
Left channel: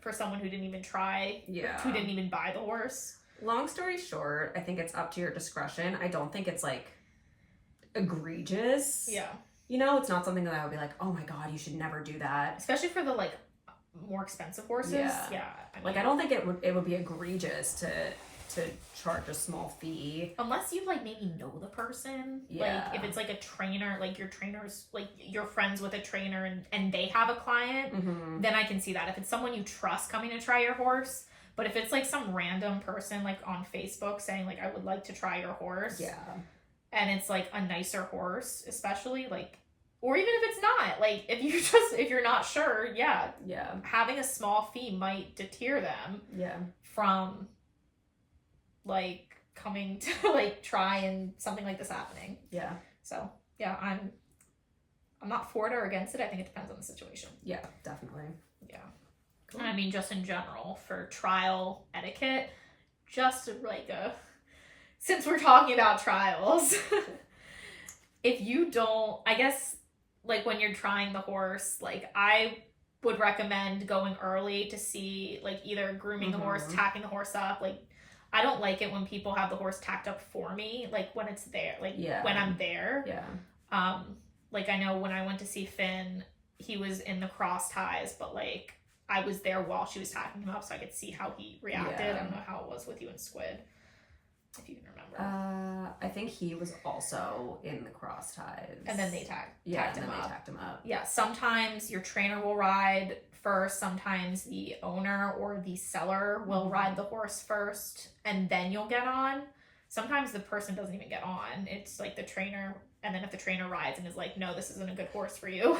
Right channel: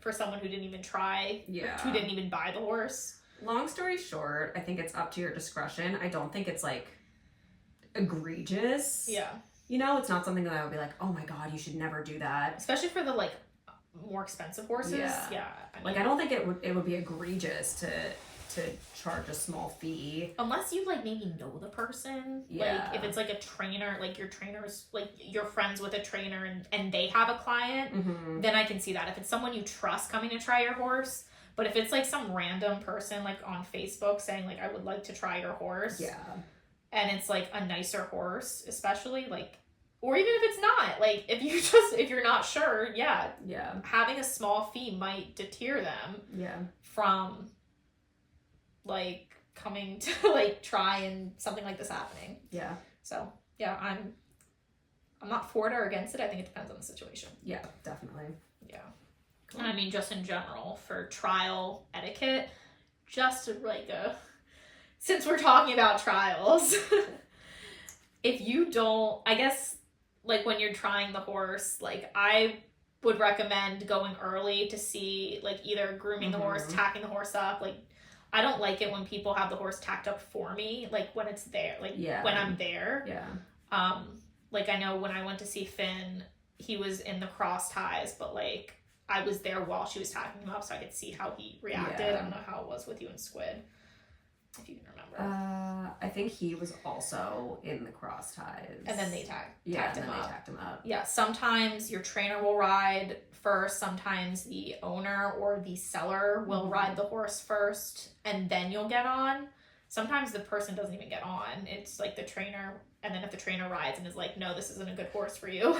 for someone who didn't even try, who didn't even buy the horse? Long story short, I think it's up to your discretion. I don't think it's, like, egregious. Yeah. You know, it's not something that I would be like, oh my God, you should never do that. Especially for the, like, more expensive horses. Yeah. I mean, like, I don't think it would be egregious to charge a small fee. Unless you, like, maybe know the person. Yeah. Like, if it's, like, a trainer, like, your trainer's, like, you're friends with a trainer and they have a client, then I can see that. If it's someone you trust coming to try your horse. But if it's, like, some random person, like, on Facebook saying, like, I would like to try your horse. Yeah. And it's, like, a nicer horse, especially, like, or even if it's not, like, if you're not sure, having a small fee might deter them from, like, coming to, like, try and something like this happening. Yeah. So, yeah, I'm not for it or against it. I think it depends on the situation. Yeah, definitely. Yeah. Cool. And I mean, just in general, for trial etiquette, just like since we're talking about trials, if you don't, I guess, like, when you're trying the horse, like, I would recommend going early to see, like, either grooming the horse, tacking the horse up. Like, I don't like it when people have the horse tacked up for me, like, when it's there, like, when I'm there. Yeah. Like, I know when I went to see Finn, he was in the cross ties, but, like, I was there while she was tacking him up, so I could see how he reacted. I don't know how it was with you and Squid, if you can remember. I think he was also in the cross ties. And then they tacked him up. Yeah, sometimes your trainer will ride first. Sometimes the owner or the seller will ride the horse first, and then you'll get on. Sometimes the person doesn't even get on. It's like the trainer, and then if the trainer rides and is like, no, this isn't a good horse for you.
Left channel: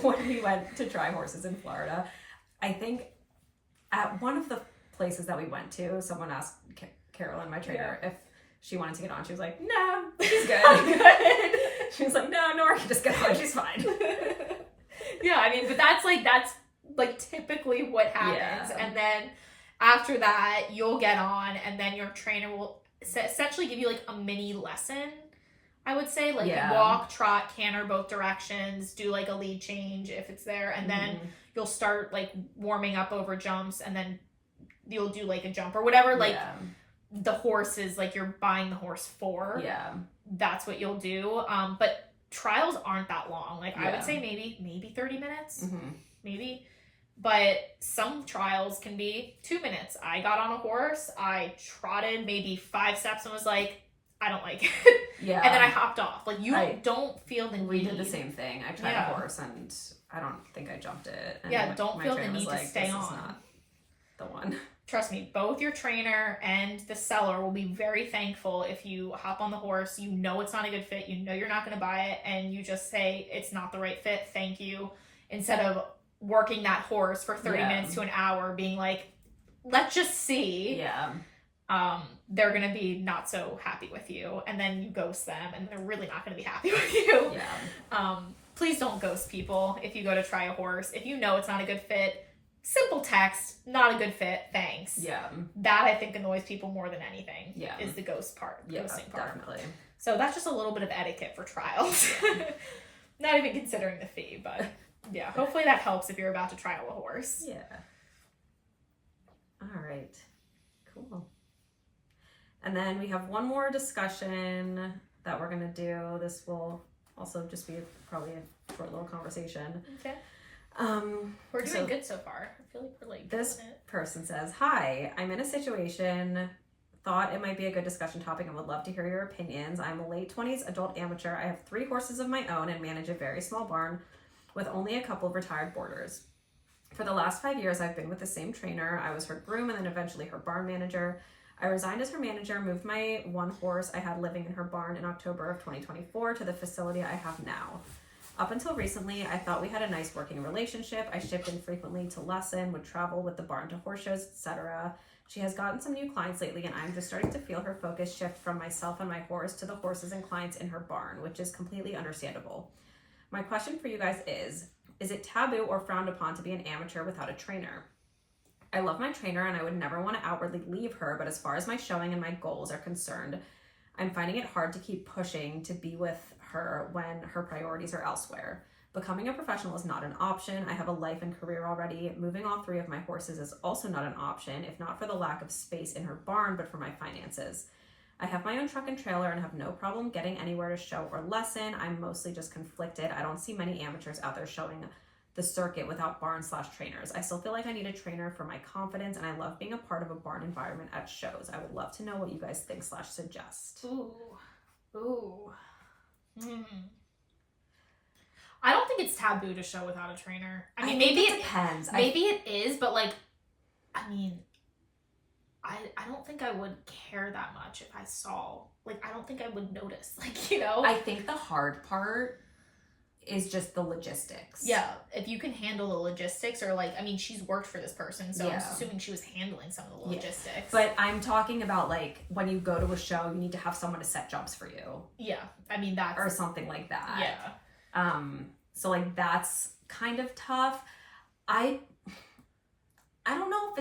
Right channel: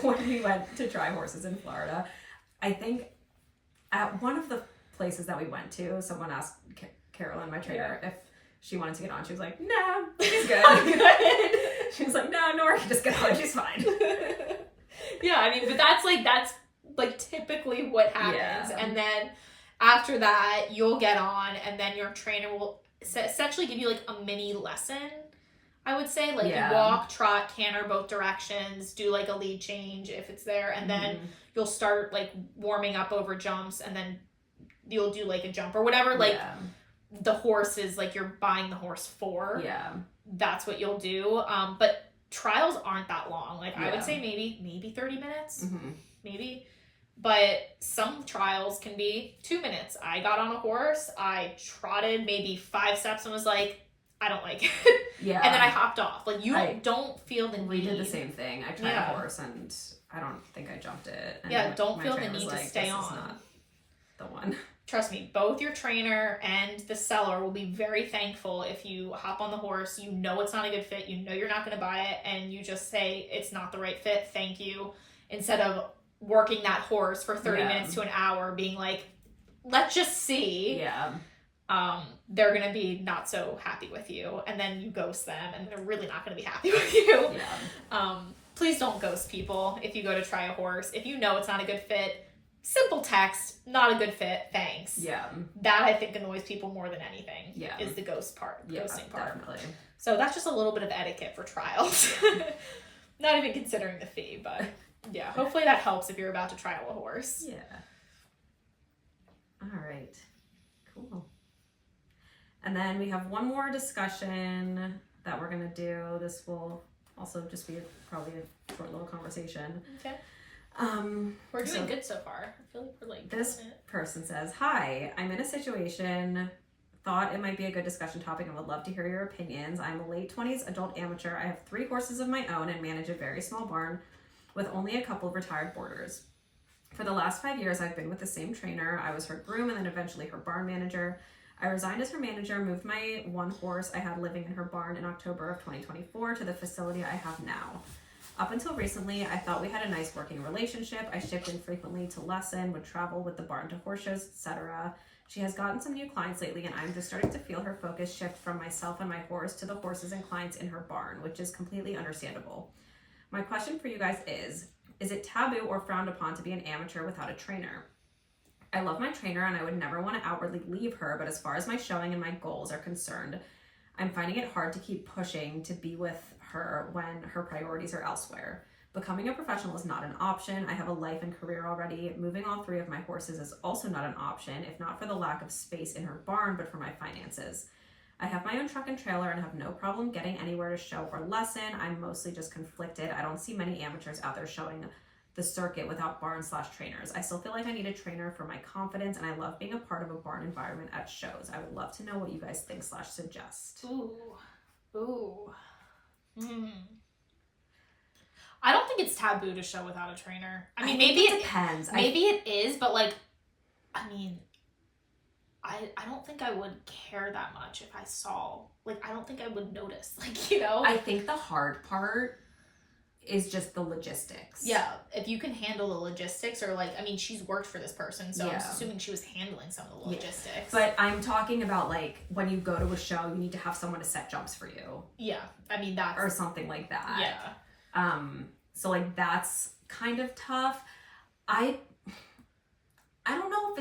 When we went to try horses in Florida, I think at one of the places that we went to, someone asked Carolyn, my trainer, if she wanted to get on. She was like, no, she's good. I'm good. She was like, no, Nora can just get on. She's fine. Yeah, I mean, but that's typically what happens. Yeah. And then after that, you'll get on, and then your trainer will essentially give you, like, a mini lesson, I would say. Like, walk, trot, canter both directions, do, like, a lead change if it's there, and then you'll start, like, warming up over jumps, and then you'll do, like, a jump or whatever, like, the horse is, like, you're buying the horse for. Yeah. That's what you'll do. But trials aren't that long. Like, I would say maybe 30 minutes. Maybe. But some trials can be 2 minutes. I got on a horse, I trotted maybe 5 steps and was like, I don't like it. Yeah. And then I hopped off. Like, don't feel the need. We did the same thing. I tried a horse and I don't think I jumped it. And don't feel the need to stay on. This is not the one. Trust me, both your trainer and the seller will be very thankful if you hop on the horse, you know it's not a good fit, you know you're not going to buy it, and you just say, it's not the right fit, thank you, instead of working that horse for 30 minutes to an hour, being like, let's just see. Yeah. They're gonna be not so happy with you, and then you ghost them, and they're really not gonna be happy with you. Yeah. Please don't ghost people if you go to try a horse. If you know it's not a good fit, simple text, not a good fit, thanks. Yeah. That I think annoys people more than anything. Yeah. Is the ghosting part. Definitely. So that's just a little bit of etiquette for trials. Not even considering the fee, but yeah, hopefully that helps if you're about to trial a horse. Yeah. All right. Cool. And then we have one more discussion that we're going to do. This will also just be probably a short little conversation. Okay. We're doing good so far. I feel like we're like this person says, "Hi, I'm in a situation. Thought it might be a good discussion topic and would love to hear your opinions. I'm a late 20s adult amateur. I have 3 horses of my own and manage a very small barn with only a couple of retired boarders. For the last 5 years, I've been with the same trainer. I was her groom and then eventually her barn manager. I resigned as her manager, moved my 1 horse I had living in her barn in October of 2024 to the facility I have now. Up until recently, I thought we had a nice working relationship. I shipped in frequently to lesson, would travel with the barn to horse shows, etc. She has gotten some new clients lately, and I'm just starting to feel her focus shift from myself and my horse to the horses and clients in her barn, which is completely understandable. My question for you guys is it taboo or frowned upon to be an amateur without a trainer? I love my trainer and I would never want to outwardly leave her, but as far as my showing and my goals are concerned, I'm finding it hard to keep pushing to be with her when her priorities are elsewhere. Becoming a professional is not an option. I have a life and career already. Moving all 3 of my horses is also not an option, if not for the lack of space in her barn, but for my finances. I have my own truck and trailer and have no problem getting anywhere to show or lesson. I'm mostly just conflicted. I don't see many amateurs out there showing the circuit without barn/trainers. I still feel like I need a trainer for my confidence, and I love being a part of a barn environment at shows. I would love to know what you guys think/suggest. Ooh. I don't think it's taboo to show without a trainer. I mean, maybe it depends. Maybe it is, but like, I mean, I don't think I would care that much if I saw, like, I don't think I would notice, like, you know? I think the hard part is just the logistics. Yeah, if you can handle the logistics, or like, I mean, she's worked for this person, so I'm assuming she was handling some of the logistics. But I'm talking about, like, when you go to a show, you need to have someone to set jumps for you. Yeah, I mean, that's... Or something like that. Yeah. So, like, that's kind of tough. I don't know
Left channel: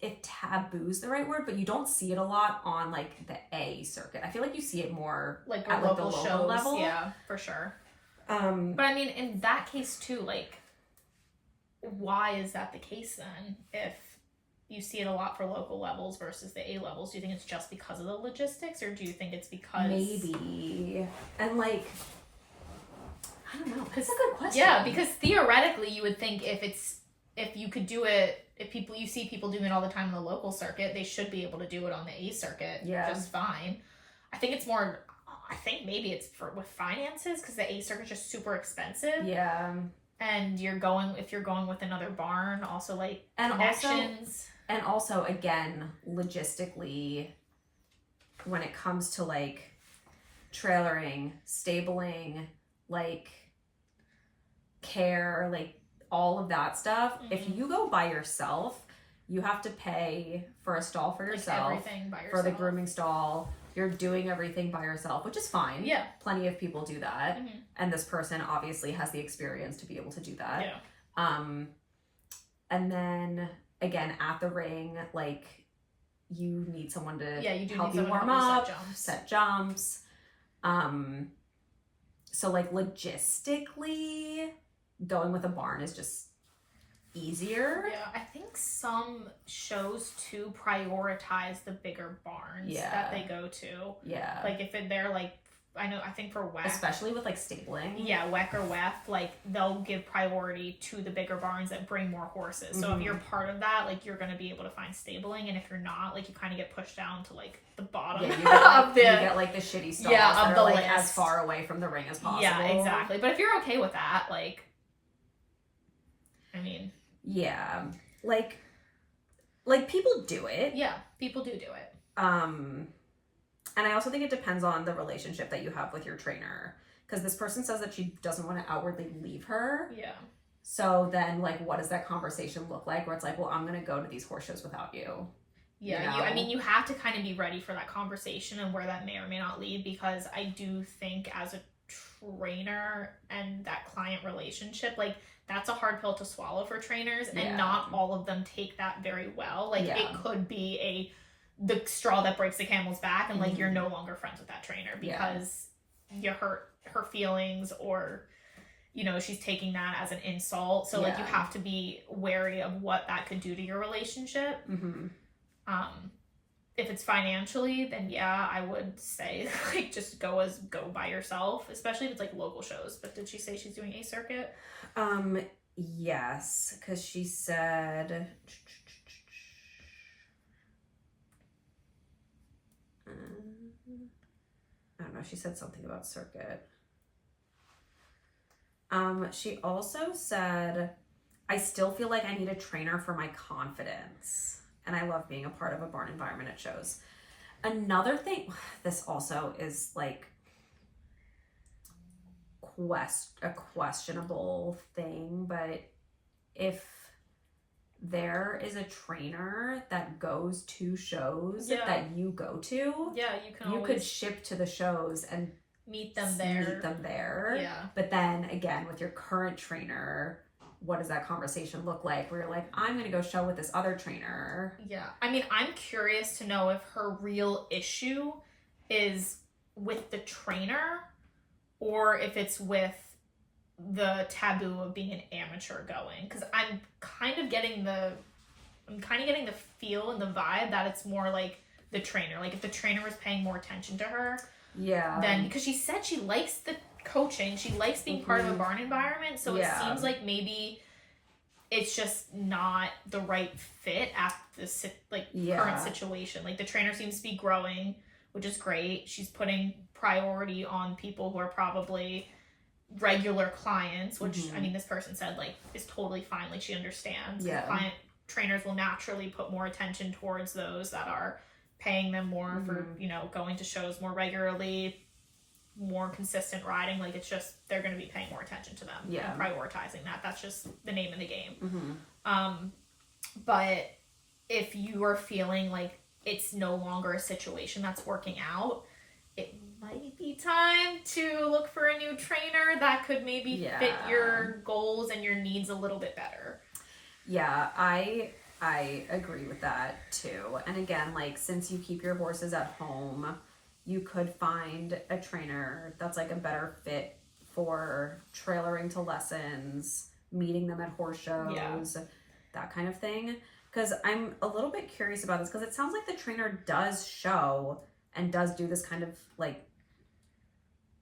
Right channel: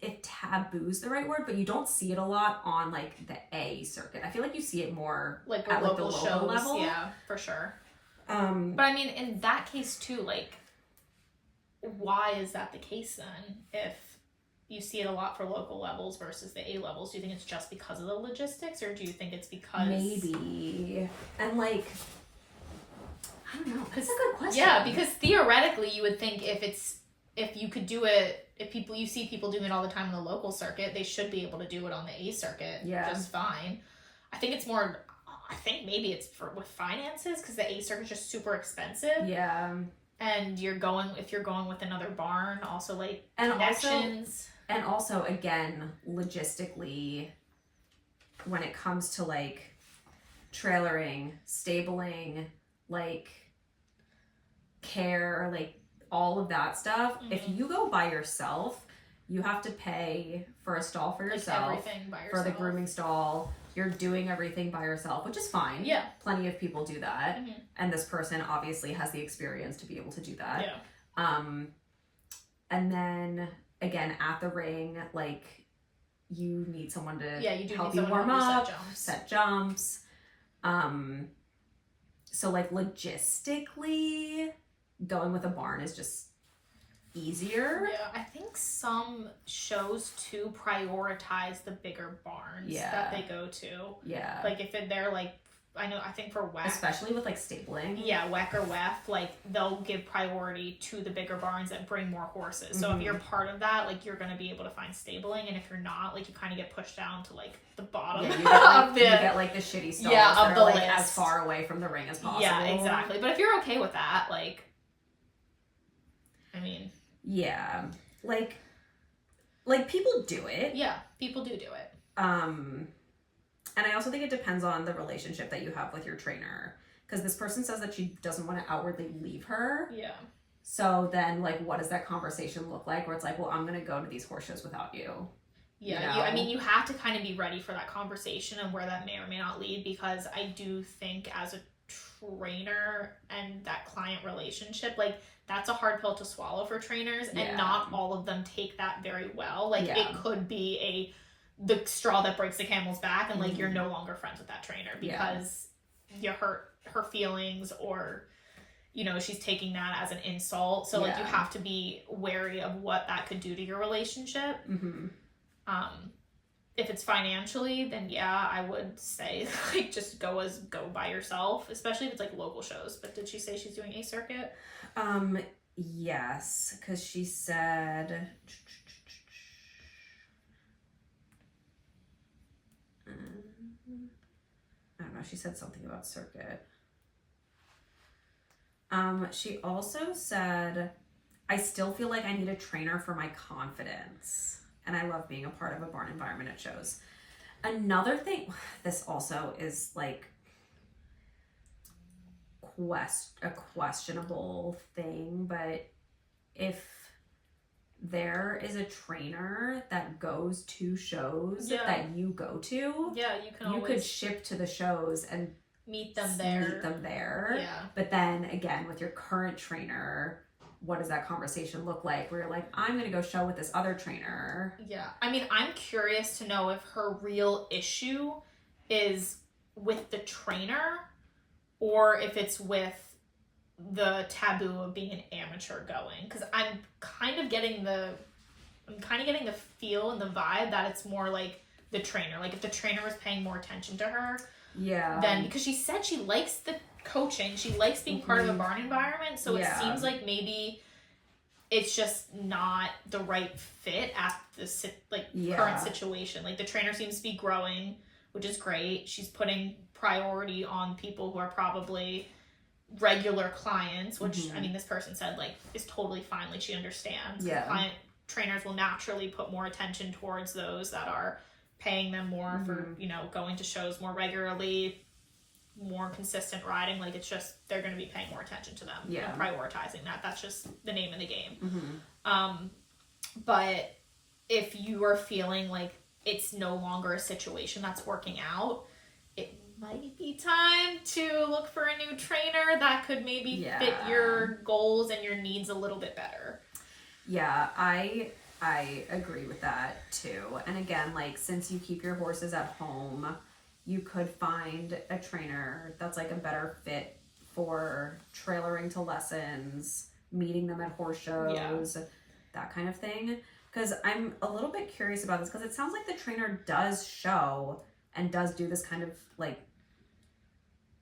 if taboo's the right word, but you don't see it a lot on, like, the A circuit. I feel like you see it more like at, like, the local shows, level. Yeah, for sure. But I mean, in that case too, like, why is that the case then? If you see it a lot for local levels versus the A levels, do you think it's just because of the logistics, or do you think it's because... Maybe. And, like, I don't know. That's a good question. Yeah, because theoretically you would think if you could do it, if you see people doing it all the time on the local circuit, they should be able to do it on the A circuit just fine. I think maybe it's with finances, because the A circuit's just super expensive. Yeah. And if you're going with another barn, also, like, connections. And also, again, logistically, when it comes to, like, trailering, stabling, like, care, like, all of that stuff, if you go by yourself, you have to pay for a stall for yourself. Like, everything by yourself. For the grooming stall. You're doing everything by yourself, which is fine. Yeah. Plenty of people do that. Mm-hmm. And this person obviously has the experience to be able to do that. Yeah. And then, again, at the ring, like, you need someone to help you warm up, set jumps. So, like, logistically, going with a barn is just easier. Yeah, I think some shows too prioritize the bigger barns that they go to. Yeah. Like, if they're, like, I think for WEC, especially with, like, stabling. Yeah, WEC or WEF, like, they'll give priority to the bigger barns that bring more horses. So if you're part of that, like, you're going to be able to find stabling, and if you're not, like, you kind of get pushed down to, like, the bottom you get, like, the shitty stalls that are, like, as far away from the ring as possible. Yeah, exactly. But if you're okay with that, like, I mean... Yeah. Like, people do it. Yeah, people do it. And I also think it depends on the relationship that you have with your trainer. Because this person says that she doesn't want to outwardly leave her. Yeah. So then, like, what does that conversation look like? Where it's like, well, I'm going to go to these horse shows without you. Yeah, you know? I mean, you have to kind of be ready for that conversation and where that may or may not lead, because I do think as a trainer and that client relationship, like, that's a hard pill to swallow for trainers, and not all of them take that very well. Like, it could be the straw that breaks the camel's back, and, like, you're no longer friends with that trainer because you hurt her feelings, or, you know, she's taking that as an insult. So, like, you have to be wary of what that could do to your relationship. If it's financially, then I would say, like, just go by yourself, especially if it's like local shows. But did she say she's doing a circuit? Yes, because she said I don't know, she said something about circuit. She also said, I still feel like I need a trainer for my confidence. And I love being a part of a barn environment at shows. Another thing, this also is like a questionable thing, but if there is a trainer that goes to shows that you go to, you could ship to the shows and meet them there. Yeah. But then again, with your current trainer, what does that conversation look like where you're like, I'm going to go show with this other trainer? Yeah. I mean, I'm curious to know if her real issue is with the trainer or if it's with the taboo of being an amateur going. Because I'm kind of getting the feel and the vibe that it's more like the trainer. Like, if the trainer was paying more attention to her, then, because she said she likes the coaching, she likes being part of a barn environment, so it seems like maybe it's just not the right fit at the current situation. Like, the trainer seems to be growing, which is great. She's putting priority on people who are probably regular clients, which I mean, this person said, like, is totally fine. Like, she understands. Client trainers will naturally put more attention towards those that are paying them more for, you know, going to shows more regularly, more consistent riding. Like, it's just, they're going to be paying more attention to them and prioritizing that. That's just the name of the game. But if you are feeling like it's no longer a situation that's working out, it might be time to look for a new trainer that could maybe fit your goals and your needs a little bit better. Yeah, I agree with that too. And again, like, since you keep your horses at home, you could find a trainer that's like a better fit for trailering to lessons, meeting them at horse shows, that kind of thing. Because I'm a little bit curious about this, because it sounds like the trainer does show and does do this kind of like,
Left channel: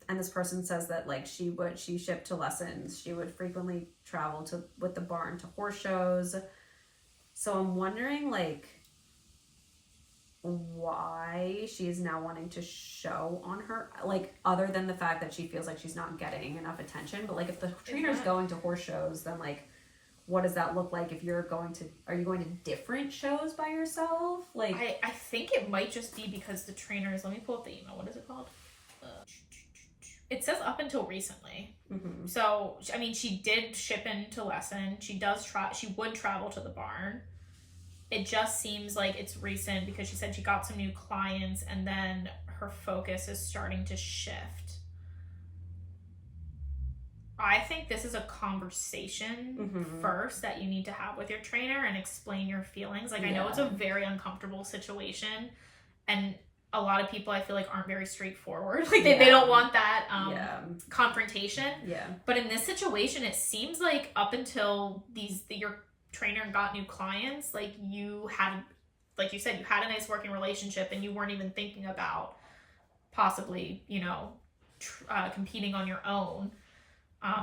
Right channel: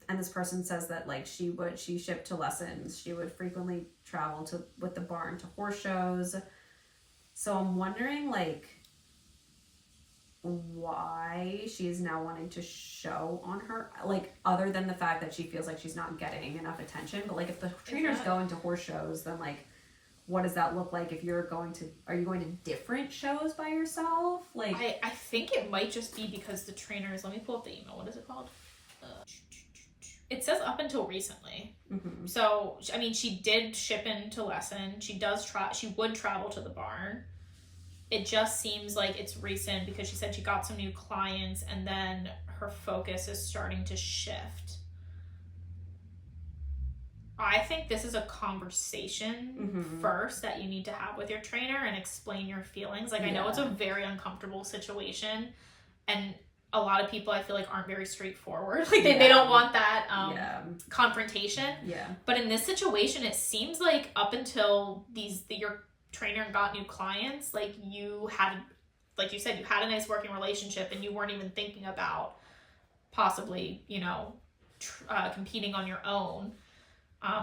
and this person says that, like, she shipped to lessons, she would frequently travel with the barn to horse shows. So I'm wondering, like, why she is now wanting to show on her, like, other than the fact that she feels like she's not getting enough attention. But, like, if the trainer's going to horse shows, then, like, what does that look like if are you going to different shows by yourself? Like, I think it might just be because the trainers, let me pull up the email. What is it called? It says up until recently. So, I mean, she did ship into lesson. She would travel to the barn. It just seems like it's recent because she said she got some new clients and then her focus is starting to shift. I think this is a conversation first that you need to have with your trainer and explain your feelings. Like, I know it's a very uncomfortable situation, and a lot of people, I feel like, aren't very straightforward. Like, they don't want that confrontation. But in this situation, it seems like up until your trainer got new clients, like, you had, like you said, you had a nice working relationship and you weren't even thinking about possibly, you know, competing on your own.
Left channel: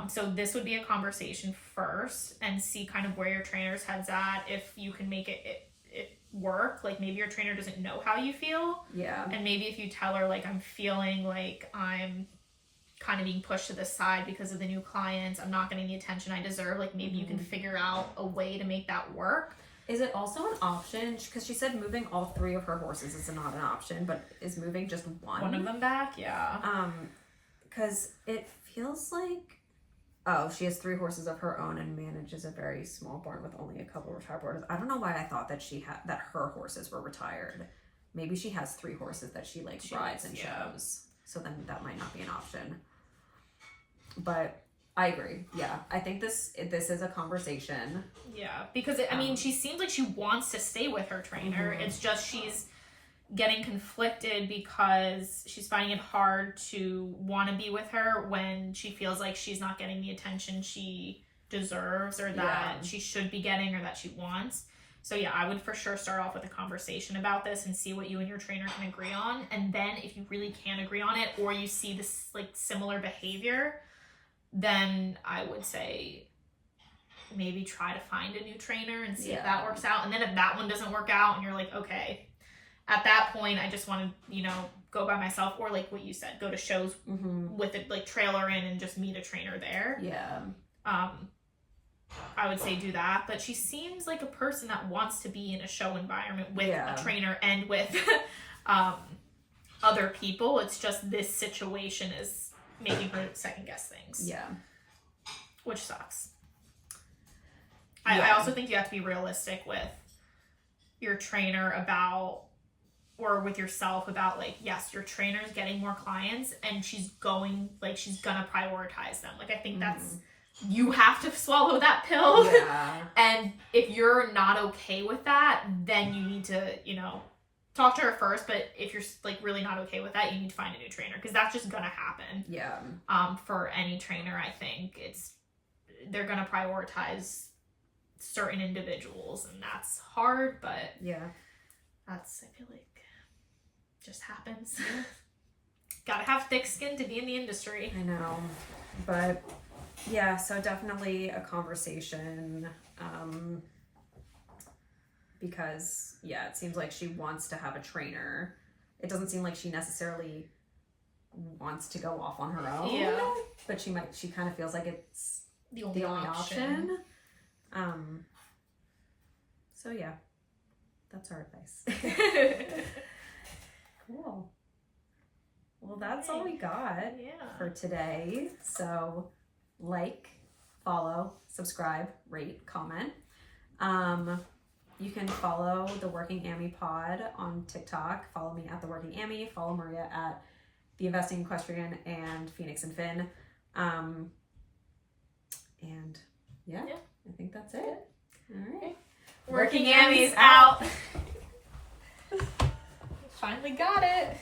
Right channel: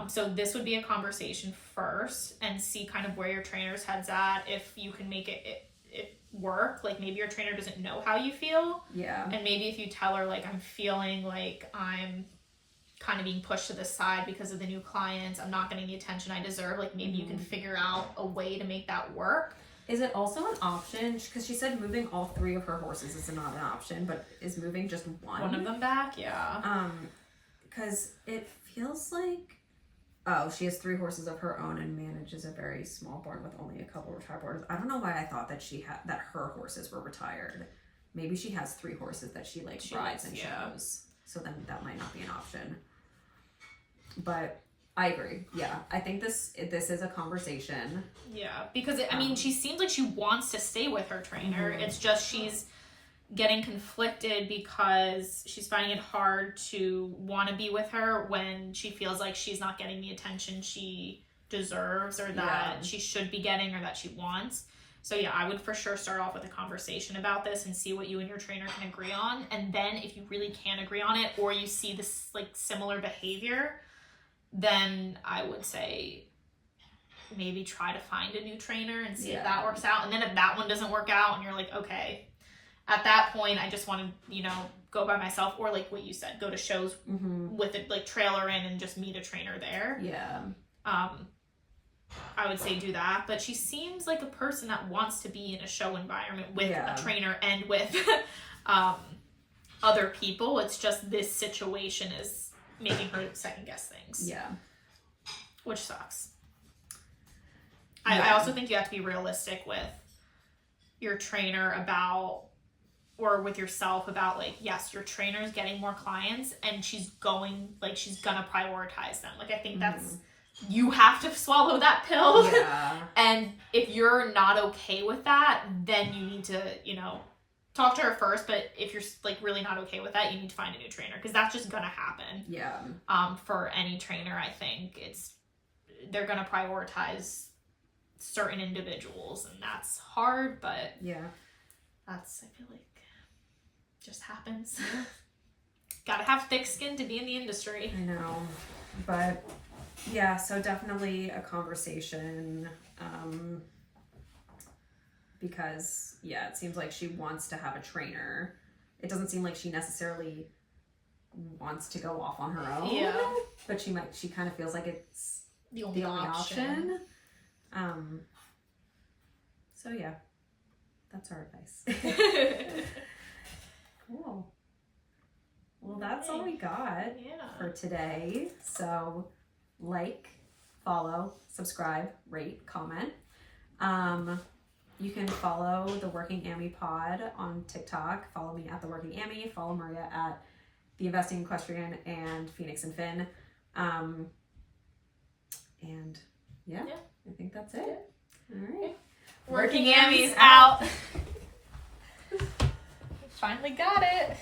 So this would be a conversation first and see kind of where your trainer's head's at, if you can make it work. Like, maybe your trainer doesn't know how you feel. And maybe if you tell her, like, I'm feeling like I'm kind of being pushed to the side because of the new clients, I'm not getting the attention I deserve, like, maybe you can figure out a way to make that work. Is it also an option, because she said moving all 3 of her horses is not an option, but is moving just one of them back? Because it feels like Oh, she has 3 horses of her own and manages a very small barn with only a couple retired boarders. I don't know why I thought that that her horses were retired. Maybe she has 3 horses that she rides and shows. So then that might not be an option. But I agree. Yeah, I think this is a conversation. Yeah, because I mean, she seems like she wants to stay with her trainer. Mm-hmm. It's just she's getting conflicted because she's finding it hard to want to be with her when she feels like she's not getting the attention she deserves or that she should be getting or that she wants. So yeah, I would for sure start off with a conversation about this and see what you and your trainer can agree on. And then if you really can't agree on it or you see this similar behavior, then I would say maybe try to find a new trainer and see if that works out. And then if that one doesn't work out and you're like, okay, at that point, I just want to, go by myself or what you said, go to shows with a trailer in and just meet a trainer there. Yeah. I would say do that. But she seems like a person that wants to be in a show environment with a trainer and with other people. It's just this situation is making her second guess things. Yeah. Which sucks. I also think you have to be realistic with your trainer about, or with yourself about yes, your trainer's getting more clients and she's gonna prioritize them. I think that's, you have to swallow that pill. Yeah. And if you're not okay with that, then you need to, talk to her first. But if you're really not okay with that, you need to find a new trainer because that's just gonna happen. Yeah. For any trainer, I think they're gonna prioritize certain individuals and that's hard, but I feel like just happens. Gotta have thick skin to be in the industry. I know, but yeah, so definitely a conversation, because it seems like she wants to have a trainer. It doesn't seem like she necessarily wants to go off on her own, but she kind of feels like it's the only option. So yeah, that's our advice. Cool. Well, that's all we got for today. So follow, subscribe, rate, comment. You can follow the Working Ammy Pod on TikTok. Follow me at the Working Ammy. Follow Maria at the Investing Equestrian and Phoenix and Finn. And I think that's it. All right. Working Ammy's out. Finally got it.